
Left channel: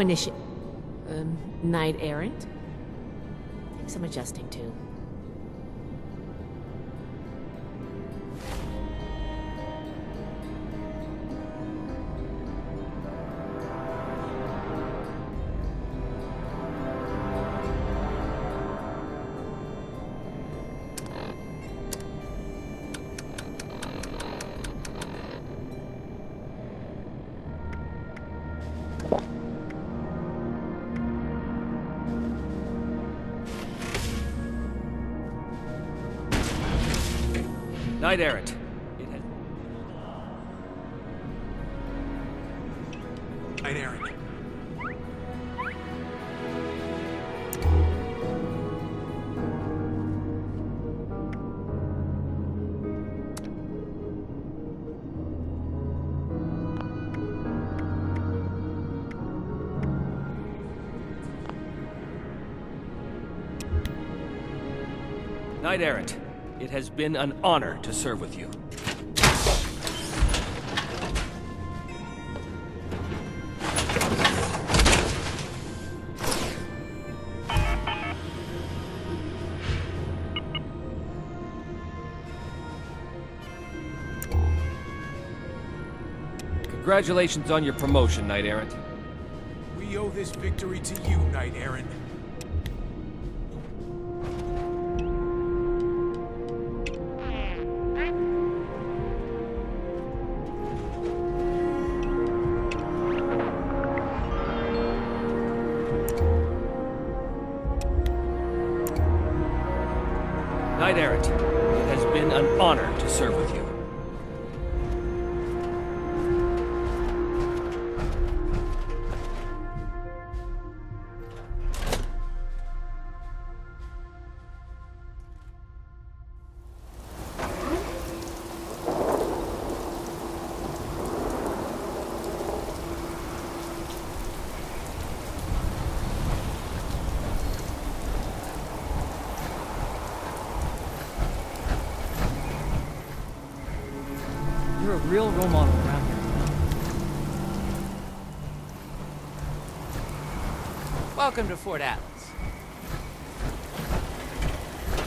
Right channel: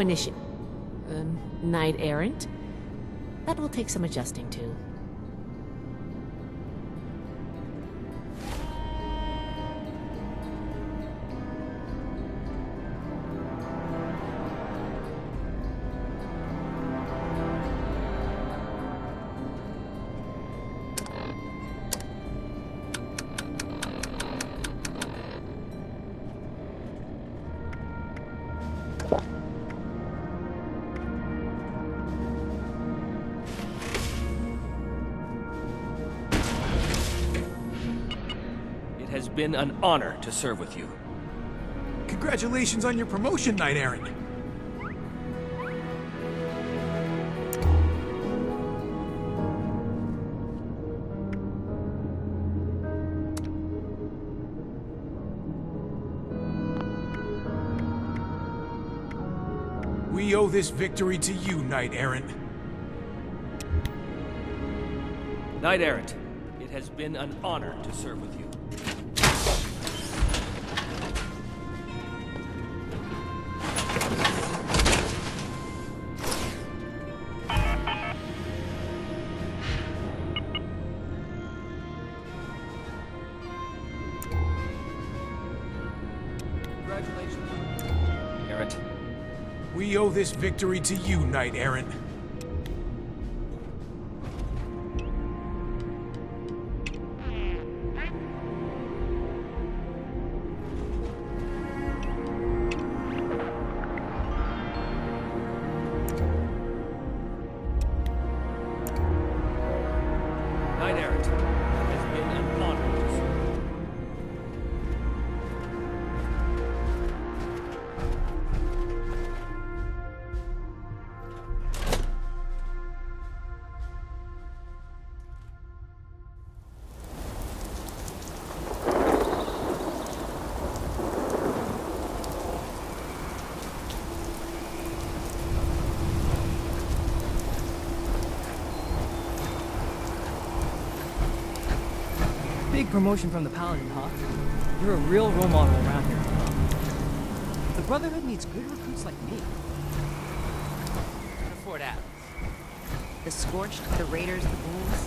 Knight Errant? That will take some adjusting to. Knight Errant, it has been an honor to serve with you. Congratulations on your promotion, Knight Errant. We owe this victory to you, Knight Errant. Knight Errant, it has been an honor to serve with you. Congratulations on your promotion, Knight Errant. We owe this victory to you, Knight Errant. Knight Errant, it has been an honor to serve with you. Promotion from the Paladin, huh? You're a real role model around here, you know? The Brotherhood needs good recruits like me. Welcome to Fort Atlas. The Scorched, the Raiders, the Wolves.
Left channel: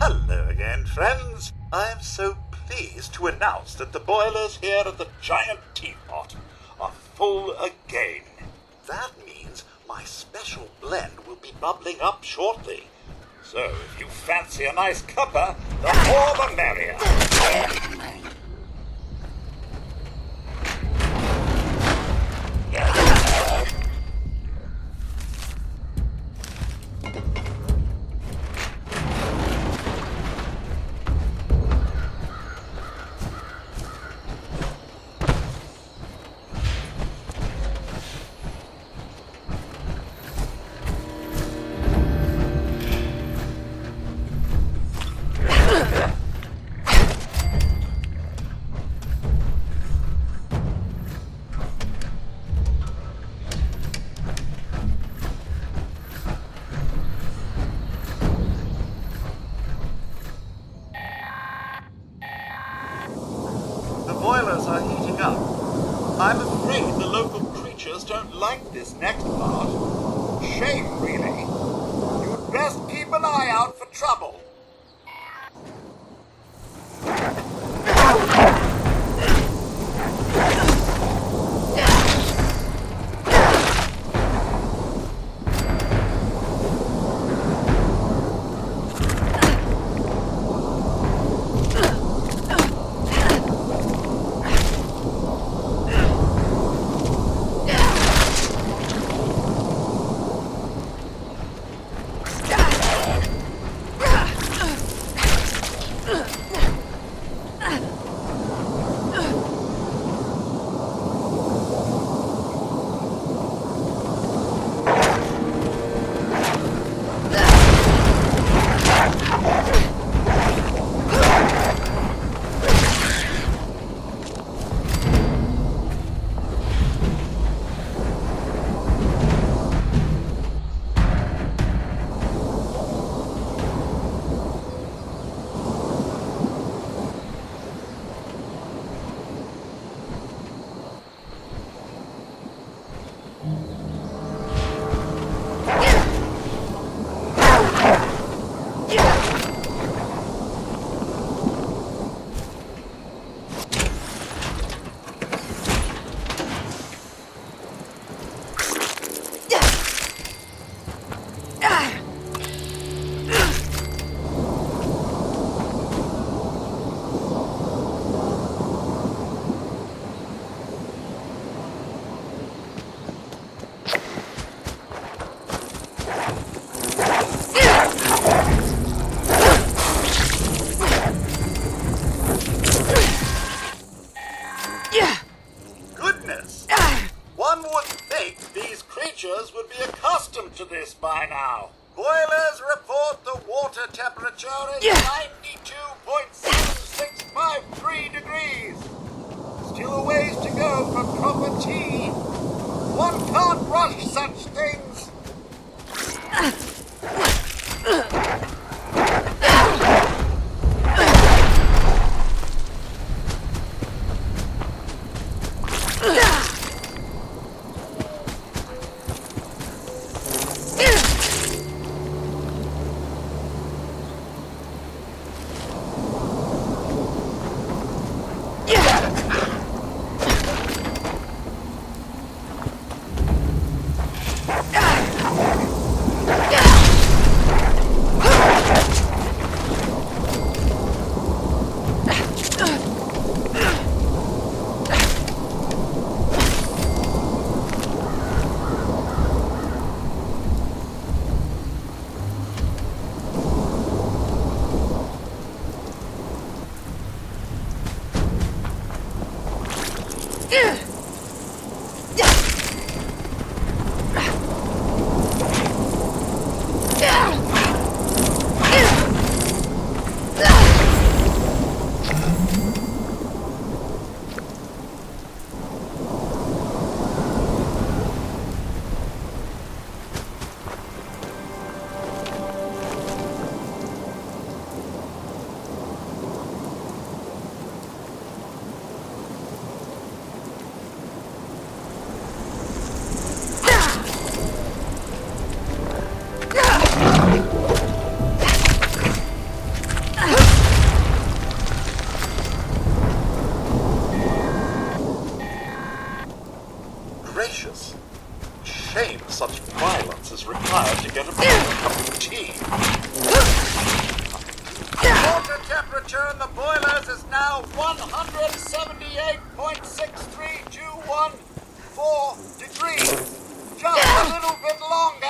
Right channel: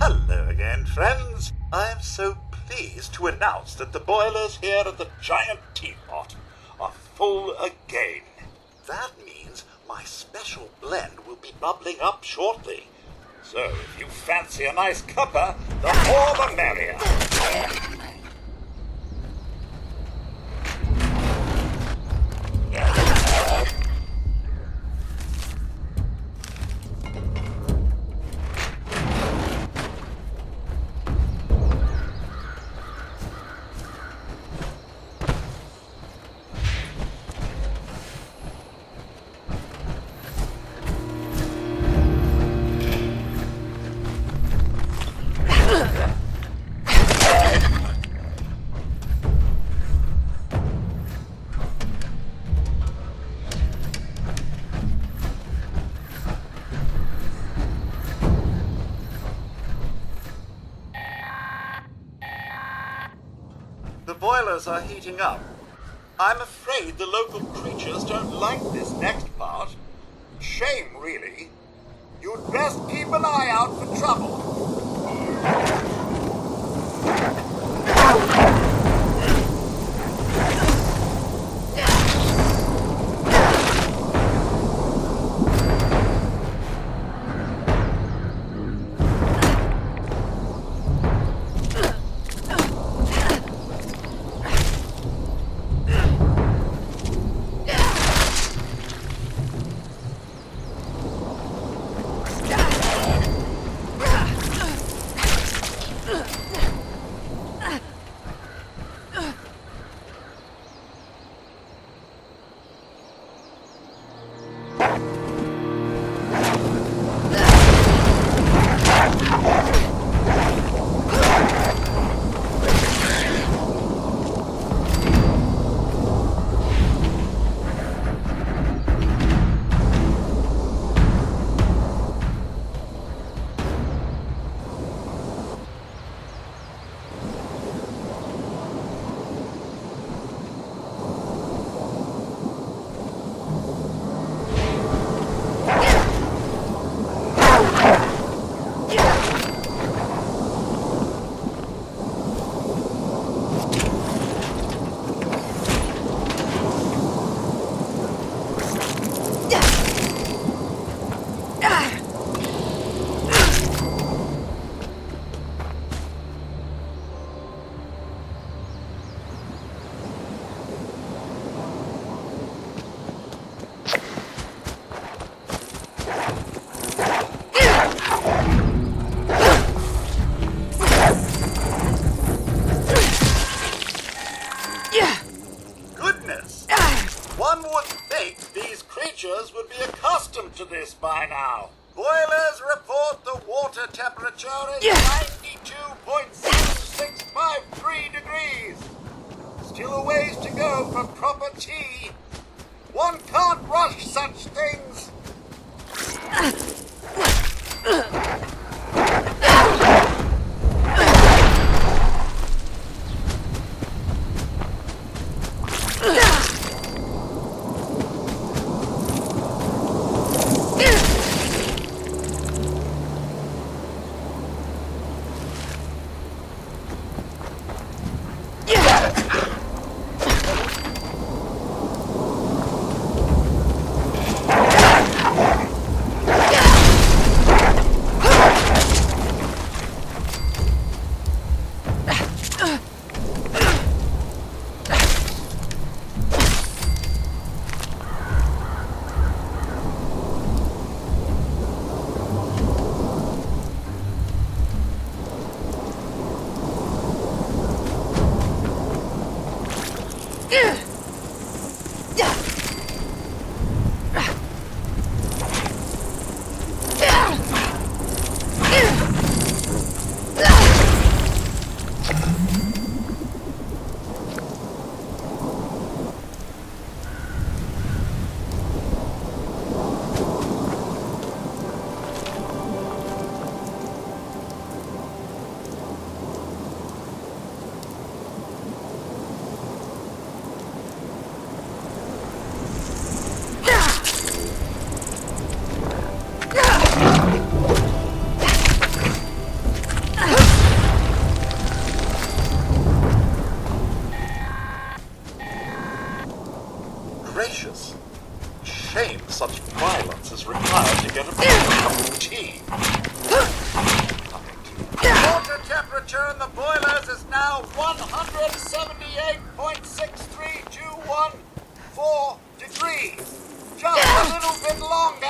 Hello again, friends. I'm so pleased to announce that the boilers here at the Giant Teapot are full again. That means my special blend will be bubbling up shortly. So if you fancy a nice cuppa, the more the merrier. The boilers are heating up. I'm afraid the local creatures don't like this next part. Shame, really. You'd best keep an eye out for trouble. Would be accustomed to this by now. Boilers report the water temperature is 92.7653 degrees. Still a ways to go for proper tea. One can't rush such things. Gracious. Shame such violence is required to get a cup of tea. Water temperature in the boilers is now 178.63214 degrees. Just a little bit longer.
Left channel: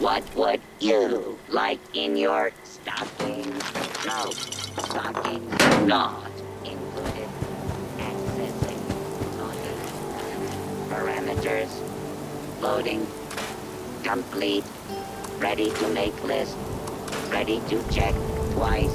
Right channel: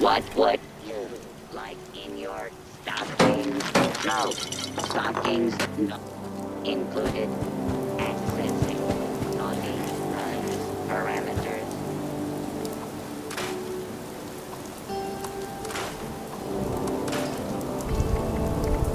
What would you like in your stockings? No, stockings not included. Accessing loading parameters. Loading complete. Ready to make list. Ready to check twice.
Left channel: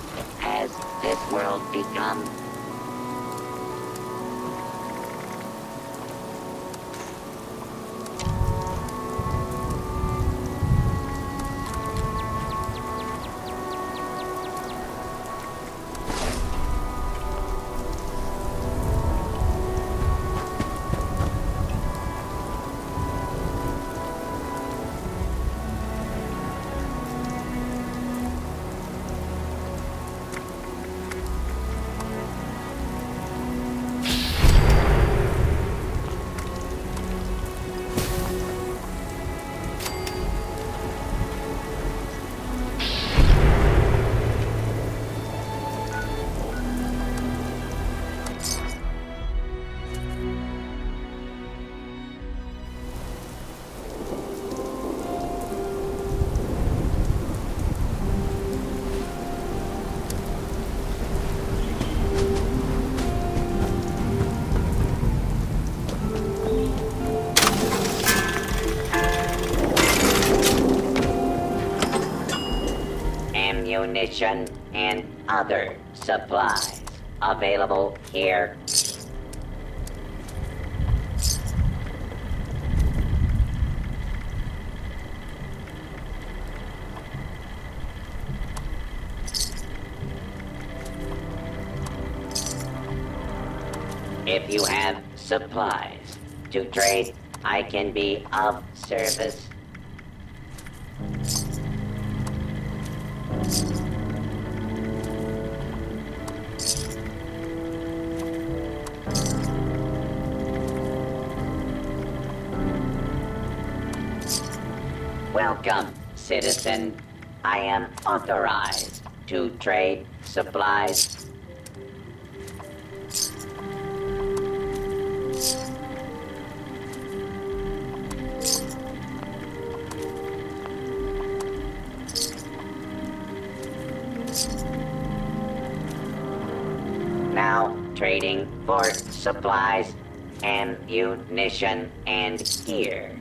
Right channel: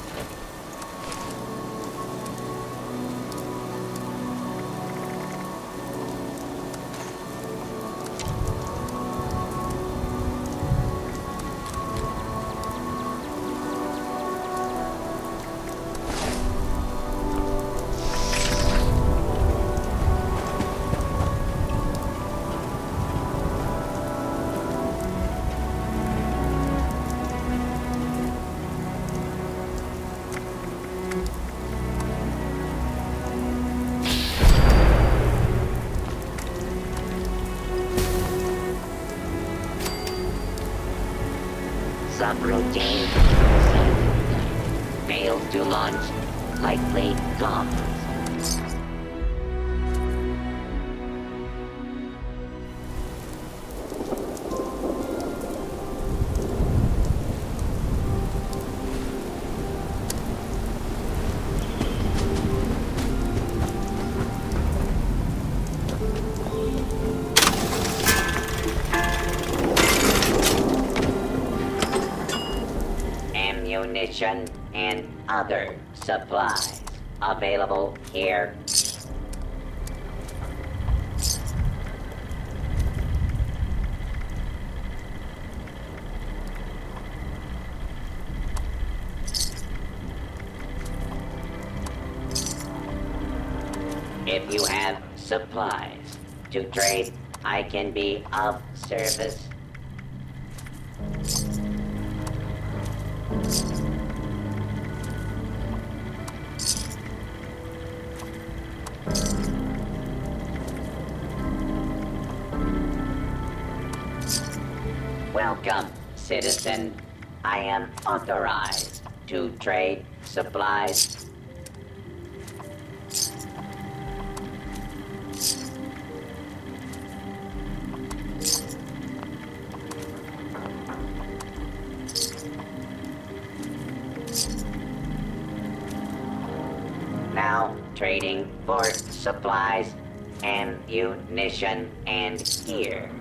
what has this world become? Subroutine. Failed to launch. Likely gone. Ammunition and other supplies available here. If you have supplies to trade, I can be of service. Welcome, citizen. I am authorized to trade supplies. Now trading for supplies, ammunition, and gear.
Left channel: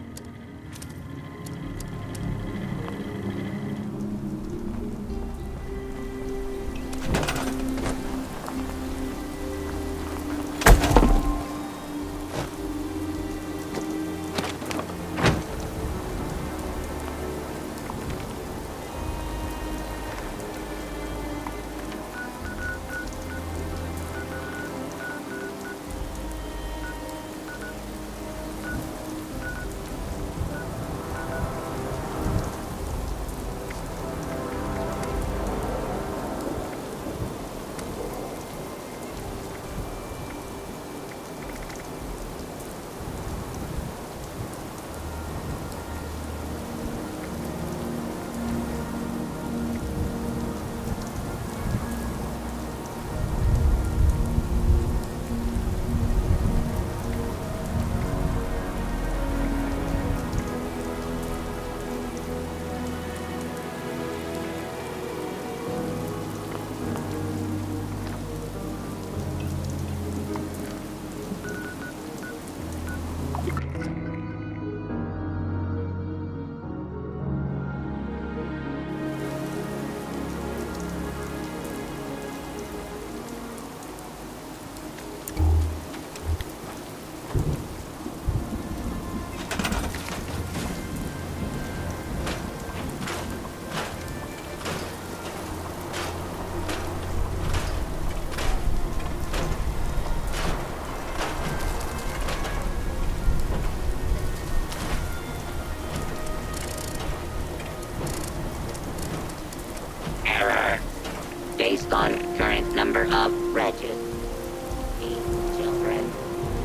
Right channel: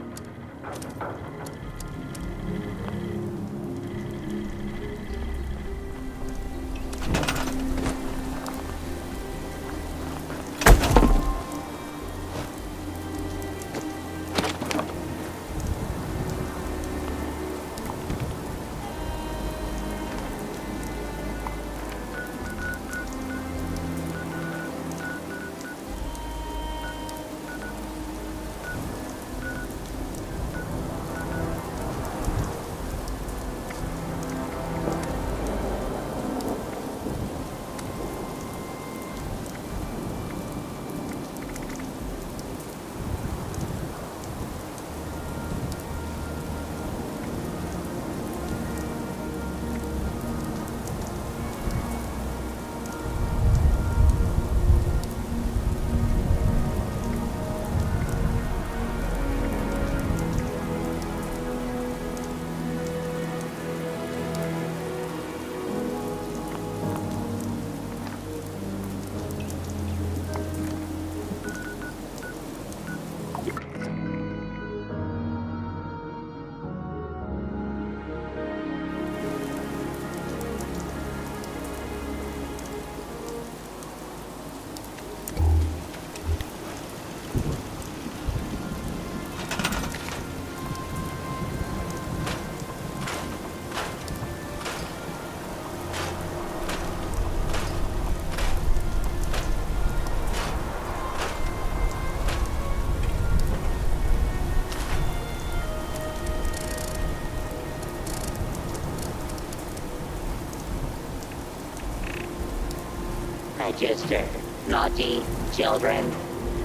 Based on current number of registered naughty children,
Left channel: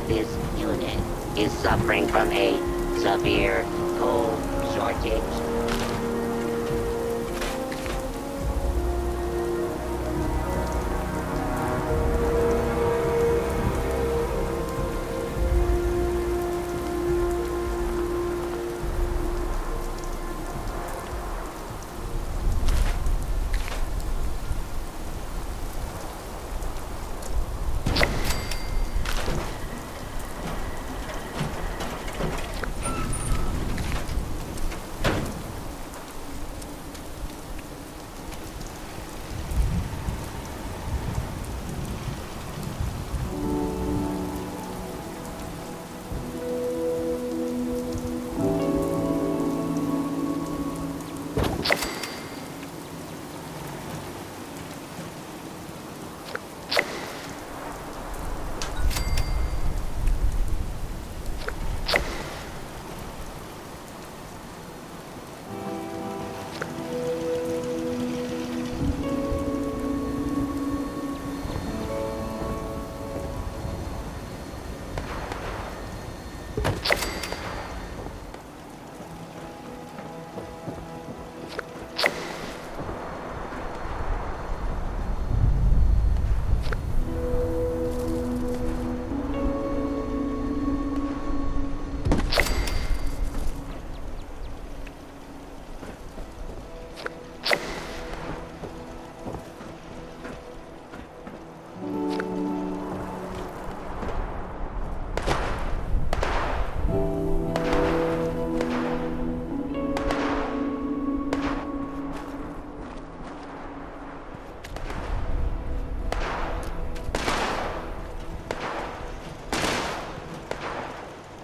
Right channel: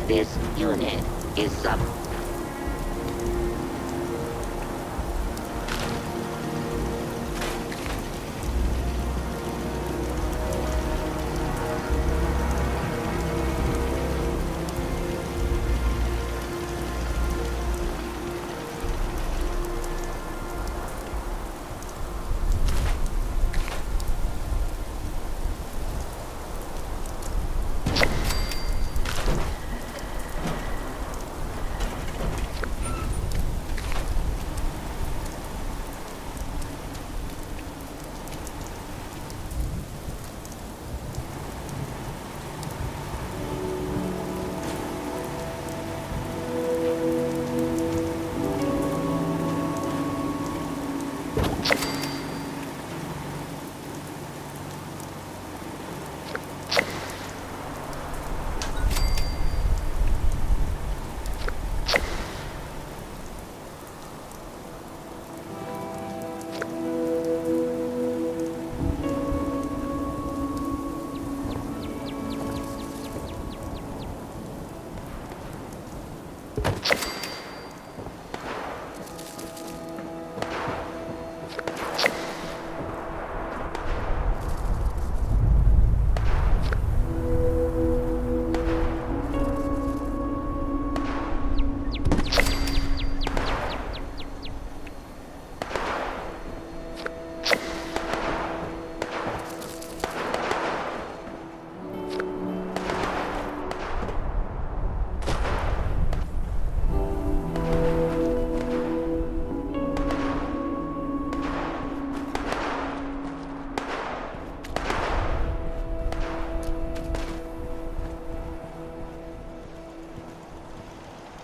this unit is suffering from a severe coal shortage.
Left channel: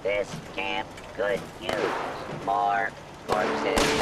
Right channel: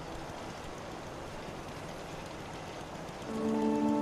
This camp could use more corpses.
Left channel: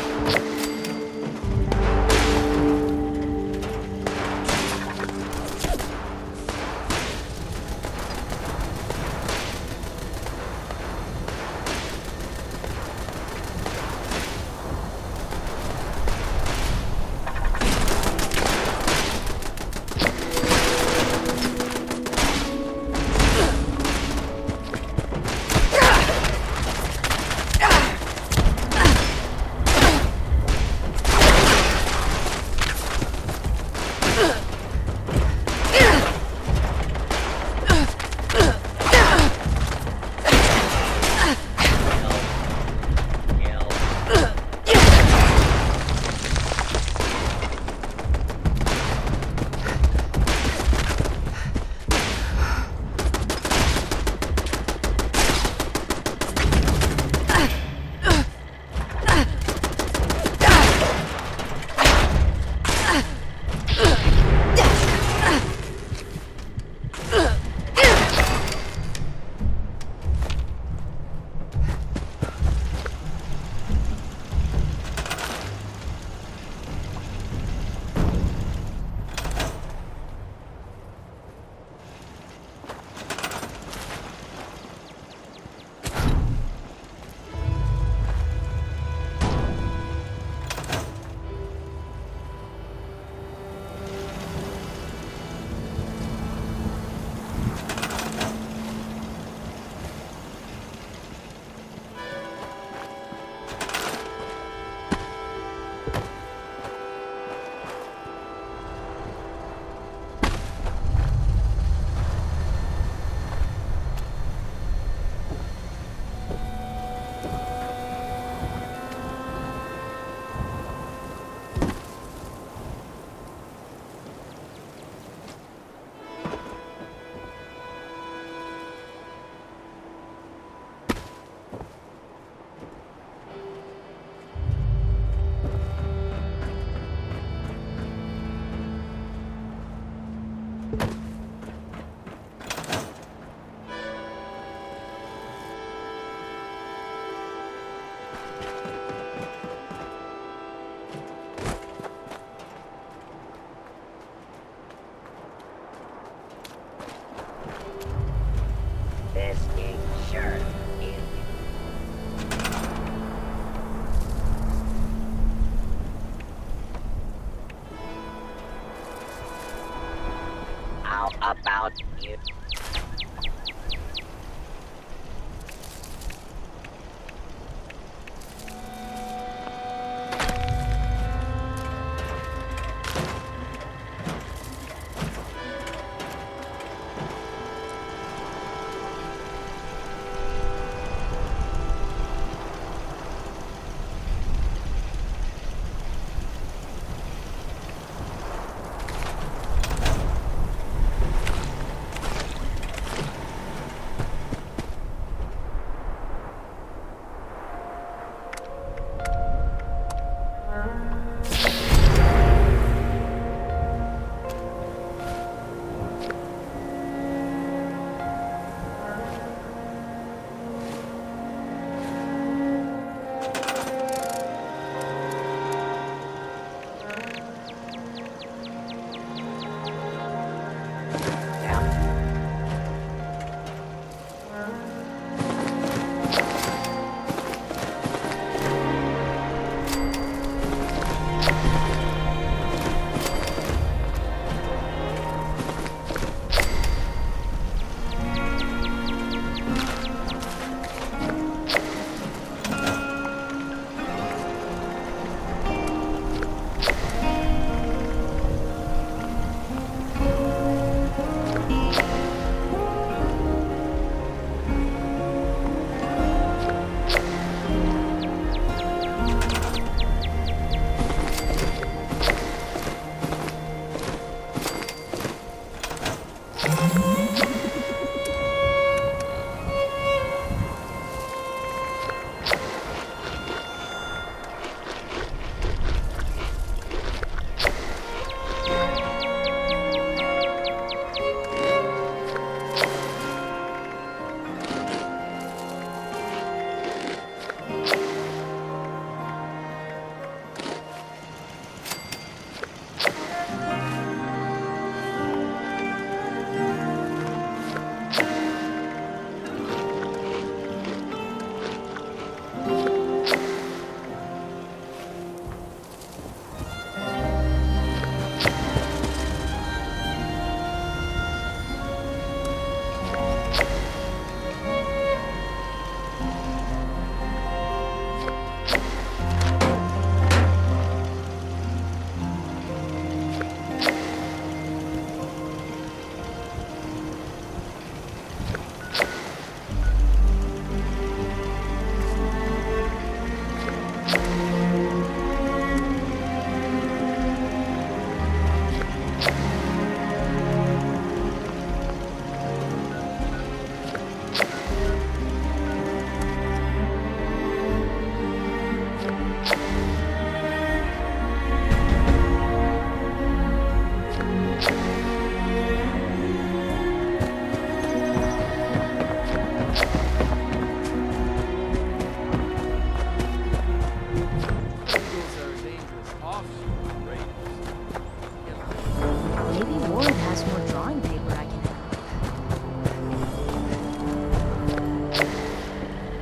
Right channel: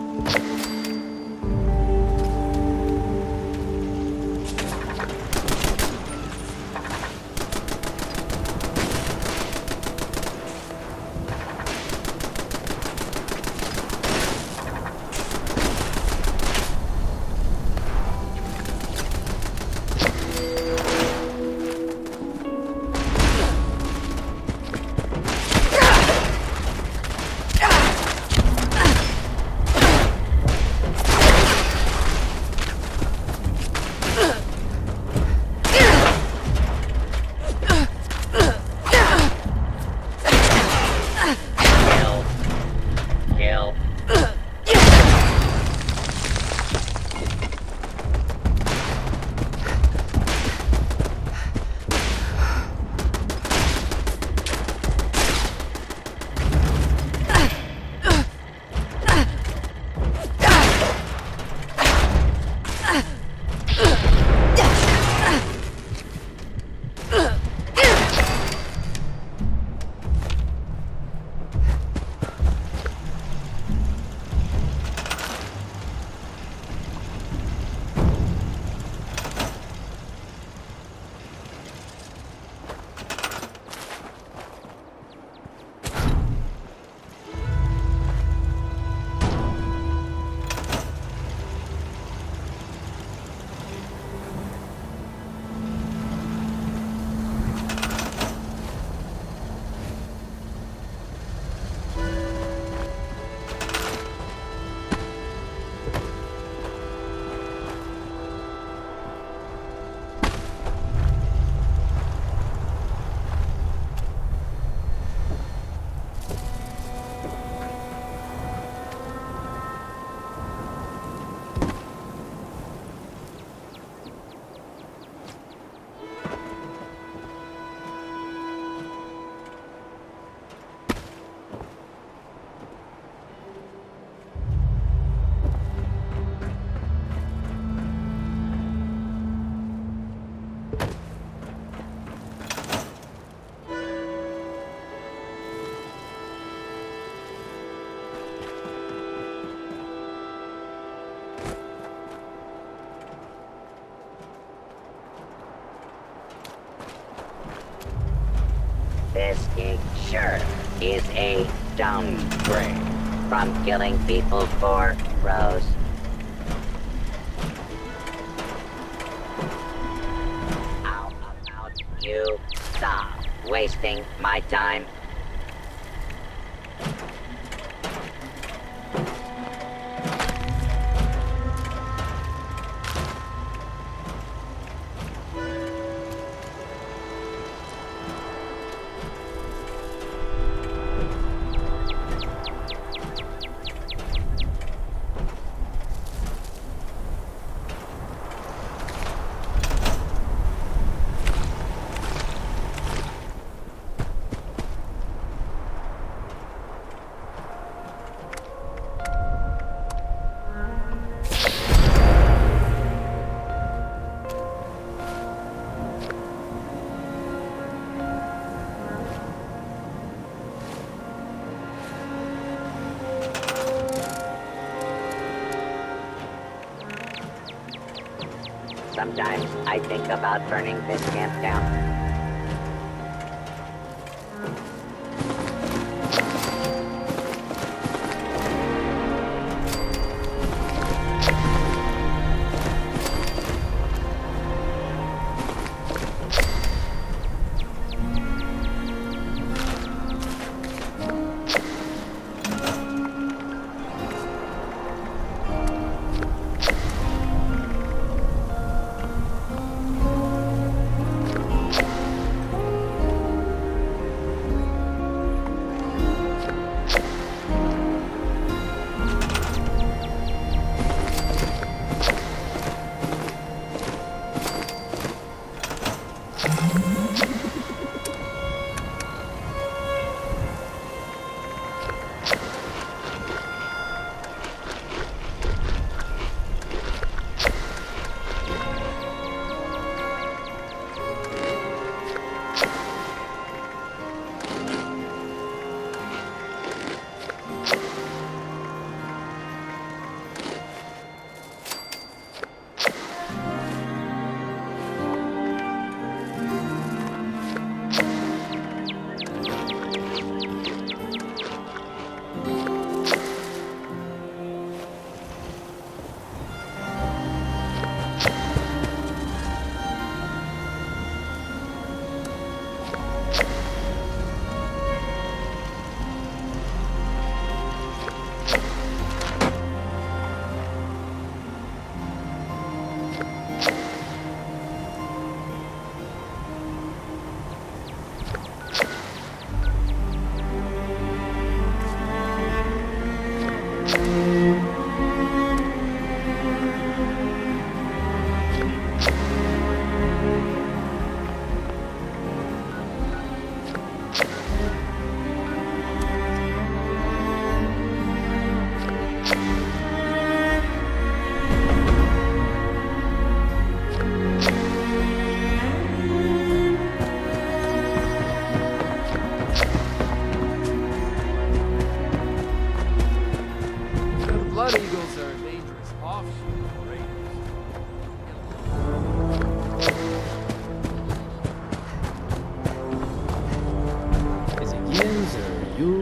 This gig sure is a downgrade from killing people for Rose. How about you stop wasting my time? Sometimes I think about burning this camp down.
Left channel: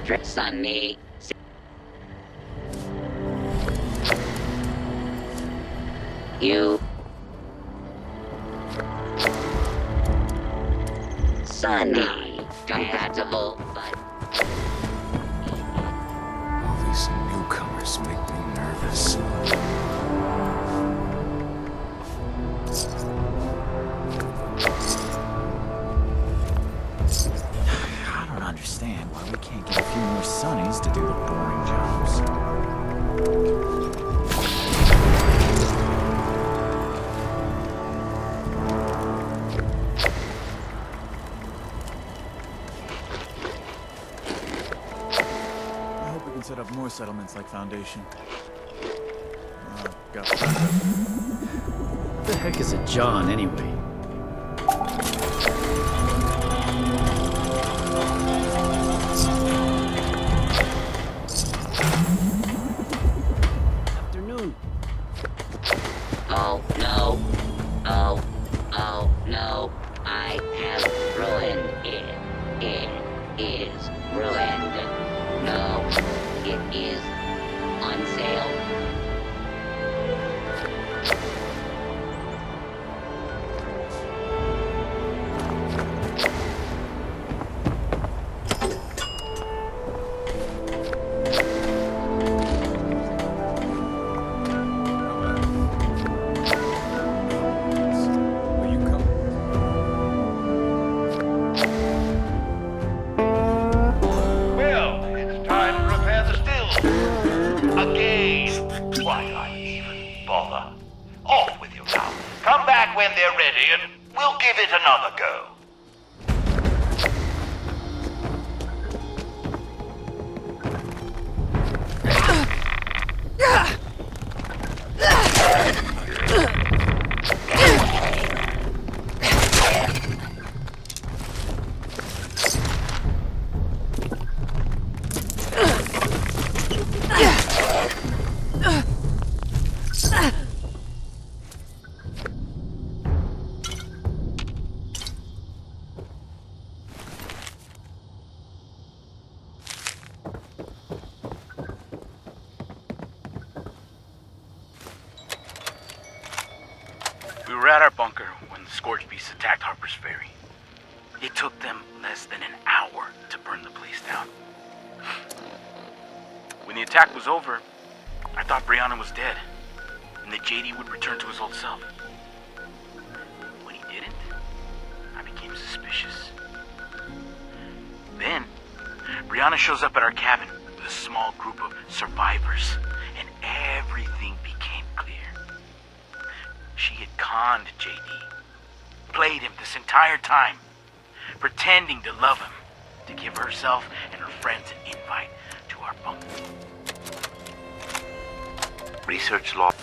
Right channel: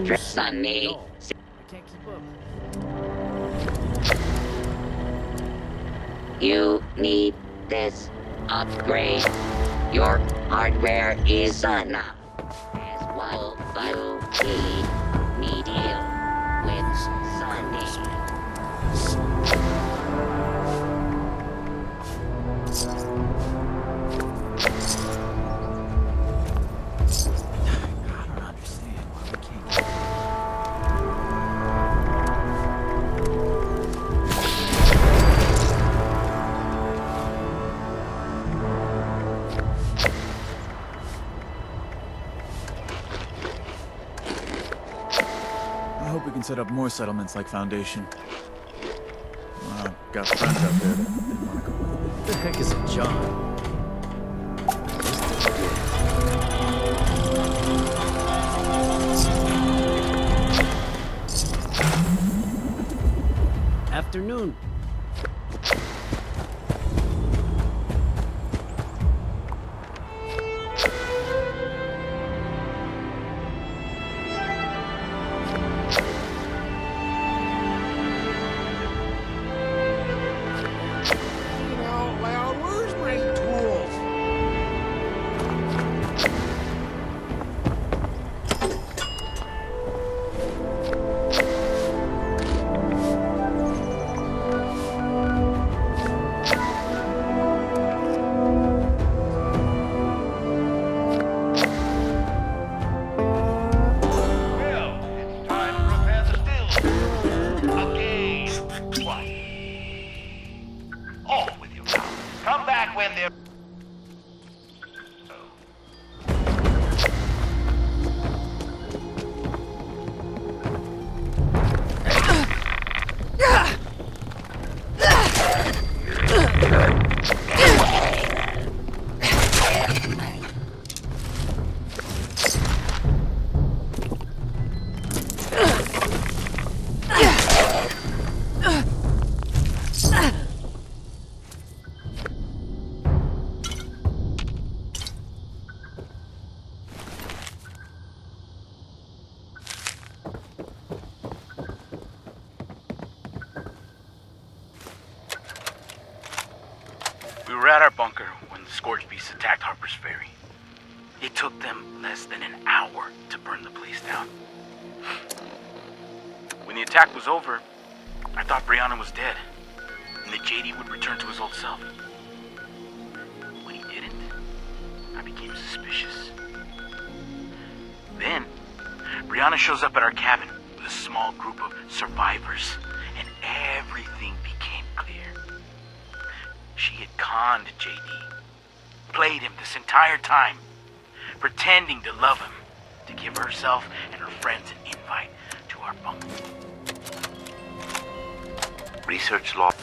Trips on me. You need this upgrade. Your hardware is compatible, but we need you. These newcomers make me nervous. I don't understand why we can't get a few more Sonnies to do the boring jobs. I hope we can set up more settlements like Foundation. Well, got friends up there. What the heck is a John, anyway? Afternoon. Oh no. Oh no. I have ruined it. It is ruined. No, it is on sale. Oh, well, where's my tools? Well, it's time to repair the stills. Again. Why not even bother? Off with you now. Come back when they're ready and we'll give it another go. bunker when the Scorched Beasts attacked Harper's Ferry. It took them less than an hour to burn the place down. When the attack was over, I thought Brianna was dead, and that JD would return to his old self. When he didn't, I became suspicious. Then, Brianna shows up at our cabin with a small group of survivors, and everything became clear. She had conned JD, played him this entire time, pretending to love him, to give herself and her friends an invite to our bunker. Research log.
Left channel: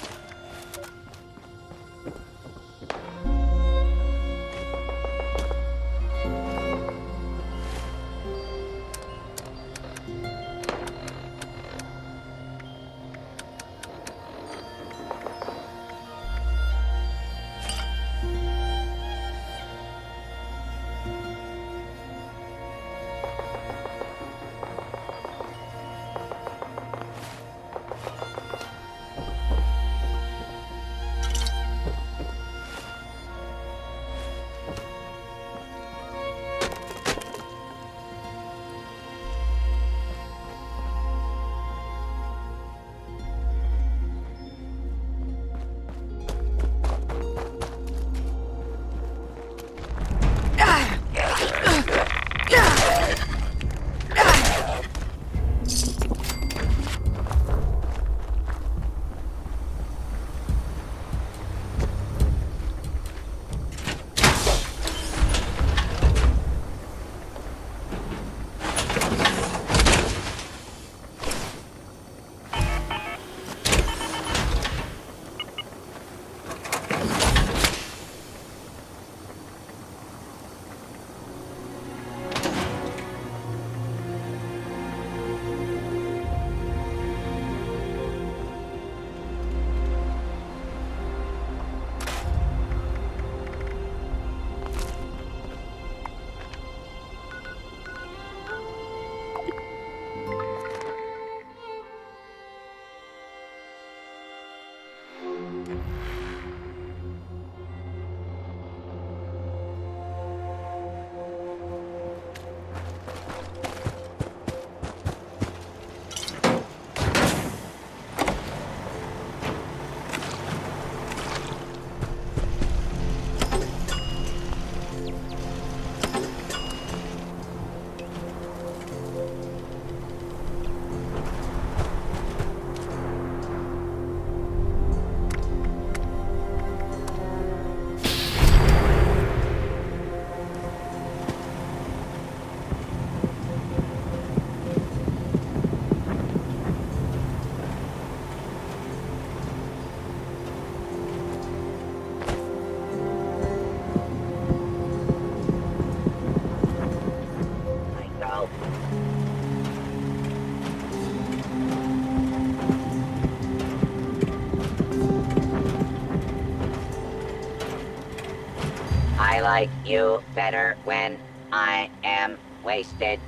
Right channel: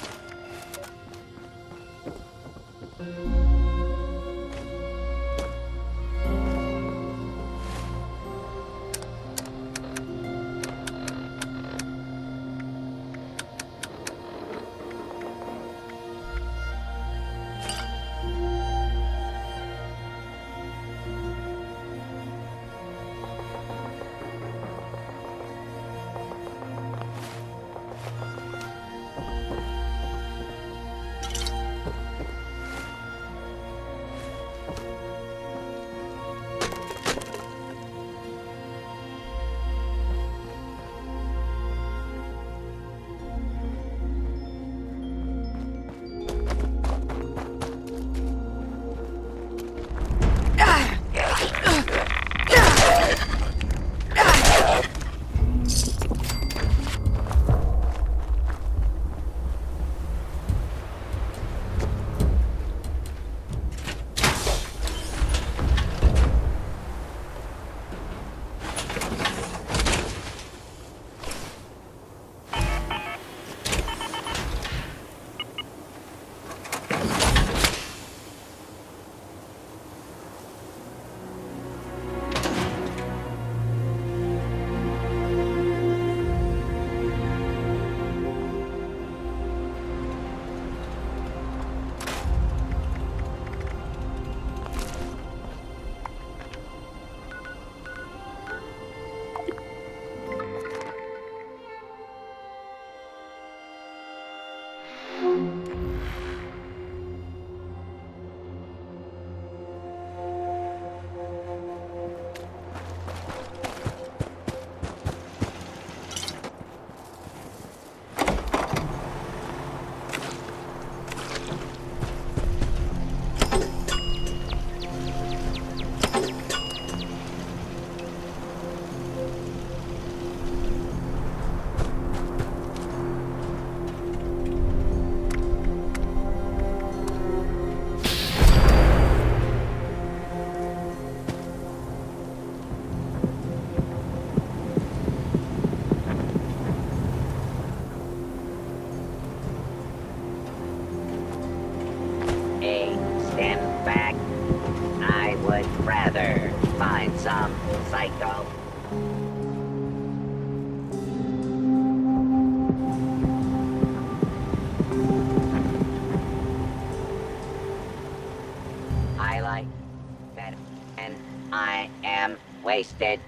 I like you better when I am wasted.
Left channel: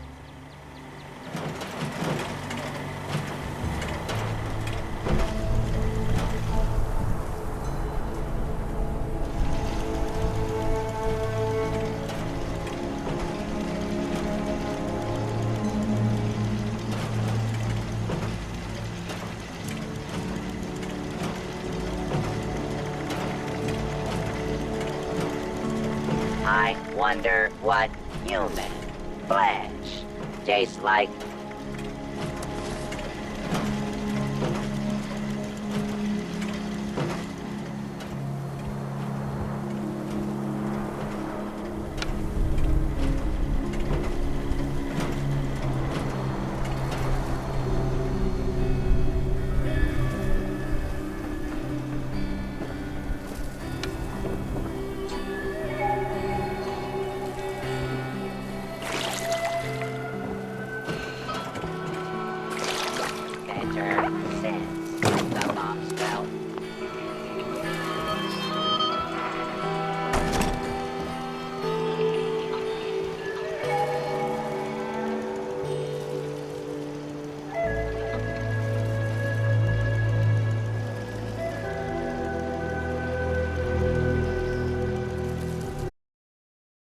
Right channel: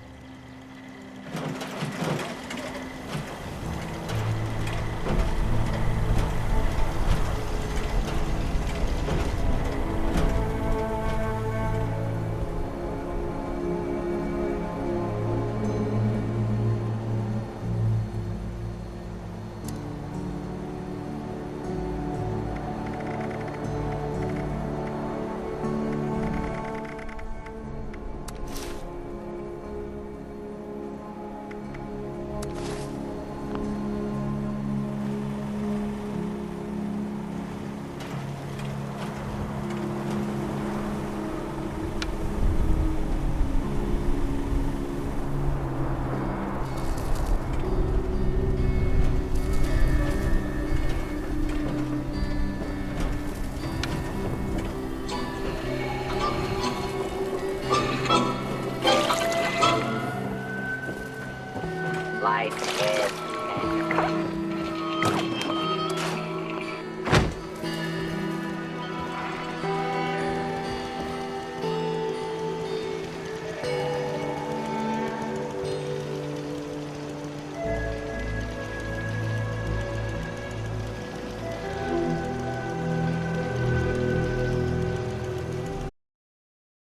I wonder what human flesh tastes like.